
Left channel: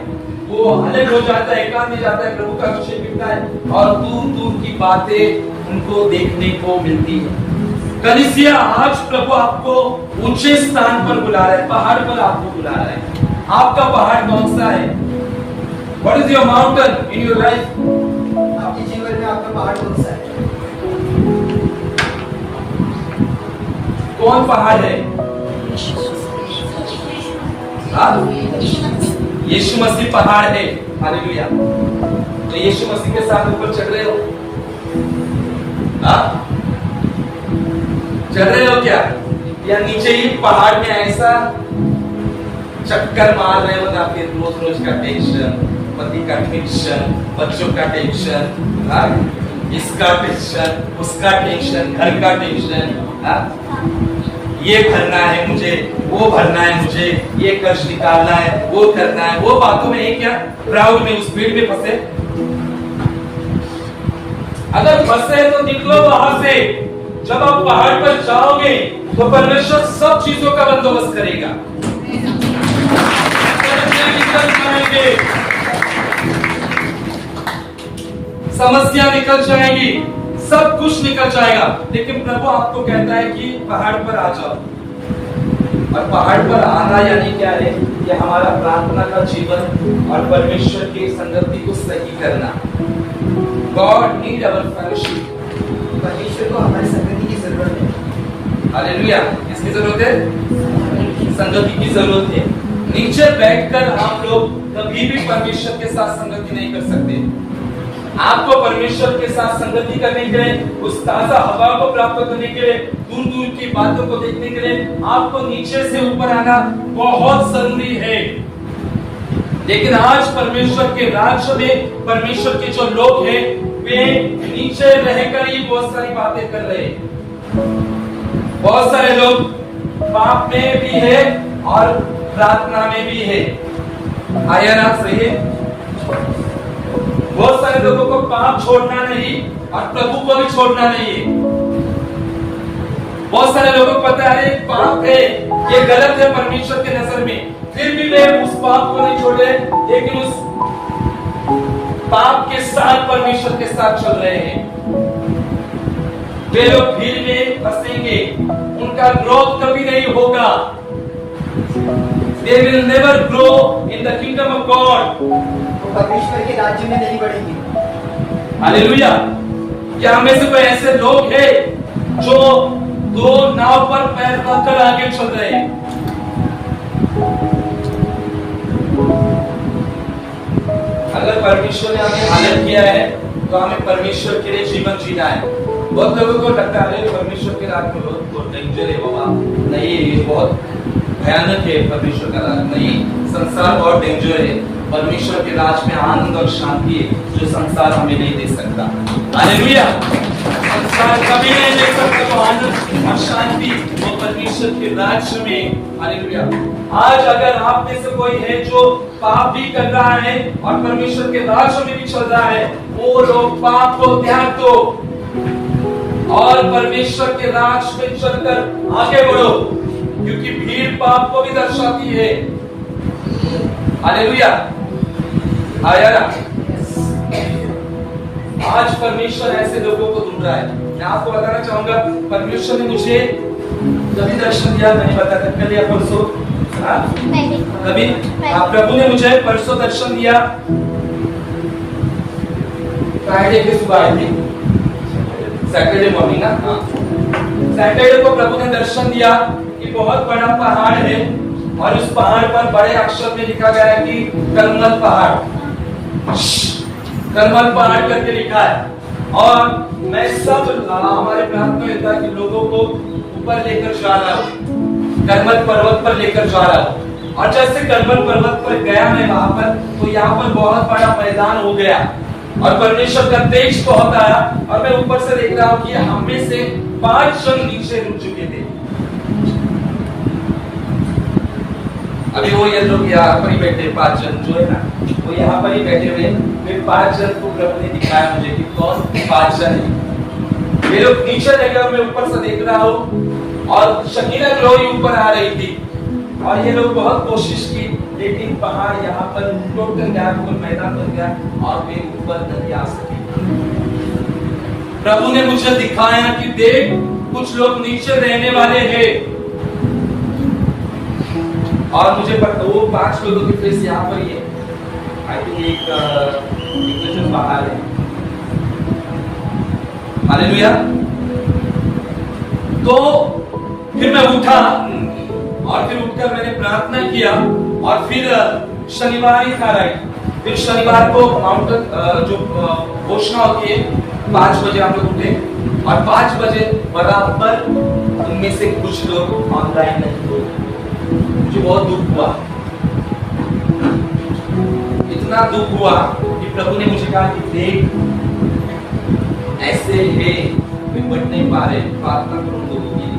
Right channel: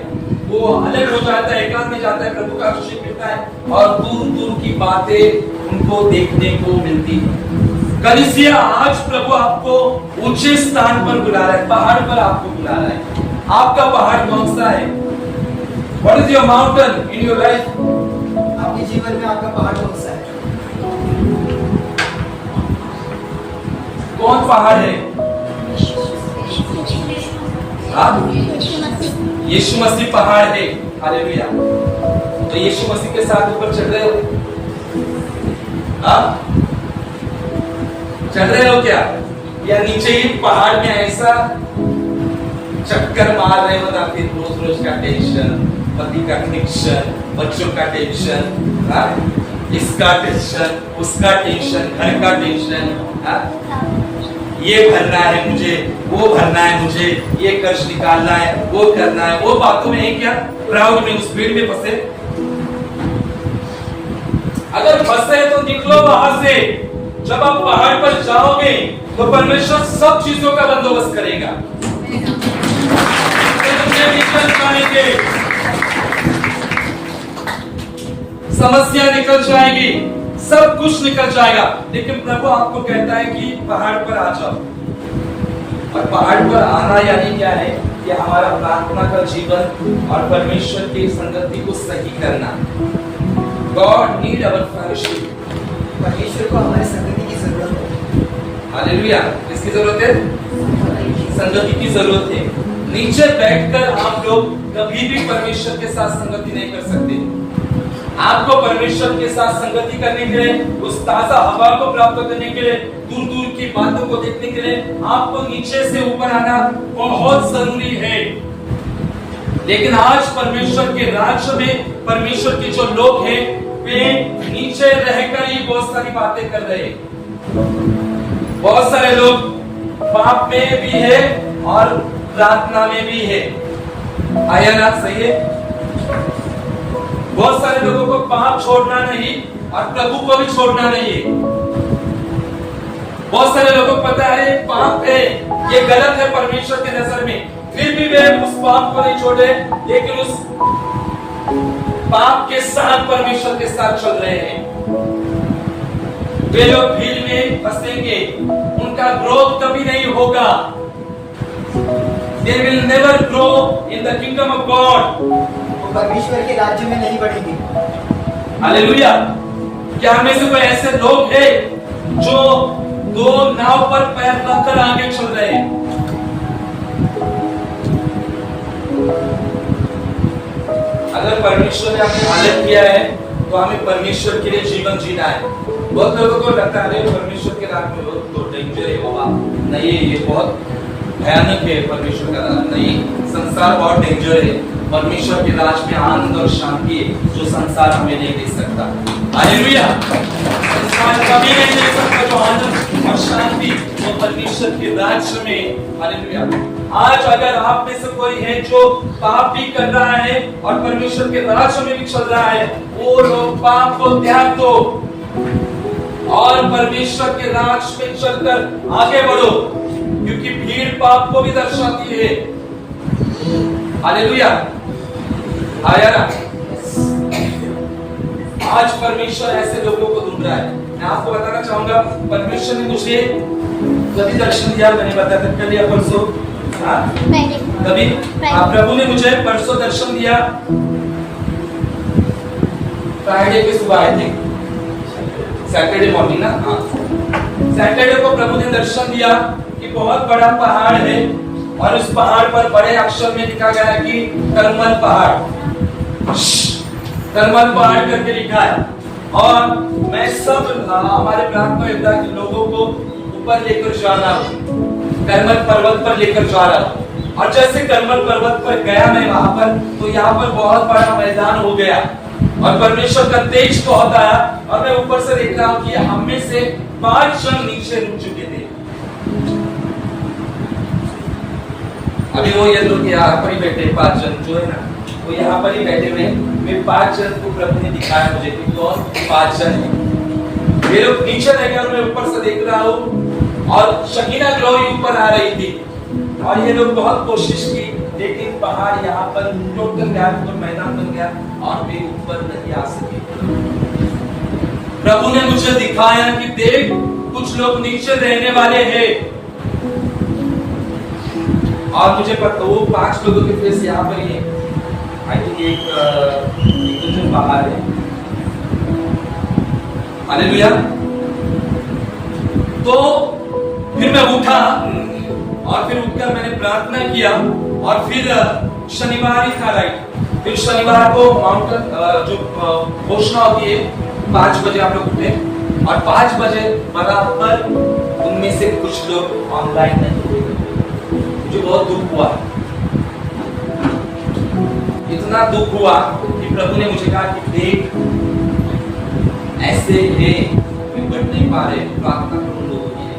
वो अलग हो जाता है, एकांत में जाता है, प्रभु का अभिषेक मिलता है और दूर दूर की बातें उनको देखने को मिलती है। कलीसिया, आज प्रभु आपको ऊंचे स्थान पर बुला रहा है, पहाड़ पर आपको बुला रहा है। आपका पहाड़ कौन सा है? What is your mountain in your life? आपके जीवन में आपका पहाड़ कौन सा है? कौन पहाड़ है? यीशु मसीह पहाड़ है। हालेलुया। तो यीशु मसीह के साथ ऊपर चढ़ रहे हो? चढ़ रहे हो क्या, या नीचे ही पहाड़ में ऐसा चक्कर मार रहे हो ना, फिर रोज रोज का टेंशन, पति का टेंशन, बच्चों का टेंशन, इसका टेंशन, उसका टेंशन, घर का टेंशन, ये भरना है मुझे, वो भरना है मुझे, ये कर्ज निकालना है, वो करना है, वो बातों में क्या क्राउड में, उस भीड़ में फंसे। अगर फंसे तो निकलो वहां से। जब आप पहाड़ पर जाओगे तो परमेश्वर सब चीजों का बंदोबस्त करेगा, निकल जाएंगे, समस्या निकल जाएगी, सब कुछ निकल जाएगा। लेकिन प्रभु आपको कहता है कि पहाड़ पर आ जाओ। और पहाड़ पर आना यानी क्या है? ये हमारा प्रार्थना का जीवन और परमेश्वर की संगति को सही करना। गॉड नीड अवर फेलोशिप। परमेश्वर को हमारी संगति की जरूरत है। हालेलुया। किसकी जरूरत है? संगति की जरूरत है। नीचे बैठकर आप लोग कभी भी परमेश्वर के साथ संगति नहीं कर सकते। आपको परमेश्वर के साथ संगति करने के लिए, उस ताजा हवा को प्राप्त करने के लिए, दूर दूर की बातों को देखने के लिए आपको नीचे से ऊपर आना बहुत जरूरी है। लेकिन आज परमेश्वर के राज्य में परमेश्वर के जो लोग हैं वे नीचे रहकर ही बहुत सारी बातें कर रहे हैं। बहुत सारे लोग पाप में भी है और प्रार्थना में भी है। आया ना, सही है। बहुत सारे लोगों को पाप छोड़ना नहीं और प्रभु को भी छोड़ना नहीं है। बहुत सारे लोगों को पता है पाप है, ये गलत है परमेश्वर के नजर में, फिर भी वे उस पाप को नहीं छोड़े, लेकिन उस पाप के साथ परमेश्वर के साथ चल रहे हैं। वे लोग भीड़ में फंसेंगे, उनका ग्रोथ कभी नहीं होगा। They will never grow in the kingdom of God. वो परमेश्वर के राज्य में नहीं बढ़ेंगे। हालेलुया। क्या हमें से कोई ऐसे लोग हैं जो दो नाव पर पैर रखकर आगे चल रहे हैं? अगर परमेश्वर ने हमें आनंद किया है तो हमें परमेश्वर के लिए जीवन जीना है। बहुत लोगों को लगता है परमेश्वर के राज में बहुत डेंजर है बाबा। नहीं, ये बहुत भयानक है परमेश्वर का राज। नहीं, संसार बहुत डेंजर है। परमेश्वर के राज में आनंद और शांति है जो संसार हमें नहीं दे सकता। हालेलुया। संसार कभी नहीं दे सकता जो आनंद और शांति वो परमेश्वर के राज्य में। हालेलुया। आज अगर आप में से कोई है जो पाप भी कर रहा है और परमेश्वर के राज्य में भी चल रहा है, वो लोग पाप को त्याग दो और परमेश्वर के राज में चलकर आगे बढ़ो, क्योंकि भीड़ पाप को भी दर्शाती है। हालेलुया। आया ना? आज परमेश्वर ऐसे लोगों को ढूंढ रहा है। मैं आपको बताना चाहूंगा, परमेश्वर ने मुझे कभी दर्शन दिया, मैंने बताया था कल या परसों, कभी प्रभु ने मुझे परसों दर्शन दिया। फ्राइडे की सुबह आई थी, सैटरडे मॉर्निंग ना, सैटरडे को प्रभु ने दर्शन दिया कि बहुत बड़ा पहाड़ है और उस पहाड़ पर बड़े अक्षर में लिखा गया है कि करमल पहाड़, करमल पहाड़ करके लिखा है। और मैं सब हमारे प्रार्थना योद्धा के लोगों को ऊपर लेकर जा रहा हूँ, करमल पर्वत पर लेकर जा रहा हूँ। और जैसे करमल पर्वत पर गया मैं वहां पर, तो यहाँ पर बहुत बड़ा मैदान हो गया और परमेश्वर का तेज बहुत आया और मैं ऊपर से देख रहा हूँ कि हम में से 5 जन नीचे रुक चुके थे। अभी वो ये लोग यहाँ पर ही बैठे, 5 जन जो है ना, वो यहाँ पर ही बैठे हुए। वे 5 जन को प्रभु ने दिखाया मुझे कि कौन 5 जन है। वे लोग नीचे रह गए और मैं ऊपर से देख रहा हूँ और शकीना ग्लोरी ऊपर आ रही थी और ये लोग बहुत कोशिश की, लेकिन पहाड़ यहाँ पर टोटल मैदान बन गया और वे ऊपर नहीं आ सके। प्रभु ने मुझे दिखाया कि देख, कुछ लोग नीचे रहने वाले हैं। और मुझे पता, वो 5 लोगों के फेस यहाँ पर ही है। आई थिंक एक जो बाहर है। हालेलुया। तो फिर मैं उठा और फिर उठकर मैंने प्रार्थना किया और फिर शनिवार ही था, राइट। फिर शनिवार को माउंटेन जो घोषणा होती है 5 बजे हम लोग उठे और 5 बजे बराबर उनमें से कुछ लोग ऑनलाइन नहीं हुए। मुझे बहुत दुख हुआ, इतना दुख हुआ कि प्रभु ने मुझे कहा कि देख, ऐसे है वे बढ़ नहीं पा रहे, प्रार्थना करो लोगों के लिए।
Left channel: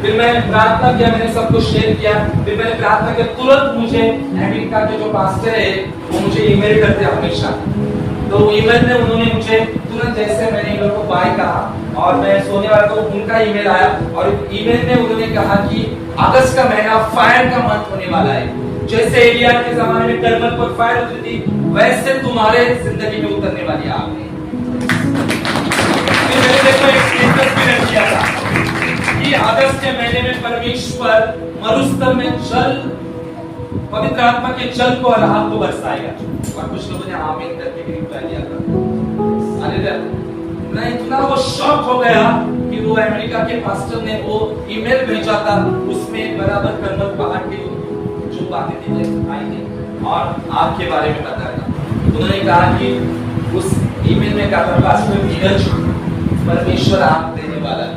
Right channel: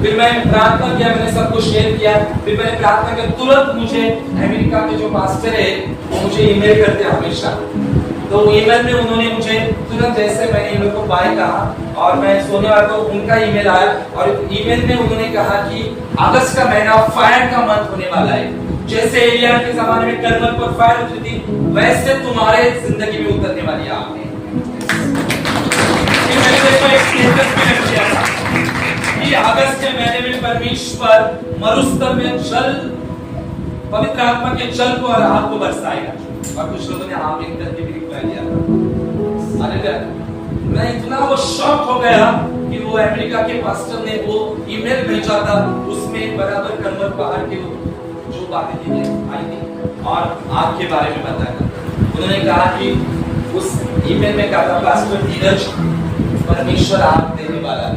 फिर मैंने प्रार्थना किया, मैंने सबको शेयर किया। फिर मैंने प्रार्थना किया, तुरंत मुझे अमेरिका के जो पास्टर है वो मुझे ईमेल करते हमेशा। तो ईमेल में उन्होंने मुझे तुरंत, जैसे मैंने इन लोगों को बाय कहा और मैं सोने वाला तो उनका ईमेल आया और ईमेल में उन्होंने कहा कि अगस्त का महीना फायर का मंथ होने वाला है। जैसे एलिया के जमाने में करमल पर फायर उतरी थी, वैसे तुम्हारे जिंदगी में उतरने वाली है आपने। मैंने देखो एक स्टेटस भी रख दिया था कि अगस्त के महीने में परमेश्वर मरुस्थल में जल, पवित्र आत्मा के जल को और राहत को बरसाएगा। और कुछ लोगों ने आमीन करके भी रिप्लाई दिया था। हालेलुया। मैं इतना वो शॉक हो गया कि वो अमेरिका के पास्टर ने वो ईमेल भेजा था, उसमें बराबर करमल पहाड़ के जो बातें थी आई थी और आग के बारे में बताया था। उन्होंने कहा कि उस ईमेल में कहा था, पास्टर धीरज, परमेश्वर आग देने वाला है।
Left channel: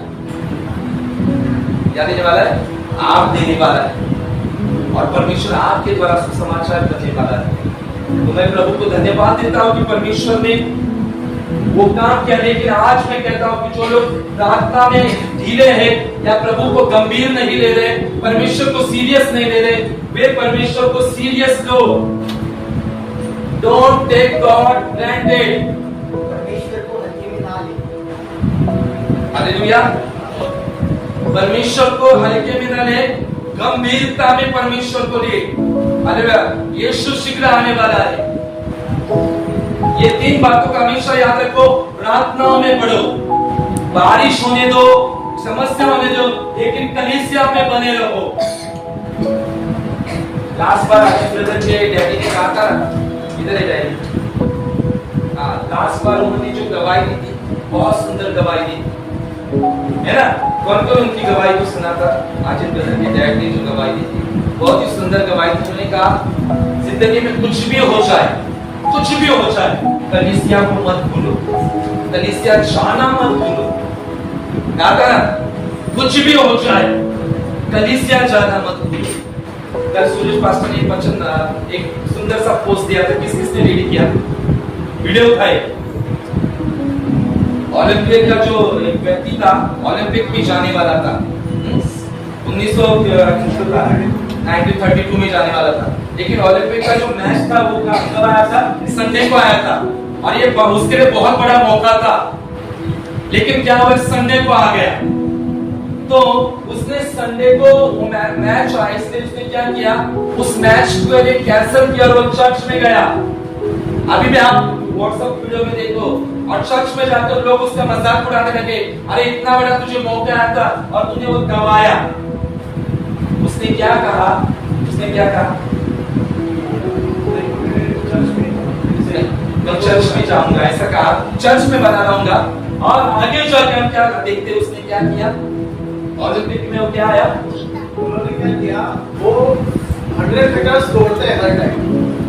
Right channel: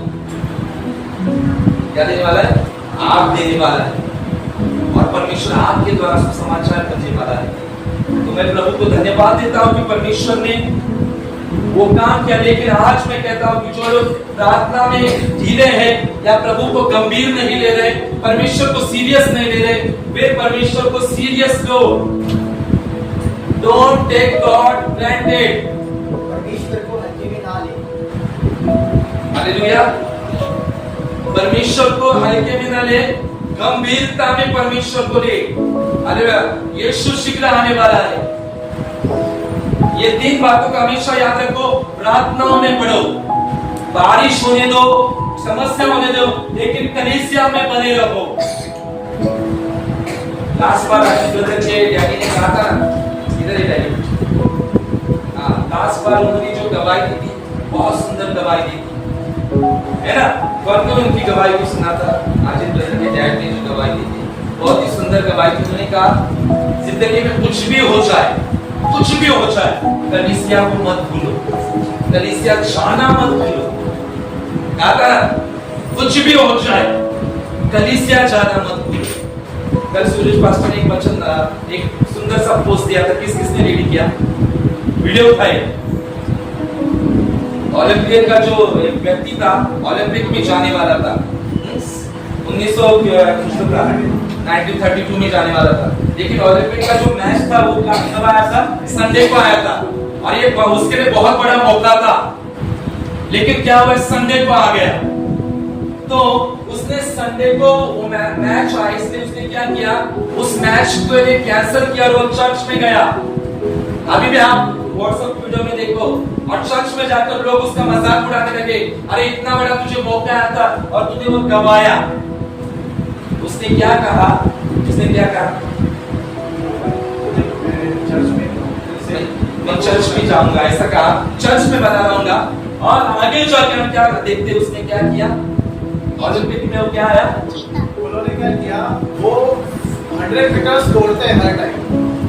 क्या देने वाला है? आग देने वाला है और परमेश्वर आग के द्वारा सुसमाचार करने वाला है। तो मैं प्रभु को धन्यवाद देता हूँ कि परमेश्वर ने वो काम किया। लेकिन आज मैं कहता हूं कि जो लोग प्रार्थना में ढीले हैं या प्रभु को गंभीर नहीं ले रहे, परमेश्वर को सीरियस नहीं ले रहे, वे परमेश्वर को सीरियस लो। Don't take God granted. परमेश्वर को हल्के में ना ले। हालेलुया। परमेश्वर को हल्के में ना ले, गंभीरता में परमेश्वर को ले। हालेलुया। यीशु शीघ्र आने वाला है। ये 3 बातों का हमेशा याद रखो। प्रार्थनाओं में बढ़ो, बारिश होने दो, समस्या होने दो, लेकिन कलीसिया में बने रहो। लास्ट बार ब्रदर के डैडी ने कहा था ना, इधर है डैडी, लास्ट बार उन्होंने जो गवाही दी थी, बहुत सुंदर गवाही दी है ना। कौन कौन उनकी गवाही को सुना था? आज ब्रदर के डैड ने जो गवाही दी थी, बहुत ही सुंदर गवाही थी। उन्होंने कहा जिंदगी में कुछ भी हो जाए, कुछ भी हो जाए, कलीसिया को मत भूलो, कलीसिया जाना मत भूलो। दादा कुछ भी हो जाए, कलीसिया जाना मत भूलो। कल सूरज पास्टर ने एक वचन, एक सुंदर सा पोस्ट दिया था। किस किसने रीड किया? वीडियो उठाए। ओलंपिक का जो एक व्यक्ति था, ओलंपिक में जाने वाला था, 1932 में जाने वाला था। लेकिन ओलंपिक का जो मैच था वो कब आया था? संडे को आया था। और ये उसके लिए बहुत बड़ा मौका था। लेकिन क्या हुआ? संडे को आ गया। तो उसने संडे को वो मैच आया, इसलिए उसने क्या किया? उस मैच को लिए कैंसिल किया और वो चर्च में गया। अभी भी आप व्हाट्सएप वीडियो में देखो, और चर्च में जाकर लोग उसका मजाक उड़ाने लगे। अरे इतना बड़ा तुझे मौका आया था और तूने वो गवाया। उसने क्या कहा? उसने क्या कहा? मैं चर्च में जाऊंगा, ऐसा कहा, चर्च में बना रहूंगा। और आगे जाकर हम क्या देखते, उसने क्या किया? ओलंपिक में वो क्या आया? उन्होंने क्या किया? वो 100 मीटर्स दौड़ते हैं हर टाइम,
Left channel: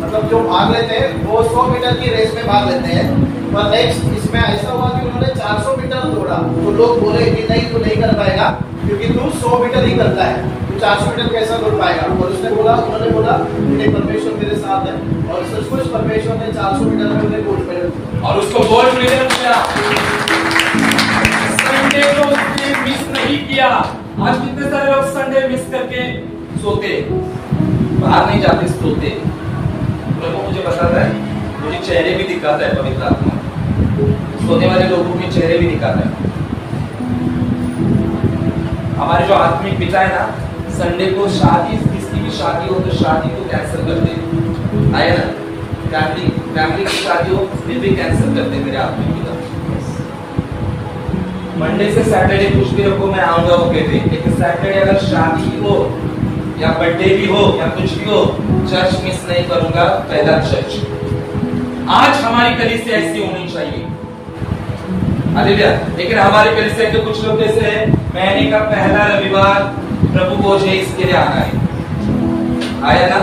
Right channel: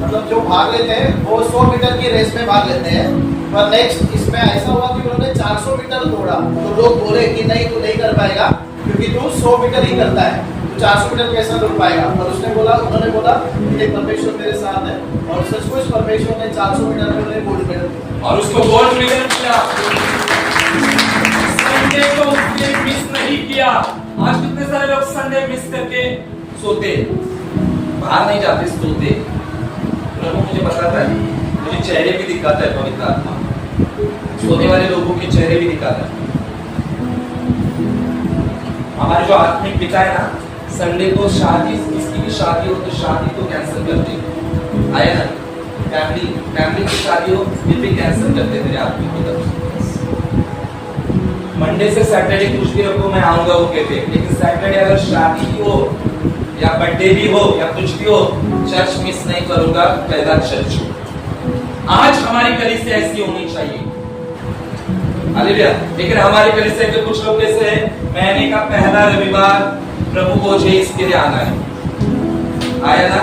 मतलब जो भाग लेते हैं वो 100 मीटर की रेस में भाग लेते हैं। पर नेक्स्ट इसमें ऐसा हुआ कि उन्होंने 400 मीटर दौड़ा। तो लोग बोले कि नहीं तू नहीं कर पाएगा, क्योंकि तू 100 मीटर ही करता है, 400 मीटर कैसा दौड़ पाएगा? और उसने बोला, उन्होंने बोला कि परमेश्वर मेरे साथ है। और सचमुच परमेश्वर ने 400 मीटर में उन्हें गोल्ड मेडल दिया और उसको गोल्ड मेडल मिला। संडे को उसने मिस नहीं किया। आज कितने सारे लोग संडे मिस करके सोते, बाहर नहीं जाते, सोते। प्रभु मुझे बताता है, मुझे चेहरे भी दिखाता है पवित्र आत्मा, सोने वाले लोगों के चेहरे भी दिखाता है। हमारे जो आत्मिक पिता है ना, संडे को शादी, किसी की शादी हो तो शादी को कैंसिल कर दे। आया ना, फैमिली की शादी हो फिर भी कैंसिल करते मेरे आत्मिक पिता। मंडे से सैटरडे कुछ भी रखो, मैं आऊंगा वो कहते। लेकिन सैटरडे अगर शादी भी हो या बर्थडे भी हो या कुछ भी हो, चर्च मिस नहीं करूंगा, पहला चर्च। आज हमारी कलीसिया ऐसी होनी चाहिए। हालेलुया। लेकिन हमारे कलीसिया के कुछ लोग ऐसे हैं, महीने का पहला रविवार प्रभु को जो इसके लिए आना है। आया ना,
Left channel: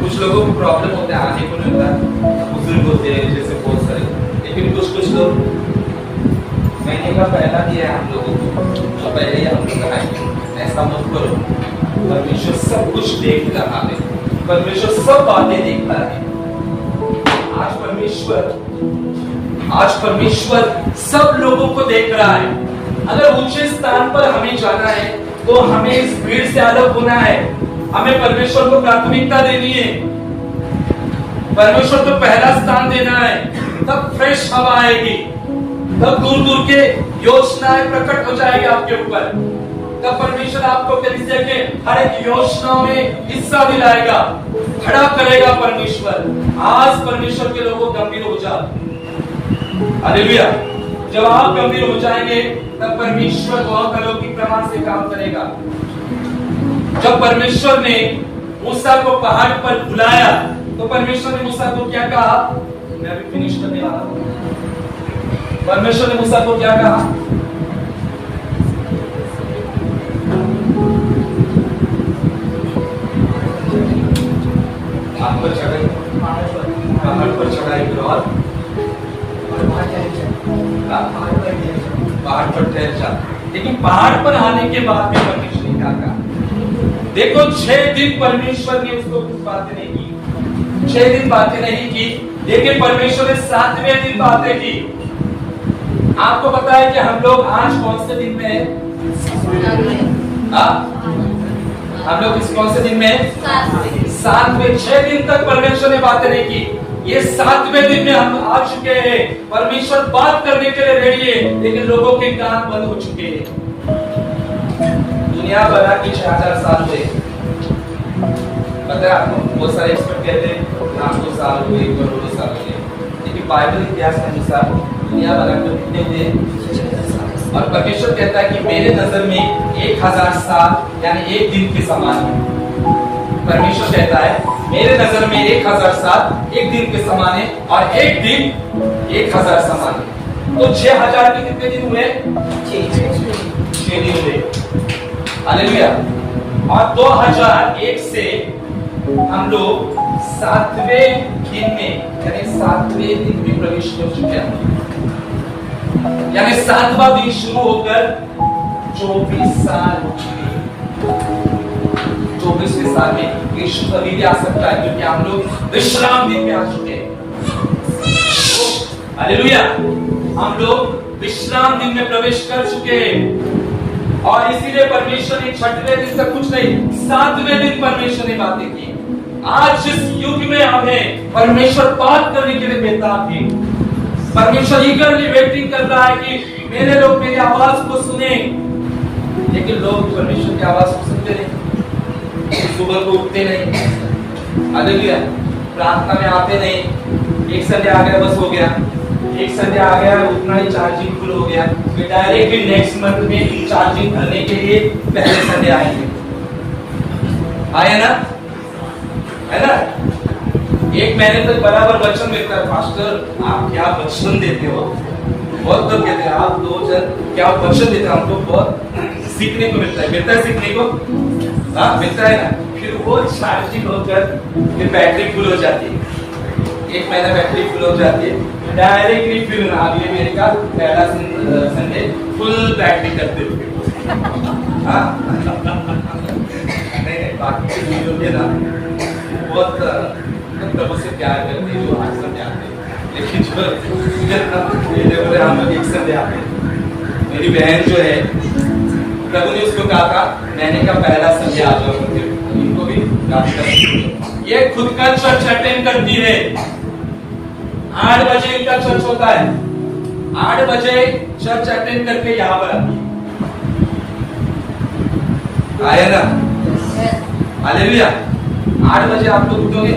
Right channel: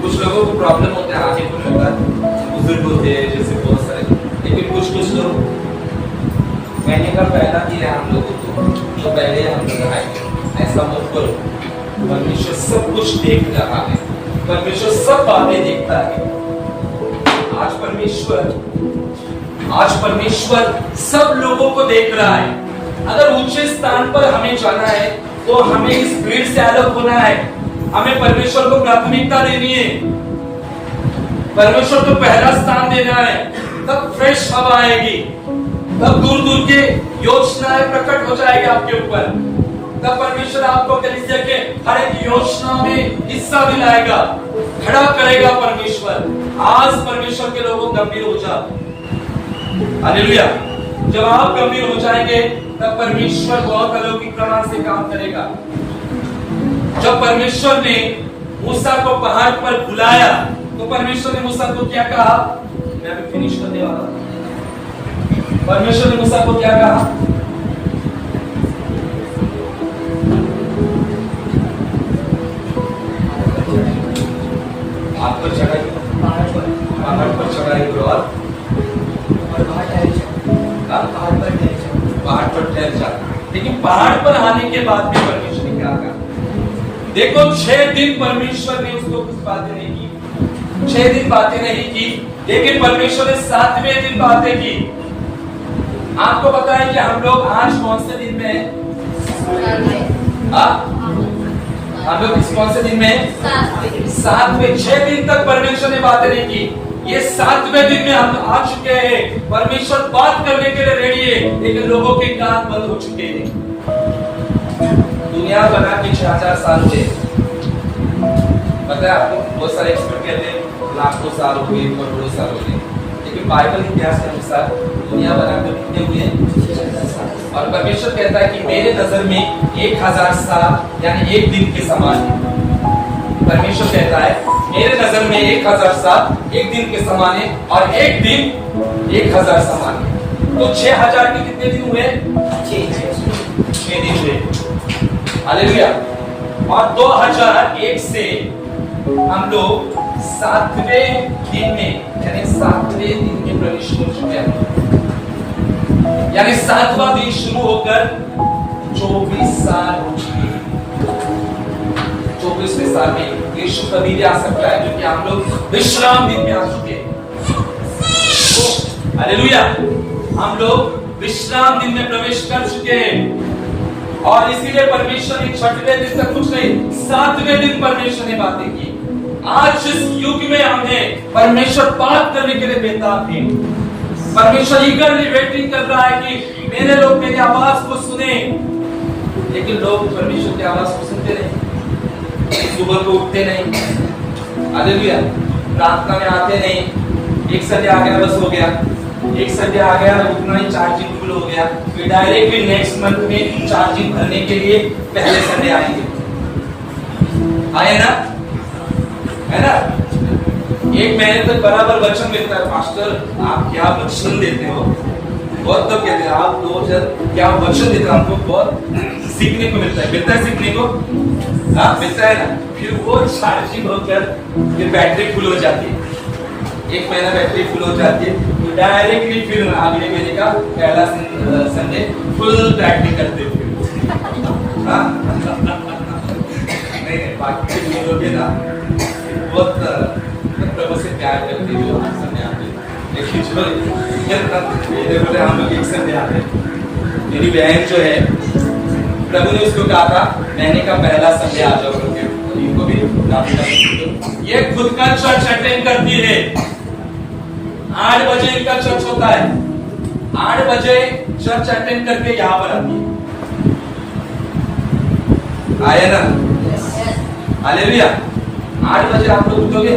कुछ लोगों को प्रॉब्लम होता है, आने को नहीं होता, बुजुर्ग होते हैं जैसे बहुत सारे। लेकिन कुछ लोग महीने का पहला दिया है हम लोगों को, तो पहले ही हम लोग आए। ऐसा मत करो। परमेश्वर सब कुछ देख रहा है, परमेश्वर सब बातें देखता है। आज परमेश्वर सब लोगों को देख रहा है। अगर ऊंचे स्थान पर हमें जाना है तो हमें इस भीड़ से अलग होना है। हमें परमेश्वर को प्राथमिकता देनी है, परमेश्वर को पहला स्थान देना है। तब फ्रेश हवा आएगी, तब दूर दूर के योजनाएं प्रकट हो जाएगी आपके ऊपर। तब परमेश्वर आपको कलीसिया के हर एक योजनाओं में हिस्सा दिलाएगा, खड़ा करेगा परमेश्वर। आज परमेश्वर के लोगों गंभीर हो जाओ। हालेलुया। जब आप गंभीर हो जाएंगे तब परमेश्वर बहुत अलौकिक प्रमाण से काम करेगा। जब परमेश्वर ने मूसा को पहाड़ पर बुलाया तो परमेश्वर ने मूसा को क्या कहा? मैं अभी फिनिश करने वाला हूं। परमेश्वर ने मूसा को क्या कहा? पहाड़ पर चढ़ाई, पहाड़ पर चढ़ाई करो और पहाड़ पर ठहर जा। लेकिन पहाड़ पर आने के बाद भी परमेश्वर ने क्या कहा? देखो 6 दिन परमेश्वर ने उसको कुछ बातें नहीं की, 6 दिन बातें नहीं की, लेकिन परमेश्वर ने 7वें दिन बातें की। आपको पता है कि हम लोग आज कौन से दिन में है? हम लोग इस कौन से दिन में है? 7वें। 6 दिन तक परमेश्वर ने बातें नहीं की। ये 7वें दिन में हम आ चुके हैं। परमेश्वर बात करने के लिए रेडी है, लेकिन लोगों के कान बंद हो चुके हैं। दुनिया बना के 6000 साल हुए। पता है आपको, बहुत सारे एक्सपर्ट कहते हैं लाखों साल हो गए, करोड़ों साल हो गए, लेकिन बाइबल इतिहास के अनुसार दुनिया बना के कितने हुए? और परमेश्वर कहता है कि मेरे नजर में 1000 साल यानी एक दिन के समान है। परमेश्वर कहता है मेरे नजर में 1000 साल एक दिन के समान है, और एक दिन 1000 समान है। तो 6000 के कितने दिन हुए? 6 दिन हुए। हालेलुया। और 2001 से हम लोग 7वें दिन में यानी 7वें दिन में प्रवेश कर चुके हैं। यानी 7वां दिन शुरू होकर 24 साल हो चुके हैं। 24वें साल में यीशु कभी भी आ सकता है, क्योंकि हम लोग विश्राम दिन में आ चुके हैं। हालेलुया। हम लोग विश्राम दिन में प्रवेश कर चुके हैं, और इसीलिए परमेश्वर ने 6वें दिन तक कुछ नहीं, 7वें दिन परमेश्वर ने बातें की। आज जिस युग में हमें परमेश्वर बात करने के लिए बेताब है, परमेश्वर ईगरली वेटिंग कर रहा है कि मेरे लोग मेरी आवाज को सुने, लेकिन लोग परमेश्वर की आवाज को सुनते नहीं, सुबह को उठते नहीं। हालेलुया। प्रार्थना में आते नहीं। एक संडे आ गया बस हो गया, एक संडे आ गया उतना ही चार्जिंग फुल हो गया, फिर डायरेक्टली नेक्स्ट मंथ में चार्जिंग भरने के लिए पहले संडे आएंगे। आए ना, है ना? एक महीने तक बराबर वचन मिलता है। पास्टर आप क्या वचन देते हो? बहुत लोग कहते हैं आप 2 जन क्या वचन देते हो, हमको बहुत सीखने को मिलता है। मिलता है सीखने को? हाँ मिलता है ना। फिर वो चार्जिंग होकर फिर बैटरी फुल हो जाती है। एक महीना बैटरी फुल हो जाती है, डायरेक्टली फिर अगले महीने का पहला संडे फुल बैटरी करते हैं। नहीं बाकी के लोग ना बहुत प्रभु से प्यार करते हैं जो 8 संडे आते हैं, लेकिन जो बोले हम लोग 1 संडे आते हैं। मेरी बहन जो है प्रभु ने उसको कहा था महीने का पहला संडे आ जाओ करके, इनको भी ये खुद का चर्च अटेंड करती है। 8 बजे इनका चर्च होता है, 8 बजे चर्च अटेंड करके यहाँ पर आती है। आए ना? हालेलुया। 8 बजे आप लोग उठोगे।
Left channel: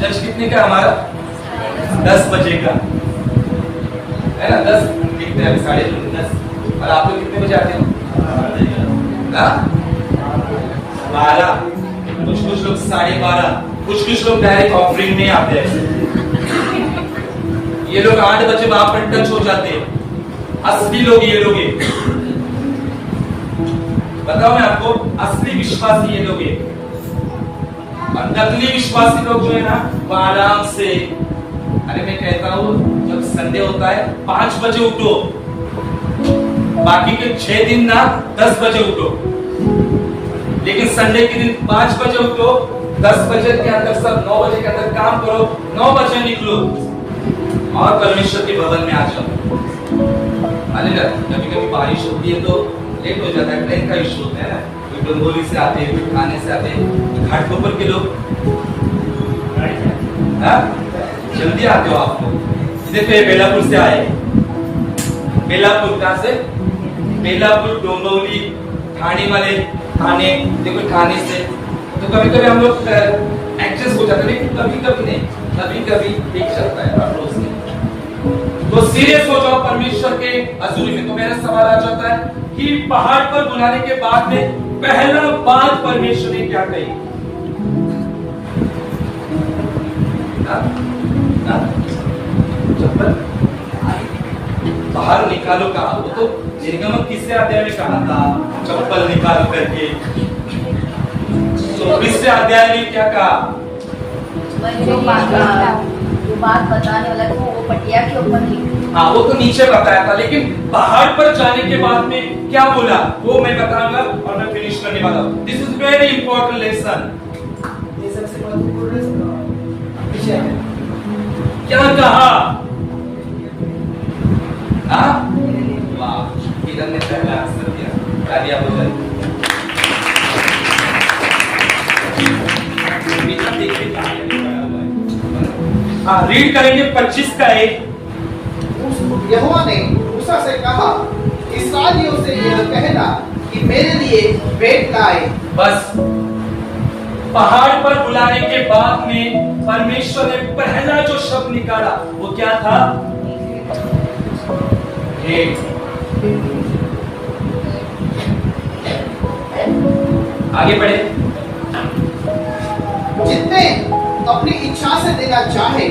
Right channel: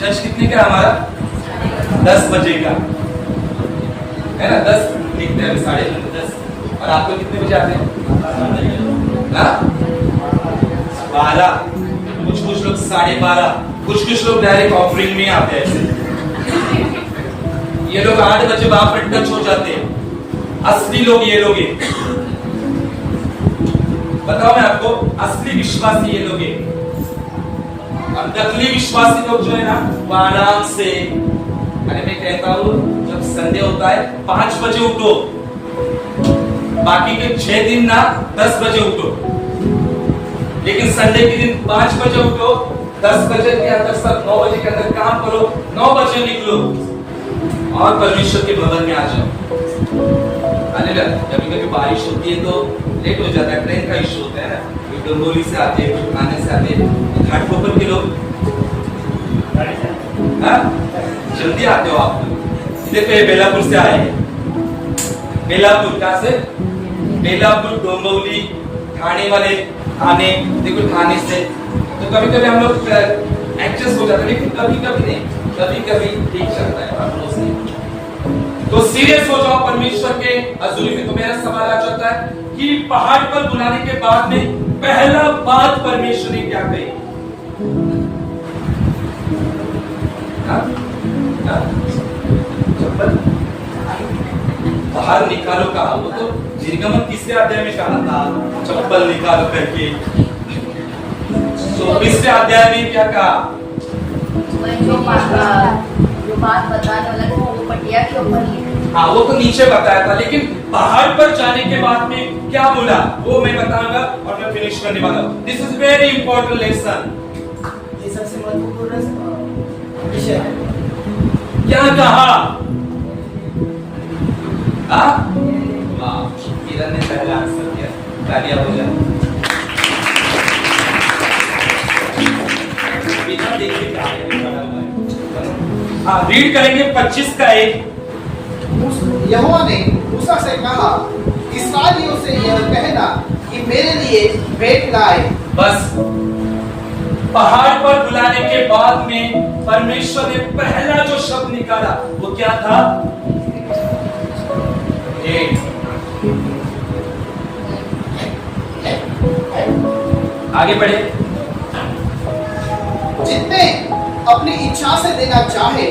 चर्च कितने का हमारा? 10 बजे का है ना? 10 लिखते हैं, 10:30। और आप लोग कितने बजे आते हैं? 12। कुछ लोग 12:30, कुछ लोग डायरेक्ट ऑफरिंग में आते हैं ऐसे। ये लोग 8 बजे वहां पर टच हो जाते हैं। असली लोग ये लोग हैं। बताओ मैं आपको, असली विश्वासी ये लोग हैं। और नकली विश्वासी लोग जो है ना वो आराम से, अरे मैं कहता हूं जब संडे होता है 5 बजे उठो, बाकी के 6 दिन ना 10 बजे उठो, लेकिन संडे के दिन 5 बजे उठो, 10 बजे के अंदर सब 9 बजे के अंदर काम करो, 9 बजे निकलो और परमेश्वर के भवन में आ जाओ। हालेलुया। कभी कभी बारिश होती है तो लेट हो जाता है, ट्रेन का इशू होता है ना, कोई डोंगोली से आते हैं, कोई खाने से आते हैं। घाटकोपर के लोग जल्दी आते हो आप लोग। देखो ये बेलापुर से आए, बेलापुर कहां से? बेलापुर, डोंबिवली, ठाणे वाले, ठाणे, देखो ठाणे से। तो कभी कभी हम लोग एडजस्ट हो जाते हैं, लेकिन कभी कभी नहीं, कभी कभी ठीक चलता है, रोज नहीं। तो सीरियस हो जाओ परमेश्वर के हजूरी में। तो मेरा सवाल आ जाता है कि पहाड़ पर बुलाने के बाद में पहला बात परमेश्वर ने क्या कही? चप्पल बाहर निकालो कहा? वो तो निर्गमन किससे अध्याय में कहा था चप्पल निकालो करके। 24वें अध्याय में क्या कहा? जो बात बताने वाला था वो पटिया के ऊपर लिखी। हाँ वो तो नीचे बताया था, लेकिन पहाड़ पर जाने के बाद में क्या बोला वो मैं बताऊंगा और मैं फिनिश करने वाला हूँ। This is very important lesson. ये सबसे महत्वपूर्ण विषय है। क्या कहा? हाँ वाह, किरण ने पहला आंसर दिया, तालियां बजाएं। बेटा देखिए कहाँ है, अभी बड़ा हुआ है। हाँ, रीड करेंगे 25 का 1। यहोवा ने मूसा से कहा, इस्राएलियों से यह कहना कि मेरे लिए भेंट लाए। बस पहाड़ पर बुलाने के बाद में परमेश्वर ने पहला जो शब्द निकाला वो क्या था? भेंट। आगे बढ़े। जितने अपनी इच्छा से देना चाहे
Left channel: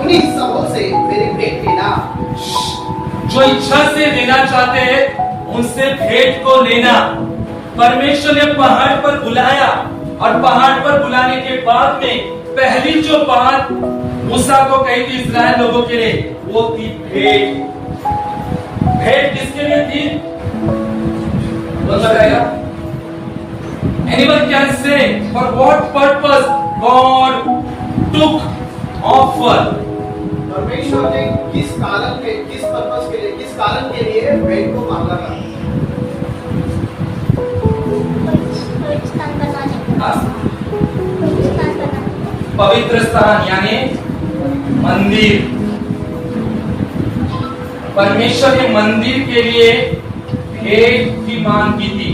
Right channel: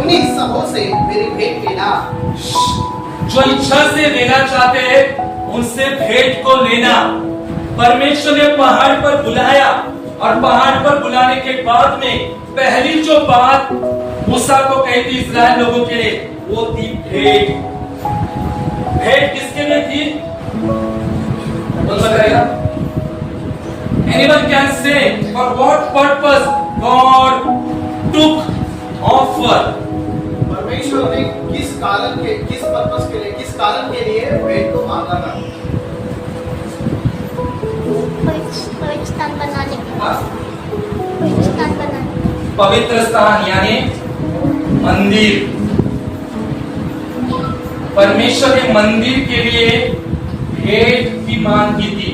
उन्हीं सबों से मेरी भेंट लेना। जो इच्छा से देना चाहते हैं उनसे भेंट को लेना। परमेश्वर ने पहाड़ पर बुलाया और पहाड़ पर बुलाने के बाद में पहली जो बात मूसा को कही थी इस्राएल लोगों के लिए, वो थी भेंट। भेंट किसके लिए थी? कौन बताएगा? Anyone can say for what purpose God took offer? परमेश्वर ने किस पर्पस के लिए, किस कारण के लिए भेंट को मांगा था? पवित्र स्थान यानी मंदिर। परमेश्वर ने मंदिर के लिए भेंट की मांग की थी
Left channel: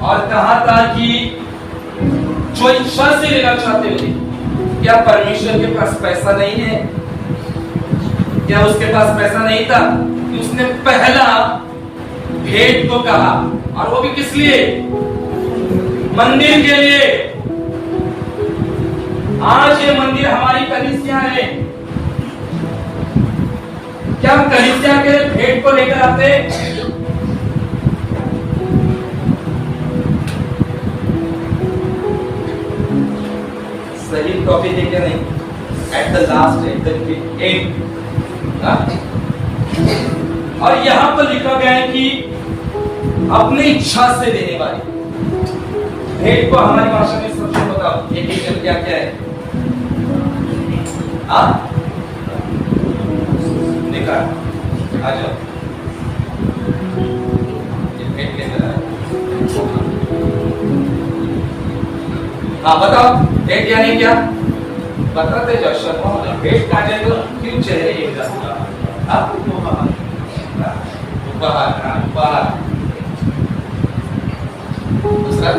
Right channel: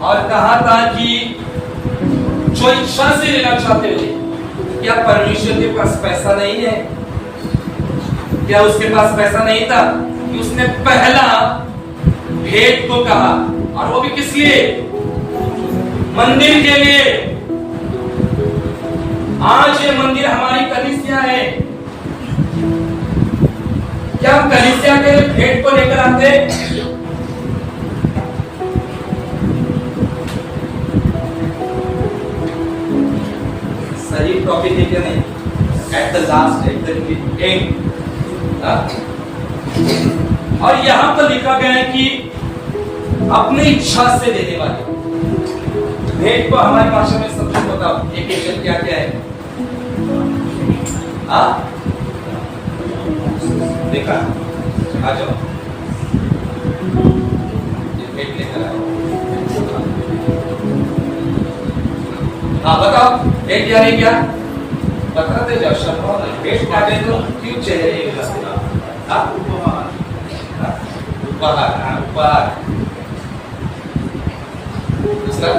और कहा था कि जो इच्छा से लेना चाहते थे। क्या परमेश्वर के पास पैसा नहीं है? क्या उसके पास पैसा नहीं था कि उसने पहला भेंट को कहा, और वो भी किस लिए? मंदिर के लिए। आज ये मंदिर हमारी कलीसिया है। क्या हम कलीसिया के लिए भेंट को लेकर आते? सही टॉपिक है क्या? नहीं। At the last, at the end. और यहां पर लिखा गया है कि अपनी इच्छा से देने वाले। भेंट को हमारी भाषा में सबसे बताओ, एक एक क्या क्या है? देखा, आ जाओ। भेंट लेकर आए। हाँ बताओ, भेंट यानी क्या? बताते जाओ। शब्द भेंट काटे तो क्यों चले उपहार। उपहार। दूसरा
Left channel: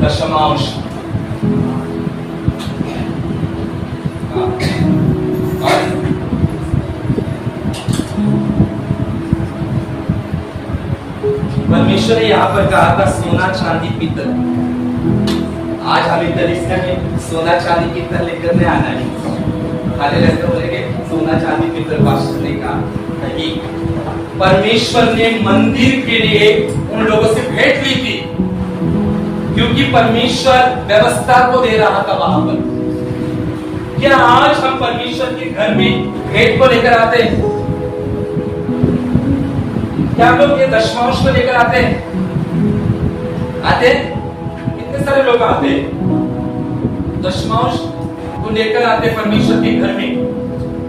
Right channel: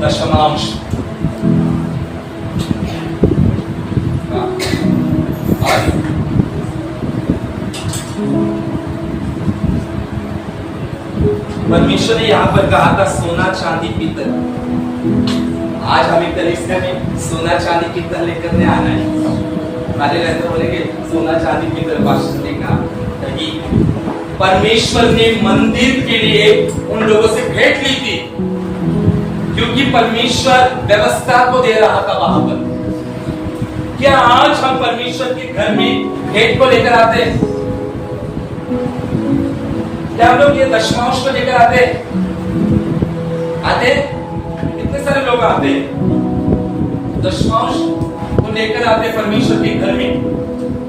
दशमांश। परमेश्वर ने यहाँ पर कहा था सोना चांदी पीतल। आज हमें कलीसिया में सोना चांदी पीतल लेकर नहीं आना है। हमारे रहते बोलेंगे सोना चांदी पीतल पास्टर ने कहा नहीं। परमेश्वर ने मंदिर के लिए उन लोगों से भेंट ली थी, क्योंकि परमेश्वर व्यवस्था को दे रहा था वहां पर। क्या आज हम परमेश्वर के घर में भेंट को लेकर आते हैं? क्या हम लोग ये दशमांश को लेकर आते हैं? कितने सारे लोग आते हैं दशमांश को लेकर आते परमेश्वर के घर में?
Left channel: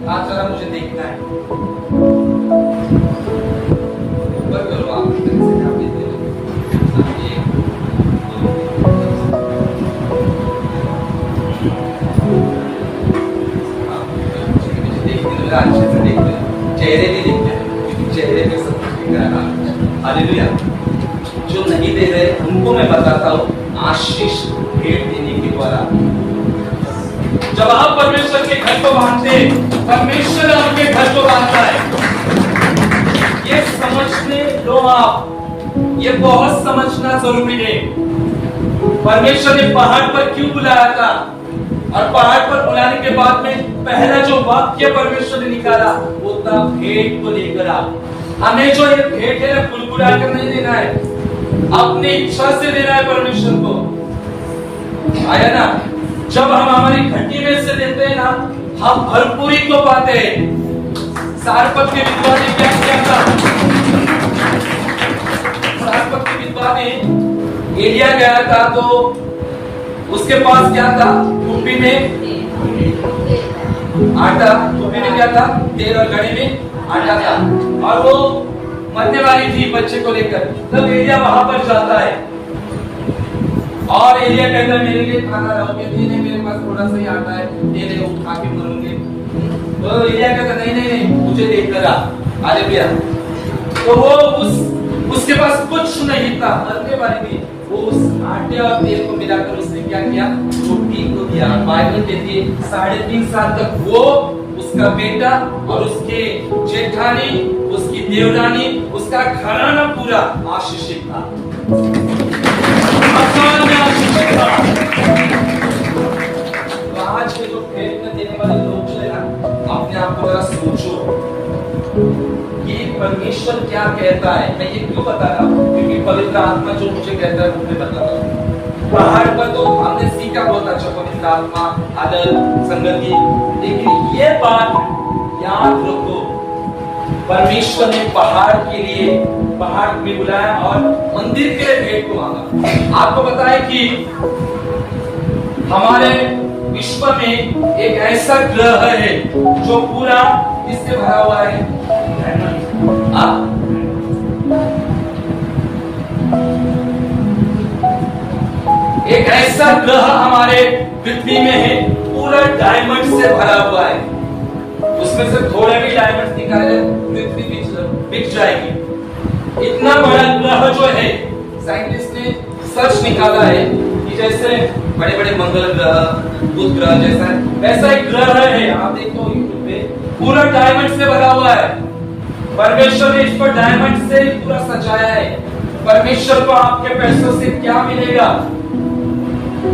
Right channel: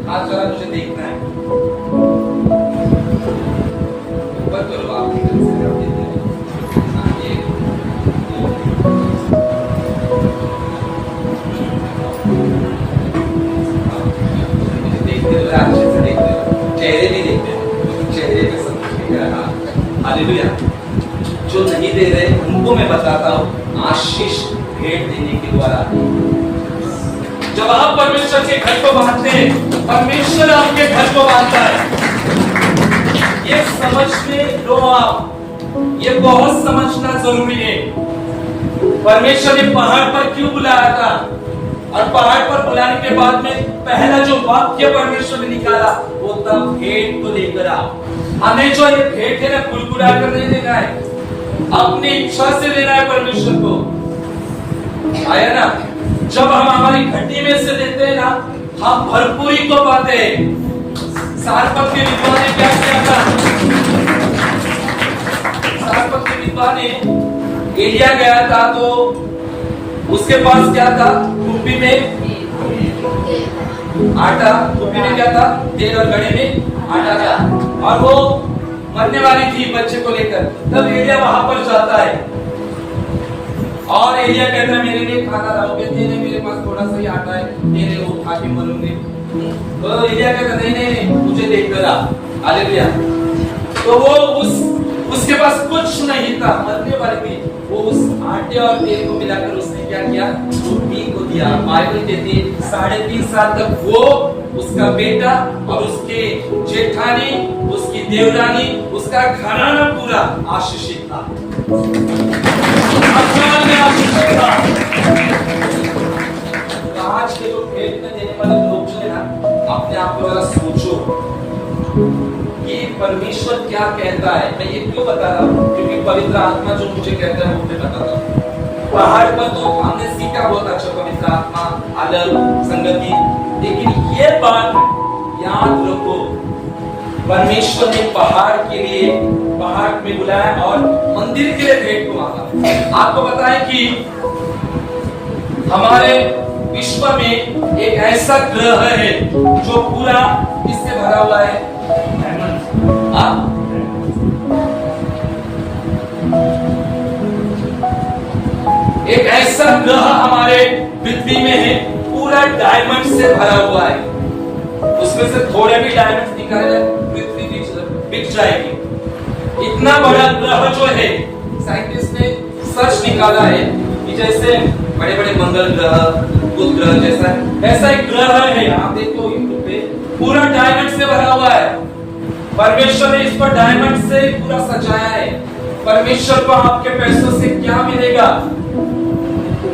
आज जरा मुझे देखना है। अच्छे से देखते हैं, चेहरे भी देखते हैं, चेहरे पे सब कुछ दिख रहा है। हालेलुया। जो नहीं दे रहे उनको मैं बताता हूँ आशीष भेंट देने के द्वारा। जब आप परमेश्वर के घर को बांधते हैं, परमेश्वर आपके घर को बांधता है। ये समझने लो आप, ये बहुत समझना जरूरी है। परमेश्वर ने पहाड़ पर क्यों बुलाया था, और पहाड़ पर बुलाने के बाद में पहला जो वाक्य परमेश्वर ने निकाला वो था भेंट को लेकर आ। हमें जो ये भेंट है ना कुलकुला कर नहीं देना है, अपनी इच्छा से देना है परमेश्वर को। आया ना? जब हम हमारी घटी में से देते हैं ना, हम भरपूरी को पाते हैं। सारपत के विद्वान ने क्या किया था? सारपत के विद्वान ने एलिया गया था तो उसके पास क्या था? टोपी में आटा, टोपी में क्या था? तेल और घड़े में आटा था, और वो मरने वाली थी बच्चे को लेकर। तब एलिया वहां पर जाता है और एलिया कहता है मेरे लिए खाना लाओ। कहती है मेरे पास थोड़ा सा ही आटा है, तेरे वो खा के मरूंगे। तो एलिया कहता नहीं नहीं नहीं, मुझे लेकर आ। हालेलुया। तो वो उसके पास कुछ नहीं था, मरने वाली थी। वो उस आटे और तेल को मिलाकर उसने क्या किया? रोटी को दिया। बाइबल कहती है 3.5 साल तक वो, उसका बेटा और उसके जेठानी, उसकी देवरानी, उसका घराना पूरा आशीषित था। अकाल में आशीषित था। तो आज के जो भेंट में देने वाले लोग जो है ना, अपने आप को जरा सोचो कि परमेश्वर क्या कहता है। मैं ये क्यों बता रहा हूँ? क्योंकि पवित्र आत्मा जो मुझे कहता है मुझे बता रहा हूँ। पहाड़ पर तो हमने सीखा बहुत अच्छा पवित्र आत्मा, आदर, संगति, लेकिन ये बात याद रखो, परमेश्वर ने पहाड़ के लिए, पहाड़ में बुलाया और मंदिर के लिए भेंट को मांगा। आपको पता है कि हमारे विश्व में एक ऐसा ग्रह है जो पूरा किससे भरा हुआ है? एक ऐसा ग्रह हमारे पृथ्वी में है, पूरा डायमंड से भरा हुआ है। उसमें से थोड़े भी डायमंड निकाले तो पृथ्वी बिक जाएगी। इतना बड़ा ग्रह जो है, साइंटिस्ट ने सर्च निकाला है कि जैसे बड़े बड़े मंगल ग्रह, बुध ग्रह जैसा वैसा एक ग्रह है। आप देखो यूट्यूब पे, पूरा डायमंड से भरा हुआ है। परमेश्वर ने इस पर डायमंड से पूरा सजाया है। परमेश्वर को आपके पैसों से क्या मिलेगा?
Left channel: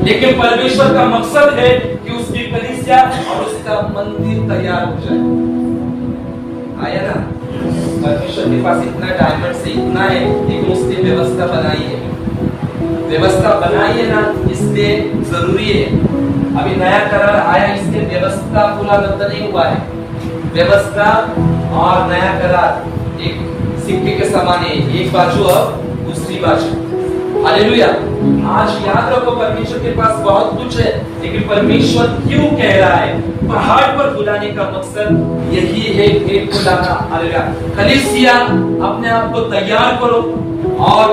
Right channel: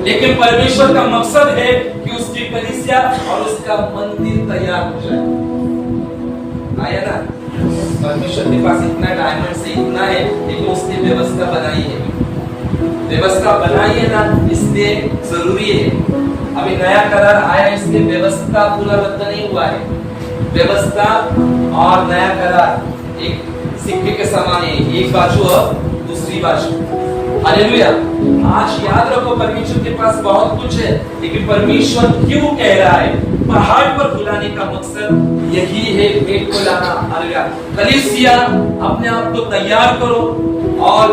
लेकिन परमेश्वर का मकसद है कि उसकी कलीसिया और उसका मंदिर तैयार हो जाए। आया ना? परमेश्वर के पास इतना डायमंड से इतना है, लेकिन उसने व्यवस्था बनाई है। व्यवस्था बनाई है ना, इसलिए जरूरी है। अभी नया करार आया, इसलिए व्यवस्था पूरा रद्द नहीं हुआ है। व्यवस्था और नया करार एक सिक्के के समान है, एक बाजू और दूसरी बाजू। हालेलुया। आज याद रखो, परमेश्वर के पास बहुत कुछ है, लेकिन परमेश्वर क्यों कह रहा है? पहाड़ पर बुलाने का मकसद यही है, भेंट को लाना। हालेलुया। कलीसिया, अपने आप को तैयार करो, और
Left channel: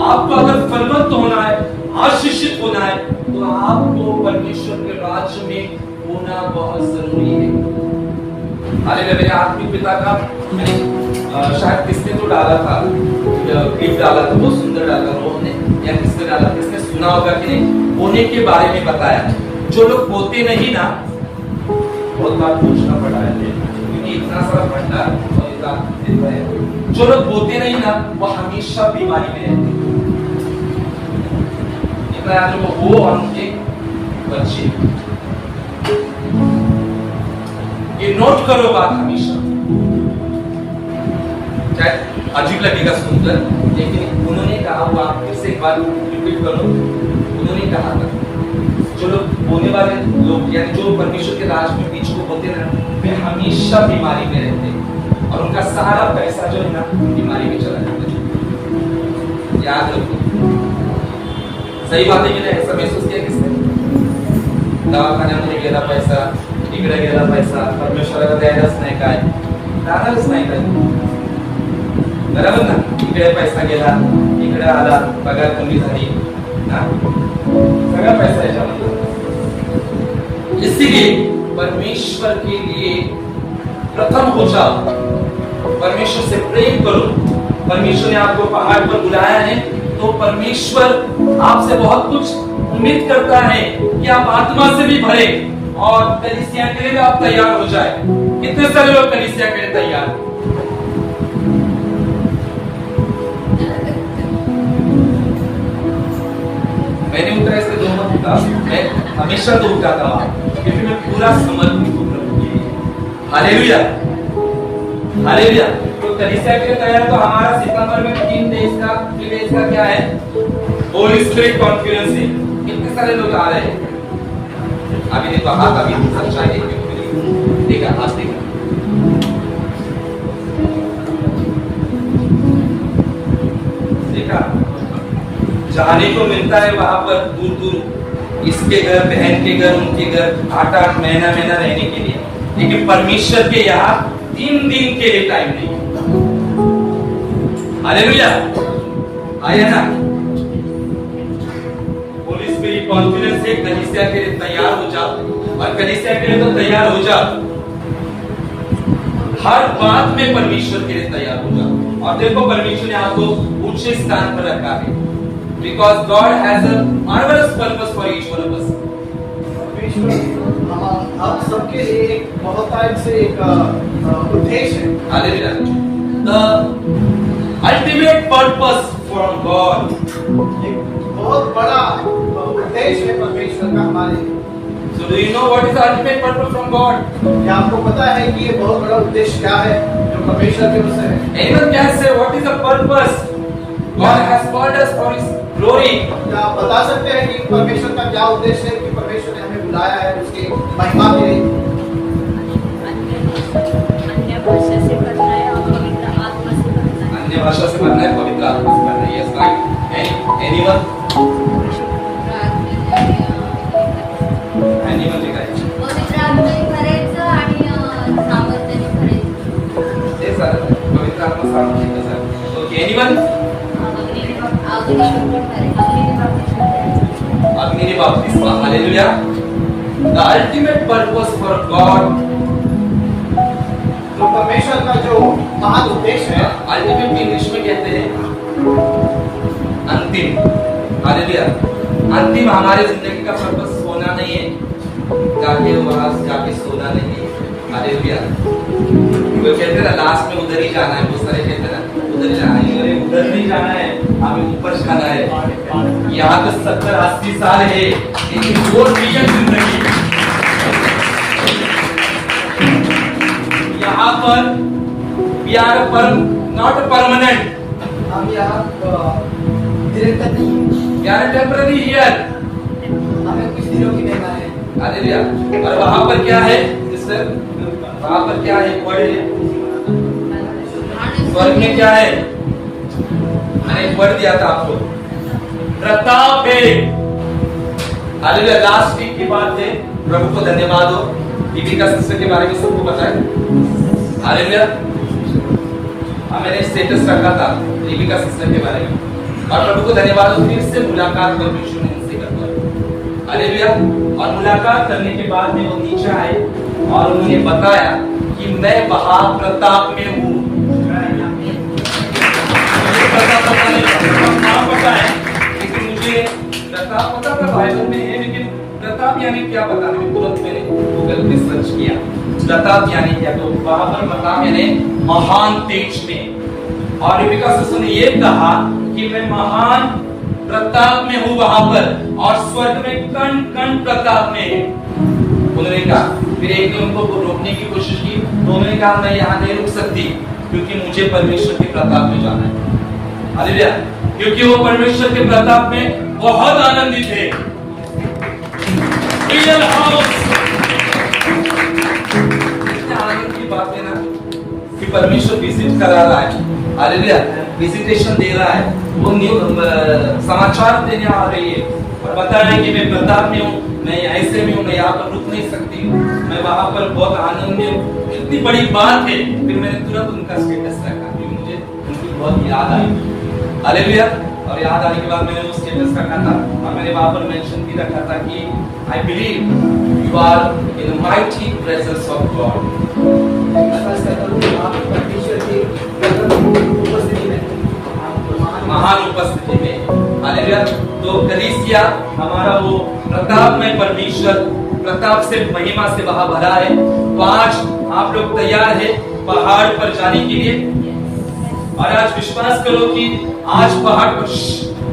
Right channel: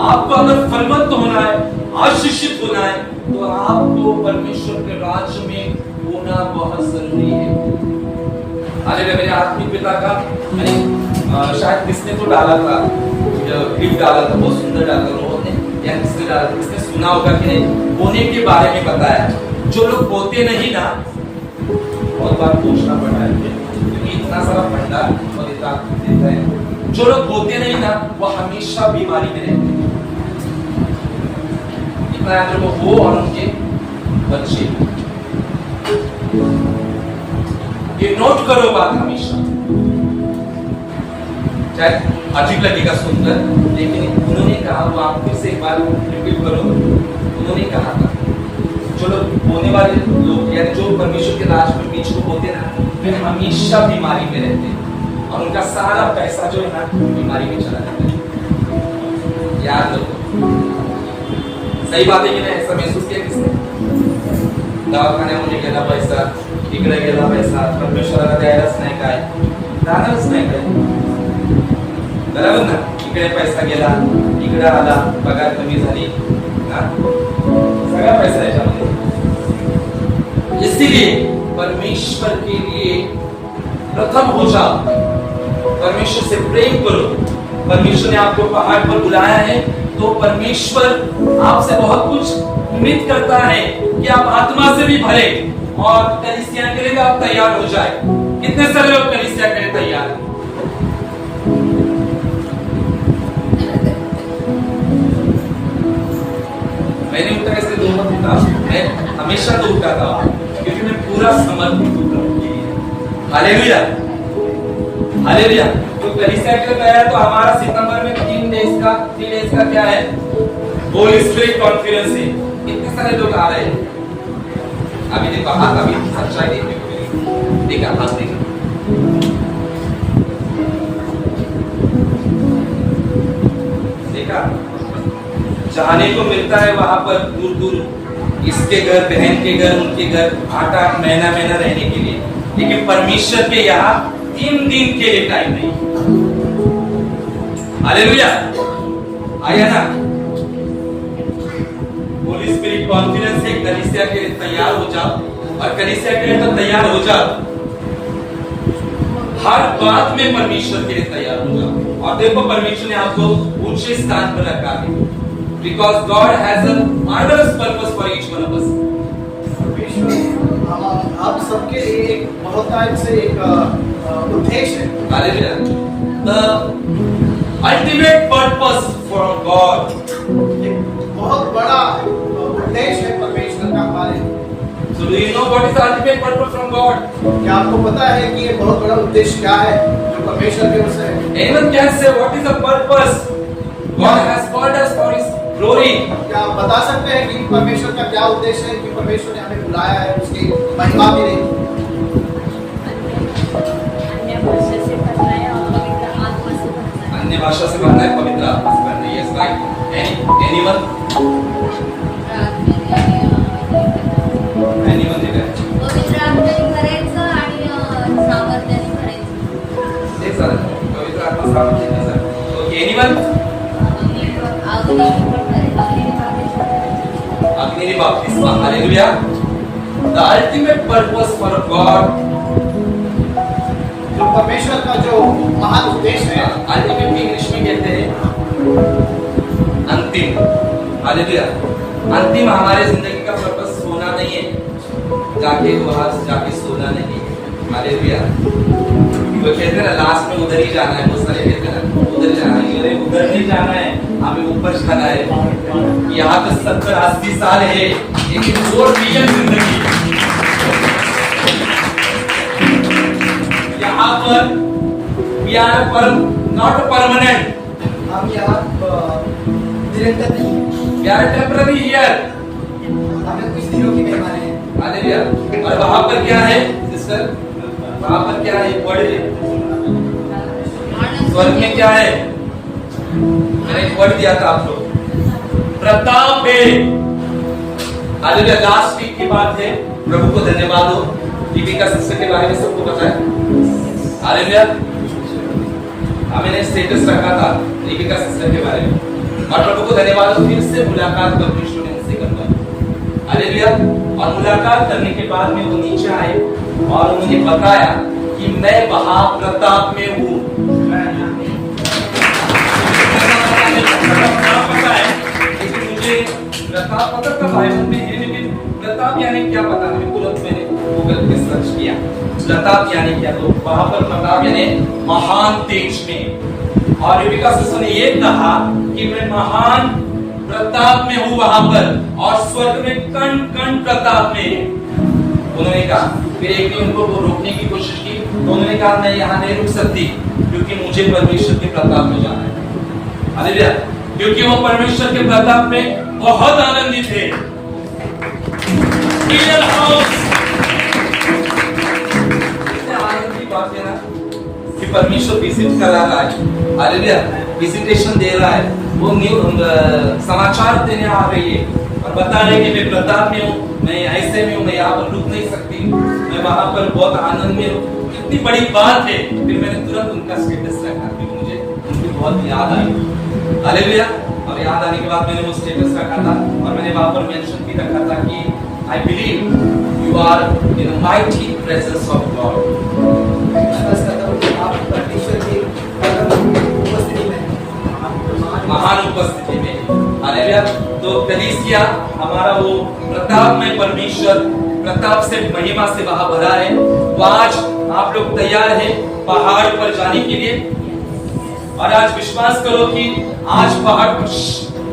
आपको अगर फलवंत होना है, आशीषित होना है, तो आपको परमेश्वर के राज्य में होना बहुत जरूरी है। हालेलुया। मेरे आत्मिक पिता का मैंने शायद किसने तो डाला था, क्लिप डाला था, बहुत सुंदर डाला उन्होंने, या किसने डाला, किसने सुना होगा कि नहीं, बोने के बारे में बताया। जो लोग बोते नहीं ना, बहुत बार पूछना पड़ा है क्योंकि इतना सारा भंडार और इतना देता है। जो लोग बोते नहीं ना, वो हमेशा बीमारी में रहते हैं। इतना याद रखो, वो और उनके बच्चे। ये नोट करो बात हमेशा, शायद अजीब लगेगा सुनकर, लेकिन उन्होंने कहा, वो आप फिर से एक बार रिपीट करो। उन्होंने कहा था, जो लोग बोने वाले लोग, यानी जो परमेश्वर के राज में बीज को बोते रहते, वे हमेशा बीमारी में रहते हैं, और उनका सारा पैसा जो है ना, बीमारी में चला जाता है। याद रखो, सही बात है कि नहीं? ऐसा महसूस किया किसने? दवाखान्यामध्ये गेला पैसा, इकडे गेला पैसा, परमेश्वराला द्यायलाच नाही काय, जाणारच नाही काय, बरोबर ना? इकडे पैसा गेला, इकडे आला, पगार कमी झाली ना, सगळा पैसा याच्यामध्ये। इसीलिए परमेश्वर के लिए प्रथम हो जाओ, परमेश्वर से प्रेम करो। परमेश्वर ने आपको पहाड़ पर बुलाया है, तो परमेश्वर आपसे बहुत कुछ उम्मीद करता है कि आप आत्मा से भी भरे और कलीसिया के लिए आप तैयार हो जाए। कितने सारे लोग कलीसिया के लिए तैयार हैं? मैंने उठा, इसलिए दो मत उठा, मैं हमेशा तो उठाता हूं, क्योंकि मैं पूरा समर्पित हूं प्रभु के लिए। Hallelujah, hallelujah. तो कलीसिया के लिए तैयार, तो हमारा सितंबर में 3 डेज का क्या है? होली स्पिरिट कॉन्फ्रेंस है। कितने सारे लोग आ रहे हैं? अभी देखो हाथ, अभी सच्चाई देखने को मिलेगी। देखा हाथ, देखा, देखा, जाने को मिलता है वहां पर दूर दूर, इसके घर, बहन के घर, उनके घर, 8-8 महीना रहने के लिए। लेकिन परमेश्वर के यहाँ 3 दिन के लिए टाइम नहीं। हालेलुया, आया ना। होली स्पिरिट कॉन्फिडेंस है, कलीसिया के लिए तैयार हो जाओ, और कलीसिया के लिए तो तैयार हो जाओ, हर बात में परमेश्वर के लिए तैयार हो जाओ। और देखो परमेश्वर ने आपको ऊंचे स्थान पर रखा है, because God has a marvellous purpose for each one of us. आप सबके लिए एक बहुतायत से एक उद्देश्य है। Hallelujah, the ultimate purpose from God, एक बहुत बड़ा उद्देश्य है परमेश्वर का हमारे लिए। So do you know what is the ultimate purpose from God? क्या आपको पता है कि ये बहुत बड़ा उद्देश्य क्या है जो परमेश्वर की ओर से है? Anyone can say what is the purpose? God has called us for His glory. क्या आप बता सकते हैं कि परमेश्वर का क्या उद्देश्य है कि परमेश्वर ने हमें बुलाया है उसकी महिमा के लिए? अन्य भाषा से करना है और पवित्र आत्मा से करना है। अन्य भाषा से करना है, पवित्र आत्मा से करना है। Yes, right. Anyone? Anyone ठीक है? पवित्र आत्म्याने करायचं आणि सामर्थ्याने करायचं। एक साथ पवित्र आत्मा सामर्थ्य का सर। Okay, anyone? अग्नि बपतिस्मा, hallelujah. The ultimate purpose for God, जो परमेश्वर का जो महान उद्देश्य है, अल्टीमेट इंग्लिश में कहते हैं अंतिम। हालेलुया, अंतिम हमारे जिंदगी का पर्पस सोना नहीं है, जाके वहां जाके सोना नहीं है। हालेलुया, वो कहते हैं ना लास्ट में उधर ही जाना है, बहुत सारे कहते हैं ना उधर जाना है, अरे उधर नहीं जाना है, हमें ऊपर जाना है। यहाँ तो 70-80 साल है, लेकिन वो रियल जिंदगी है। यहाँ पर we are not permanent, हम यहाँ निरंतर नहीं, we are temporary here। हमें कुछ दिनों की मेहमान है। हालेलुया, और वहां पर क्या है सिस्टर, वहां पर क्या है, वर्ड है, स्वर्ग में क्या है, मैंने एक वर्ड दिया था आपको, प्रताप है। हालेलुया, लास्ट वीक की बात है, प्रभु को धन्यवाद हो, दीपिका सिस्टर के बारे में सबको पता है। हालेलुया, मैंने स्टेटस रखा था दीपिका सिस्टर के बारे में, और प्रभु को धन्यवाद हो, फिर से मुलाकात परमेश्वर ने उनसे करवाई। हालेलुया, और मुलाकात करने के बाद में वो नीचे आए और उन्होंने बताया कि मैं महाप्रताप में हूँ। प्रताप पता है, लेकिन मुझे प्रताप पता था बाइबल में है, लेकिन प्रताप यानी क्या पता नहीं। तुरंत मैंने गूगल पे सर्च किया प्रताप यानी क्या, तो वहां पर प्रताप यानी महान तेज में। और दीपिका सिस्टर ने ये कहा कि मैं महान प्रताप में हूँ वहां पर, और स्वर्ग में कण कण प्रताप में है। उन्होंने कहा, फिर एक ने उनको रोकने की कोशिश की, तो उन्होंने कहा मैं यहाँ नहीं रुक सकती, क्योंकि मुझे परमेश्वर के प्रताप में जाना है। हालेलुया, क्योंकि वो परमेश्वर के प्रताप में बहुत आनंदित है। रियल हाउस, इतने आनंद की बात है ना कि परमेश्वर विजिट करा रहा है। हालेलुया, विजिटेशन दे रहा है, वो समाचार देने आ रही है और बता रहे कि मैं प्रताप में हूँ, मैं ऐसे में हूँ, मैं यहाँ पर रुक नहीं सकती, मैं वहां पर बहुत आनंद में हूँ। इतनी बड़ी बात है, फिर मैंने तुरंत उनका स्टेटस रखा, क्योंकि मुझे उनकी बहुत याद आई। हालेलुया, और याद आने के बाद मैंने वो स्टेटस रखा था, और मैंने वहां पर मेंशन भी रखा था कि I believe you are in the mighty presence of God. विश्वास करता हूँ कि आप परमेश्वर की उपस्थिति में, महान उपस्थिति में। हालेलुया, तो कलीसिया हमारा वो प्रताप में परमेश्वर प्रताप से महिमा से वहां भरा है। तो आज आप लोग तैयार हैं पहाड़ पर जाने के लिए, और आज विश्वास करो कि आज पहाड़ पर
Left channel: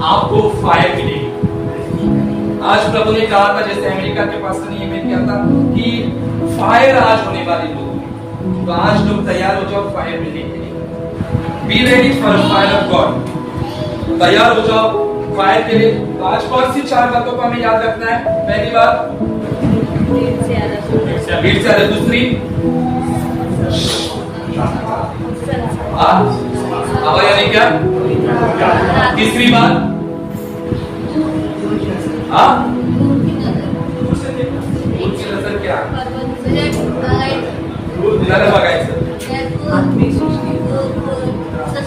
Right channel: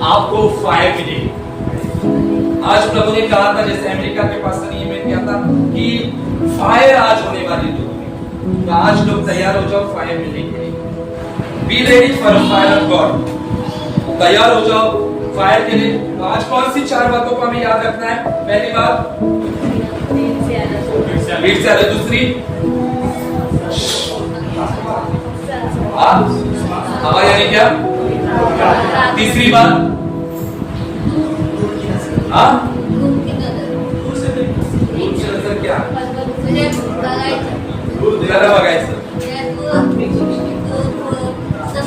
आपको फायर मिलेगी। आज प्रभु ने कहा था, जैसे अमेरिका के पास में क्या था कि फायर आज होने वाली लोग में, तो आज लोग तैयार हो जाओ फायर मिलने के लिए। Be ready for fire of God, तैयार हो जाओ फायर के लिए। तो आज कौन सी 4 बातों को हमें याद रखना है? पहली बात भीड़ से अलग, दूसरी हवा यानी क्या, तीसरी बात दूर की नजर क्या, मुलाला बघायचं.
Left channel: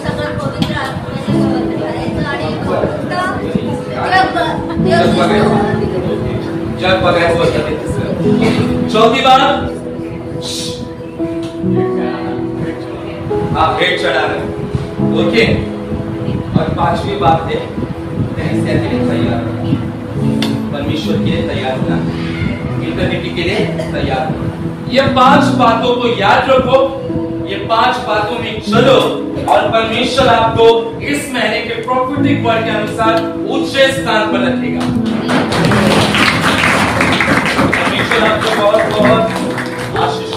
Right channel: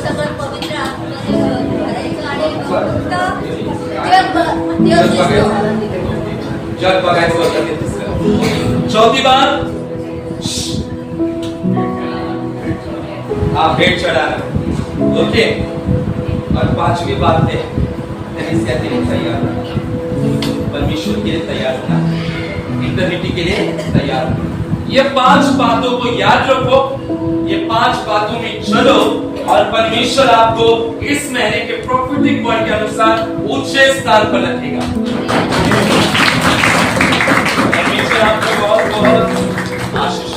सगळं पवित्र आत्म्याने करायचं आणि जग बघायचं होतं ते तिसरं. चौथी बात, हाँ भेंट चढ़ाना. ओके. और पांचवी बात है कलीसिया के लिए तैयार रहना, परमेश्वर के लिए तैयार होना, इटर्निटी के लिए तैयार होना. ये 5 बातों को याद रखो, ये 5 बातों में चलो और परमेश्वर आपको इस महीने के प्रोफेटिक वर्ड के अनुसार ऊंचे स्थान पर रखेगा. परमेश्वर आपको बहुत बहुत आशीष